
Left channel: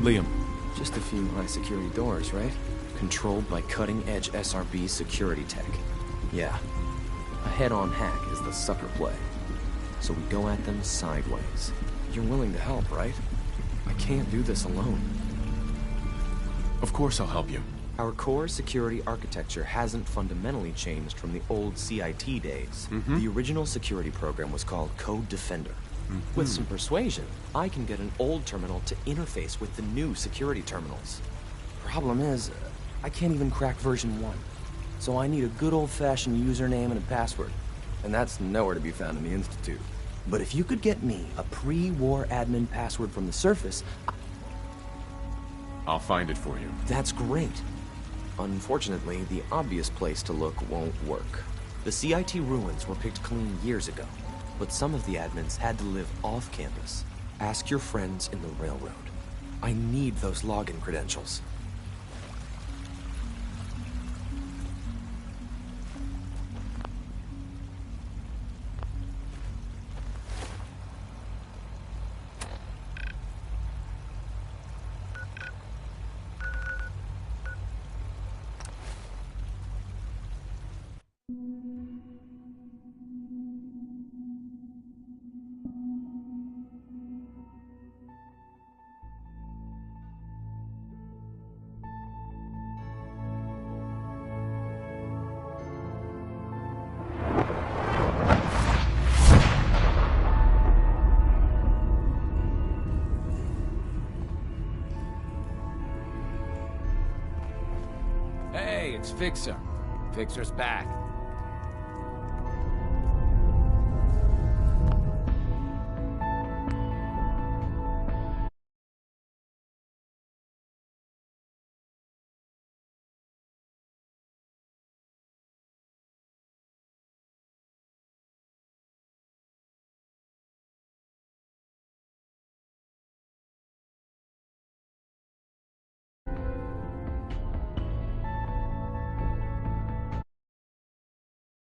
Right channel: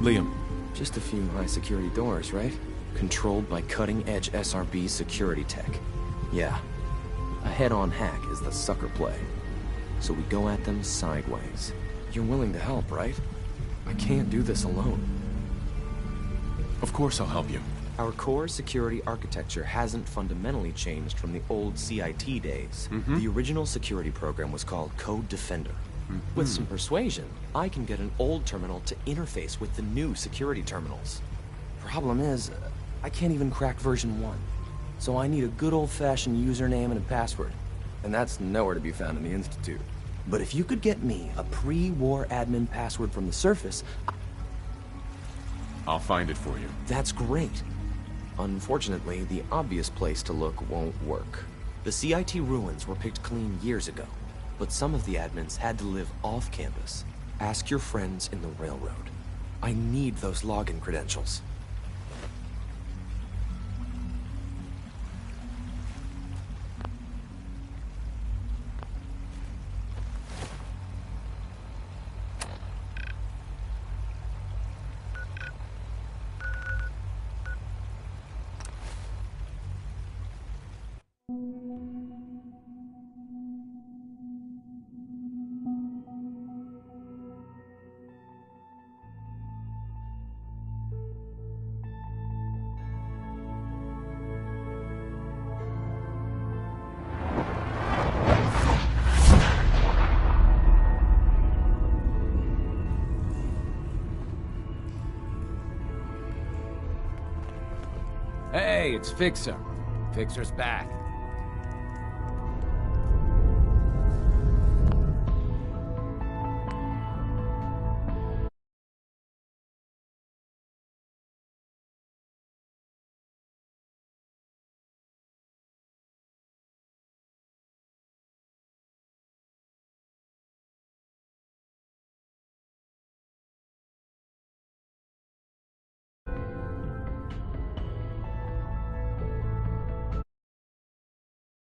Liam. Just a few high-security doors, right? Controlled by cutting-edge SRB security tech. Yeah. A head-on hack is the sucker play. So we go at them sideways. You're willing to help, right? I can't do this alone. Of course I'll help you. Our core security architecture hasn't fundamentally changed from the old CIT days. The original security program was called Code Defender. With some persuasion, I can get an old terminal to interface with the new security terminals. Problem is, I can't even crack version 1. So I need a good old-fashioned username and a password. And that's nowhere to be found in the Institute. But if you could get me a pre-war admin password from the surface... I'll find it for you. That's great. Unfortunately, the obvious place to look won't work. The CIT ruins were picked clean years ago, but some of the admins had to live off campus. Ask your friends in the railroad. I need those login credentials. Hey, it's Fixer. Fixer's back.